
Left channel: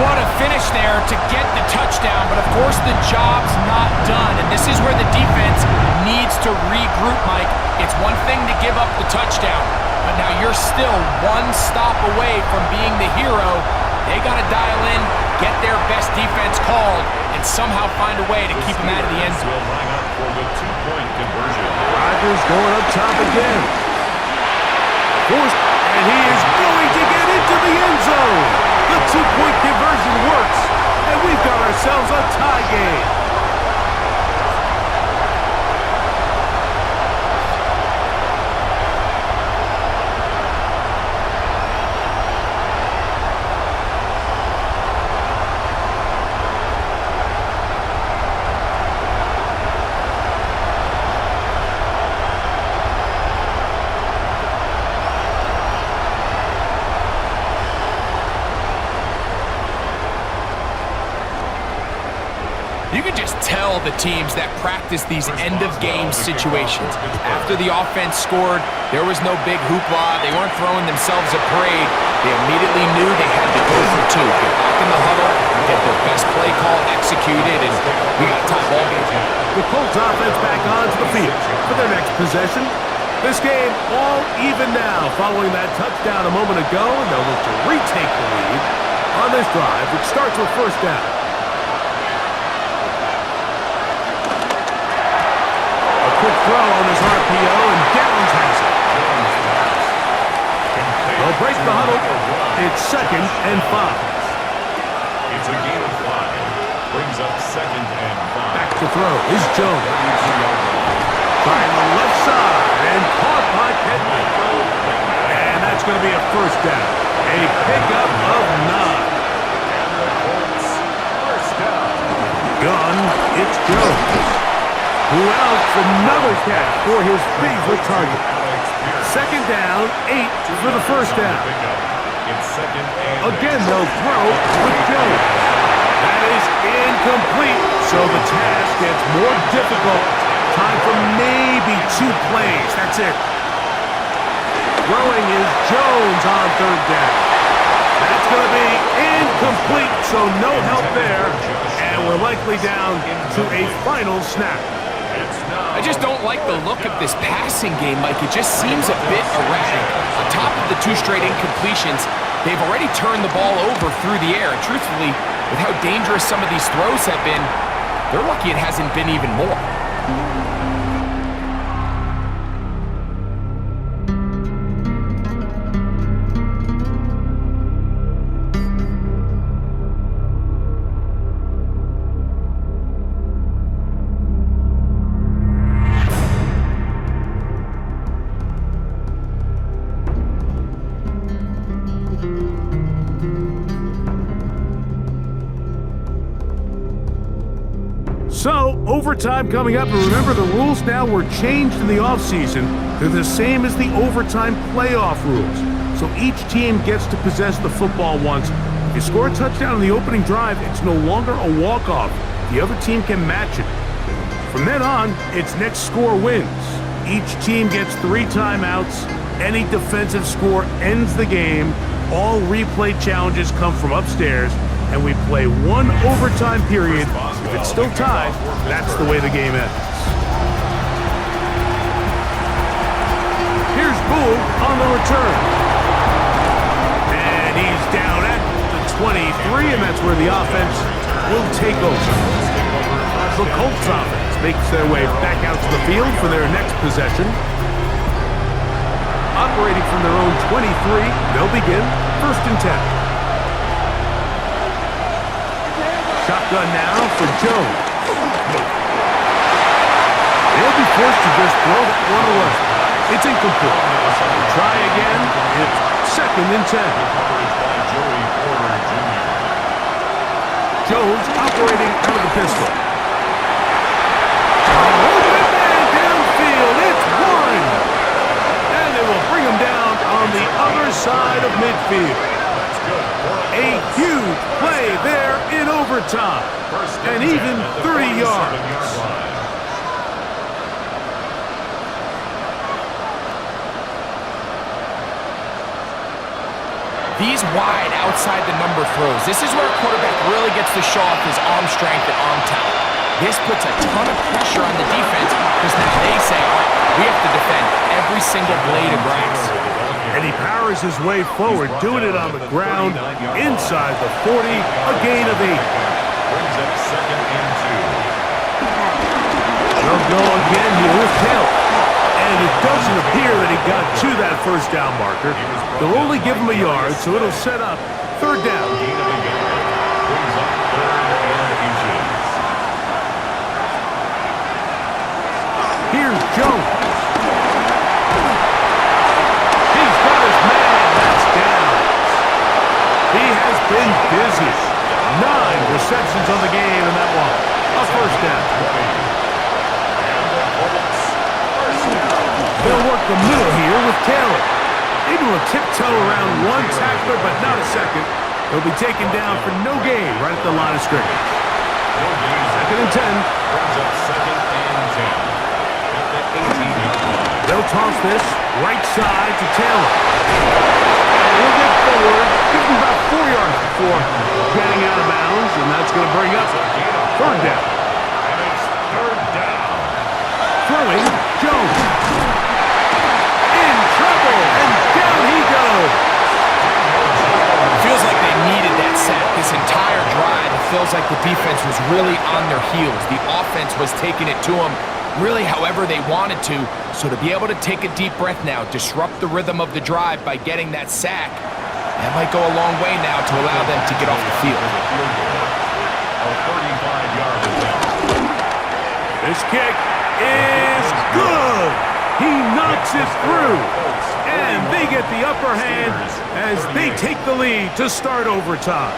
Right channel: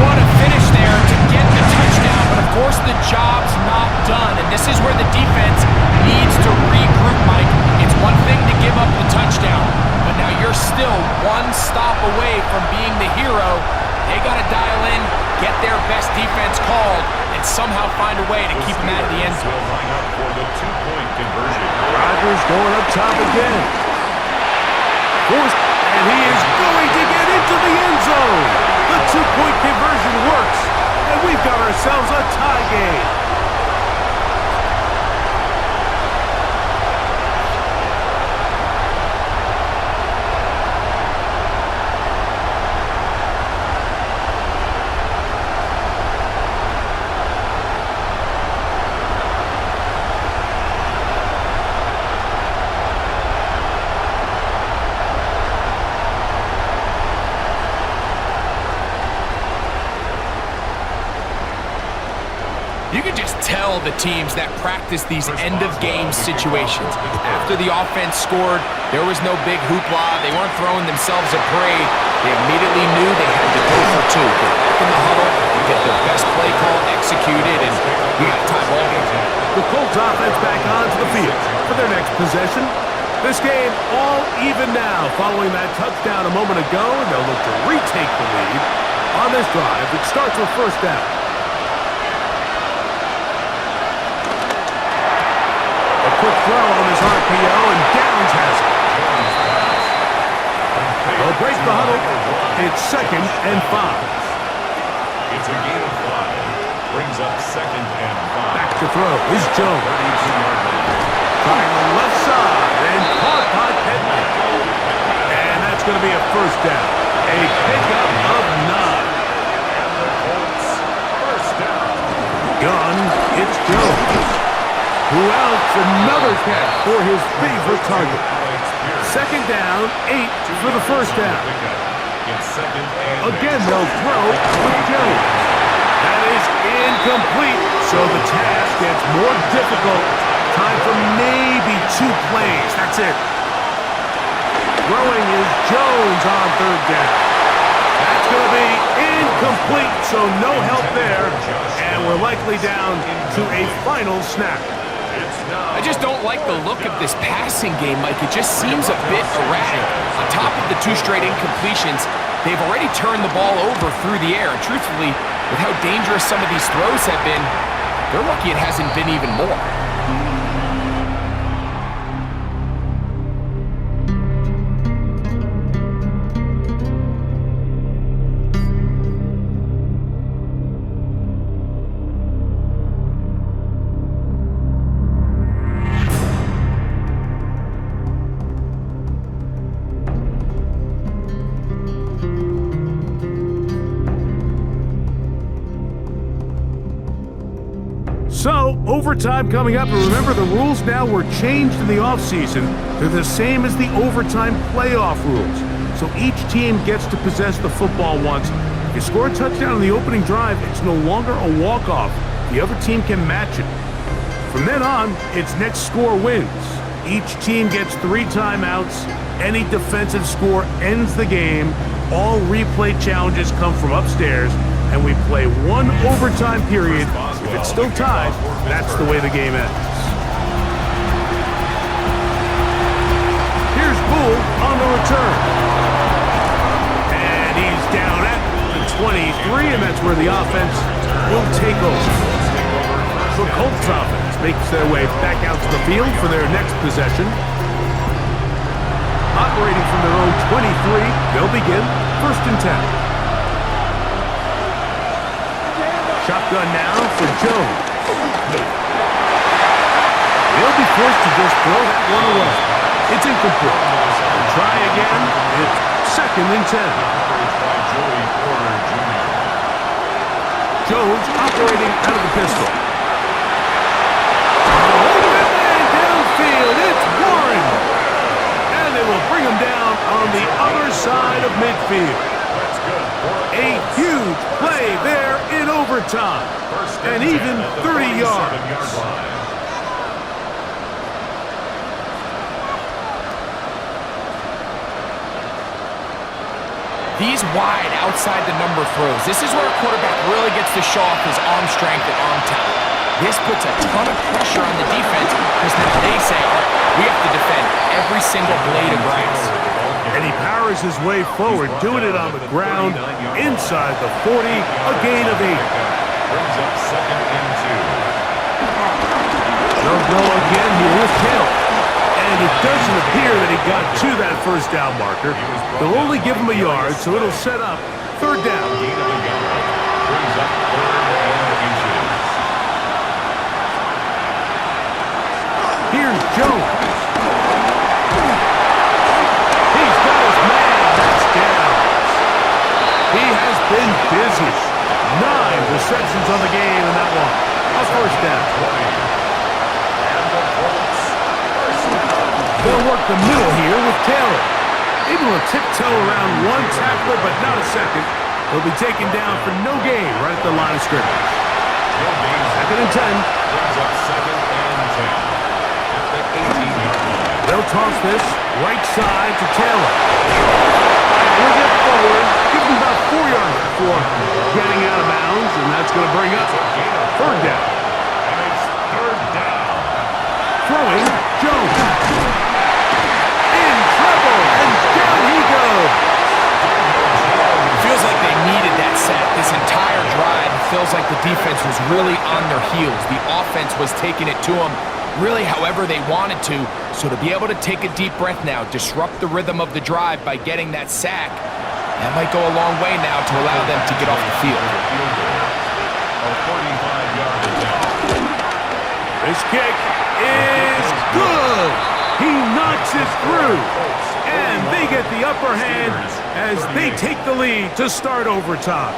What a finish there to get the touchdown, but of course the job's not done, and this is where the defense needs to regroup, Mike. It's one thing to give up the touchdown, but now you're still one stop away from being the hero. They got to dial in, get their best defense called, and somehow find a way to keep them out of the end zone. Will line up for the 2-point conversion. Rodgers going up top again. Forced, and he is going to get into the end zone. The 2-point conversion works, and we've got ourselves a tie game. You can just tell the teams that practice these end-of-game situations. After the offense scored, there was no big hoopla. They weren't throwing themselves a parade. They immediately knew they had to go for 2. Get back in the huddle, get their best play call executed, and we got a tie ball game. The Colts offense back onto the field for their next possession. This game all even now following that touchdown a moment ago, and they'll look to retake the lead on this drive, which starts with 1st down. A quick throw on this RPO, and Downs has it. They'll break the huddle. It's 2nd and 5. It's a gain of 5. Brings up 2nd and 5. Back to throw is Jones. 32-yard line. Trying the left side and caught by Pittman. And that's going to be a 1st down. A pickup of 9. And the Colts 1st down. Gun, it's Jones. Who else? Another catch for his favorite target. 2nd down, 8 for the 1st down. It's 2nd and Again, they'll throw with Jones. That is incomplete, so the task gets more difficult. Time for maybe 2 plays. That's it. Throwing is Jones on 3rd down. That's going to be incomplete, so no help there. And we're likely down to a final snap. I just don't like the look of this passing game, Mike. It just seems a bit erratic. On top of the 2 straight incompletions, they've already turned the ball over through the air. And truthfully, with how dangerous some of these throws have been, they're lucky it hasn't been even more. So, overtime coming up, and remember the rules now were changed in the offseason. They're the same as the overtime playoff rules. So each team gets to possess the football once. If you score a touchdown in the opening drive, it's no longer a walk-off. The other team can match it. From then on, it's next score wins. Each team gets 3 timeouts. Any defensive score ends the game. All replay challenges come from upstairs, and we play 1 overtime period. If it's still tied, that's the way the game ends. Here's Bull on the return. And he's down at the 23, and that's where the offense will take over. The Colts offense makes their way back out to the field for their next possession. Operating from their own 23, they'll begin 1st and 10. Shotgun now for Jones. They'll be forced to just throw that one away. It's incomplete. They'll try again. It's 2nd and 10. Jones operating out of the pistol. Open man downfield. It's Warren. And they will bring him down on the other side of midfield. A huge play there in overtime. And even 30 yards. These wide outside the number throws. This is where a quarterback really gets to show off his arm strength and arm talent. This puts a ton of pressure on the defense because now they say, all right, we have to defend every single blade of grass. And he powers his way forward, doing it on the ground, inside the 40, a gain of 8. Brings up 2nd and 2. They'll go again here with Taylor. And it doesn't appear that he got to that 1st down marker. They'll only give him a yard, so it'll set up 3rd down. Gain of a yard. Brings up 3rd and inches. Here's Jones. He's got his man. That's down. He has been busy. 9 receptions on the game in that one. A 1st down. And the Colts, 1st down. They'll work the middle here with Taylor. Able to tiptoe around one tackler, but not a second. He'll be taken down for no gain right at the line of scrimmage. No gain. 2nd and 10. Brings up 2nd and 10. At the 18-yard line. They'll toss this right side to Taylor. He'll get forward, give him about 4 yards before getting out of bounds, and that's going to bring up 3rd down. And it's 3rd down. Throwing, Jones. In trouble, and down he goes. Feels like they needed that sack this entire drive. It feels like the defense was really on their heels. The offense was taking it to them really however they wanted to. So to be able to take a deep breath now, disrupt the rhythm of the drive by getting that sack, that might go a long way now to allow them to get off the field. A 35-yard attempt. This kick is good. He knocks it through. And they get the upper hand as they take the lead to start overtime.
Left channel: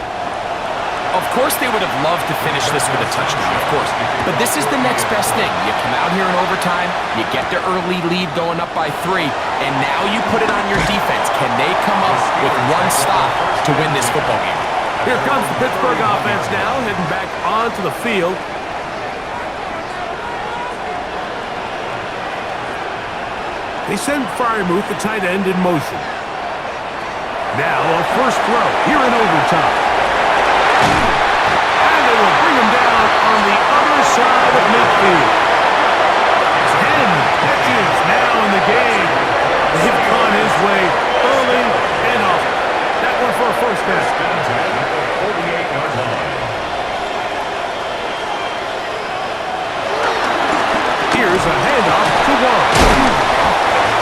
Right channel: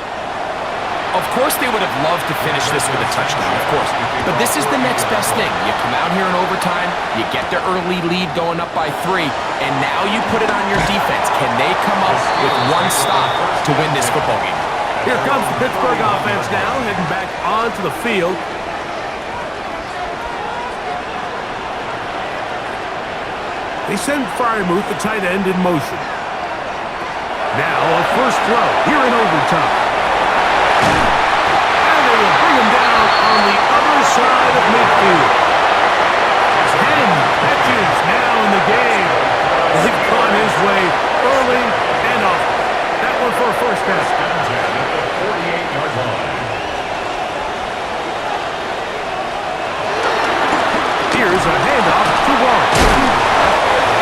Of course they would have loved to finish this with a touchdown, of course. But this is the next best thing. You come out here in overtime, you get the early lead going up by 3, and now you put it on your defense. Can they come up with one stop to win this football game? Here comes the Pittsburgh offense now, heading back onto the field. They send Fryermuth, the tight end, in motion. Now a 1st throw here in overtime. And they will bring him down on the other side of midfield. 10 catches now in the game. They've gone his way early and often. That one for a 1st down. At the 48-yard line. Here's a handoff to Warren.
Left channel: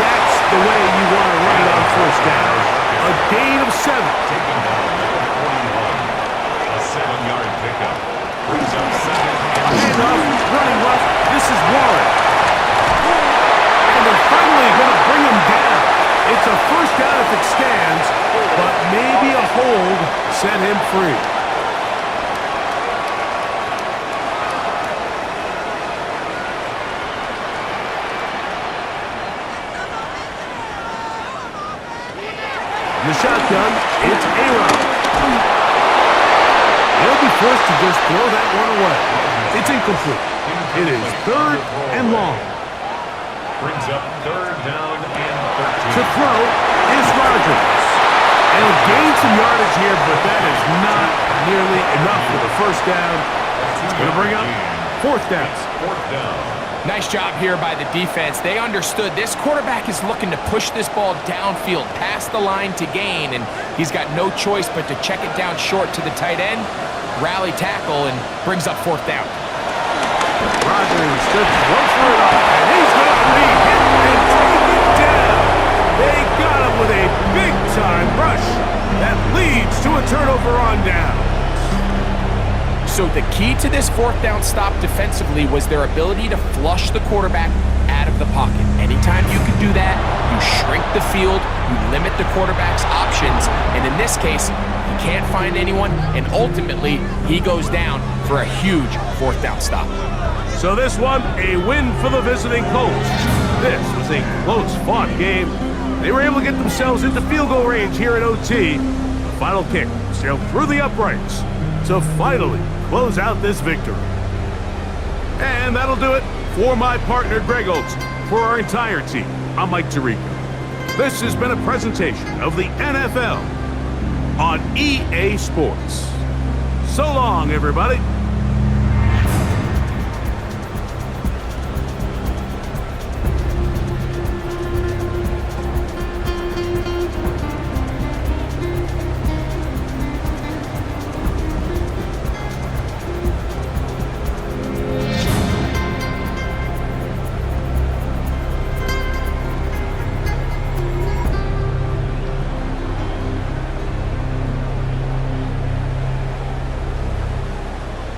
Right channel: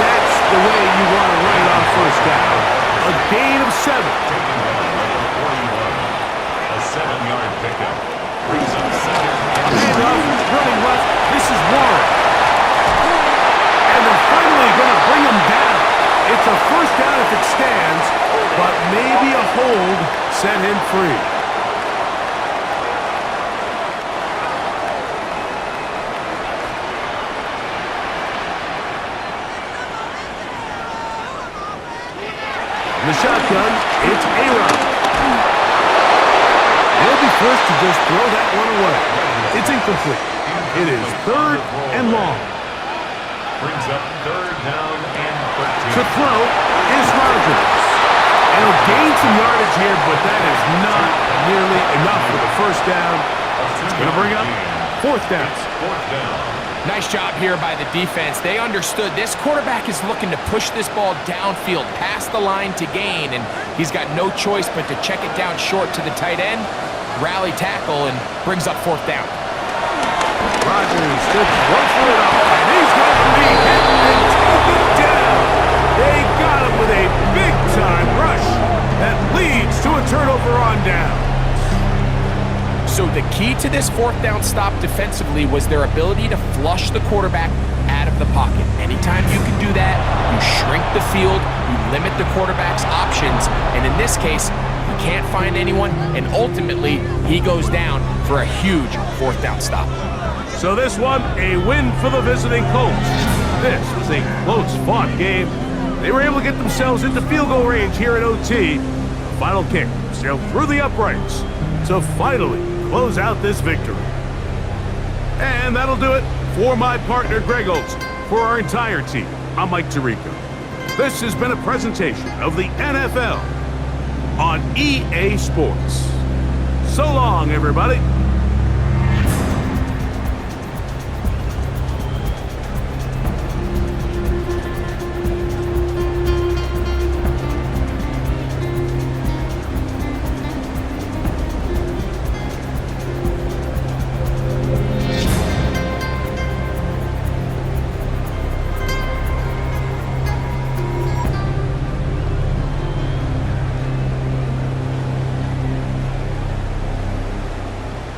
That's the way you want to run it on 1st down. A gain of 7. Taken down at the 41. A 7-yard pickup. Brings up 2nd and Handoff, running left. This is Warren. And they're finally going to bring him down. It's a 1st down if it stands, but maybe a hold set him free. In the shotgun, it's A-Rod. He'll be forced to just throw that one away. It's incomplete. It is 3rd and long. Brings up 3rd down and 13. To throw is Rodgers. And he'll gain some yardage here, but that is not nearly enough for the first down. It's going to bring up 4th down. It's 4th down. Nice job here by the defense. They understood this quarterback is looking to push this ball downfield past the line to gain, and he's got no choice but to check it down short to the tight end, rally tackle, and brings up 4th down. Rodgers to throw for it up, and he's going to be hit and taken down. They got him with a big-time rush that leads to a turnover on down. So the key to this 4th down stop defensively was their ability to flush the quarterback out of the pocket. Anytime you can do that, you shrink the field, you limit the quarterback's options, and in this case, he can't find anyone, and ultimately, he goes down for a huge 4th down stop. So this one, a win for the visiting Colts. This was a close-fought game. They were able to get themselves into field goal range here at OT. The final kick sailed through the uprights to finally close out this victory. And that'll do it for my partner Greg Olson. For our entire team, I'm Mike Tirico. This has been a presentation of the NFL on EA Sports. So long, everybody.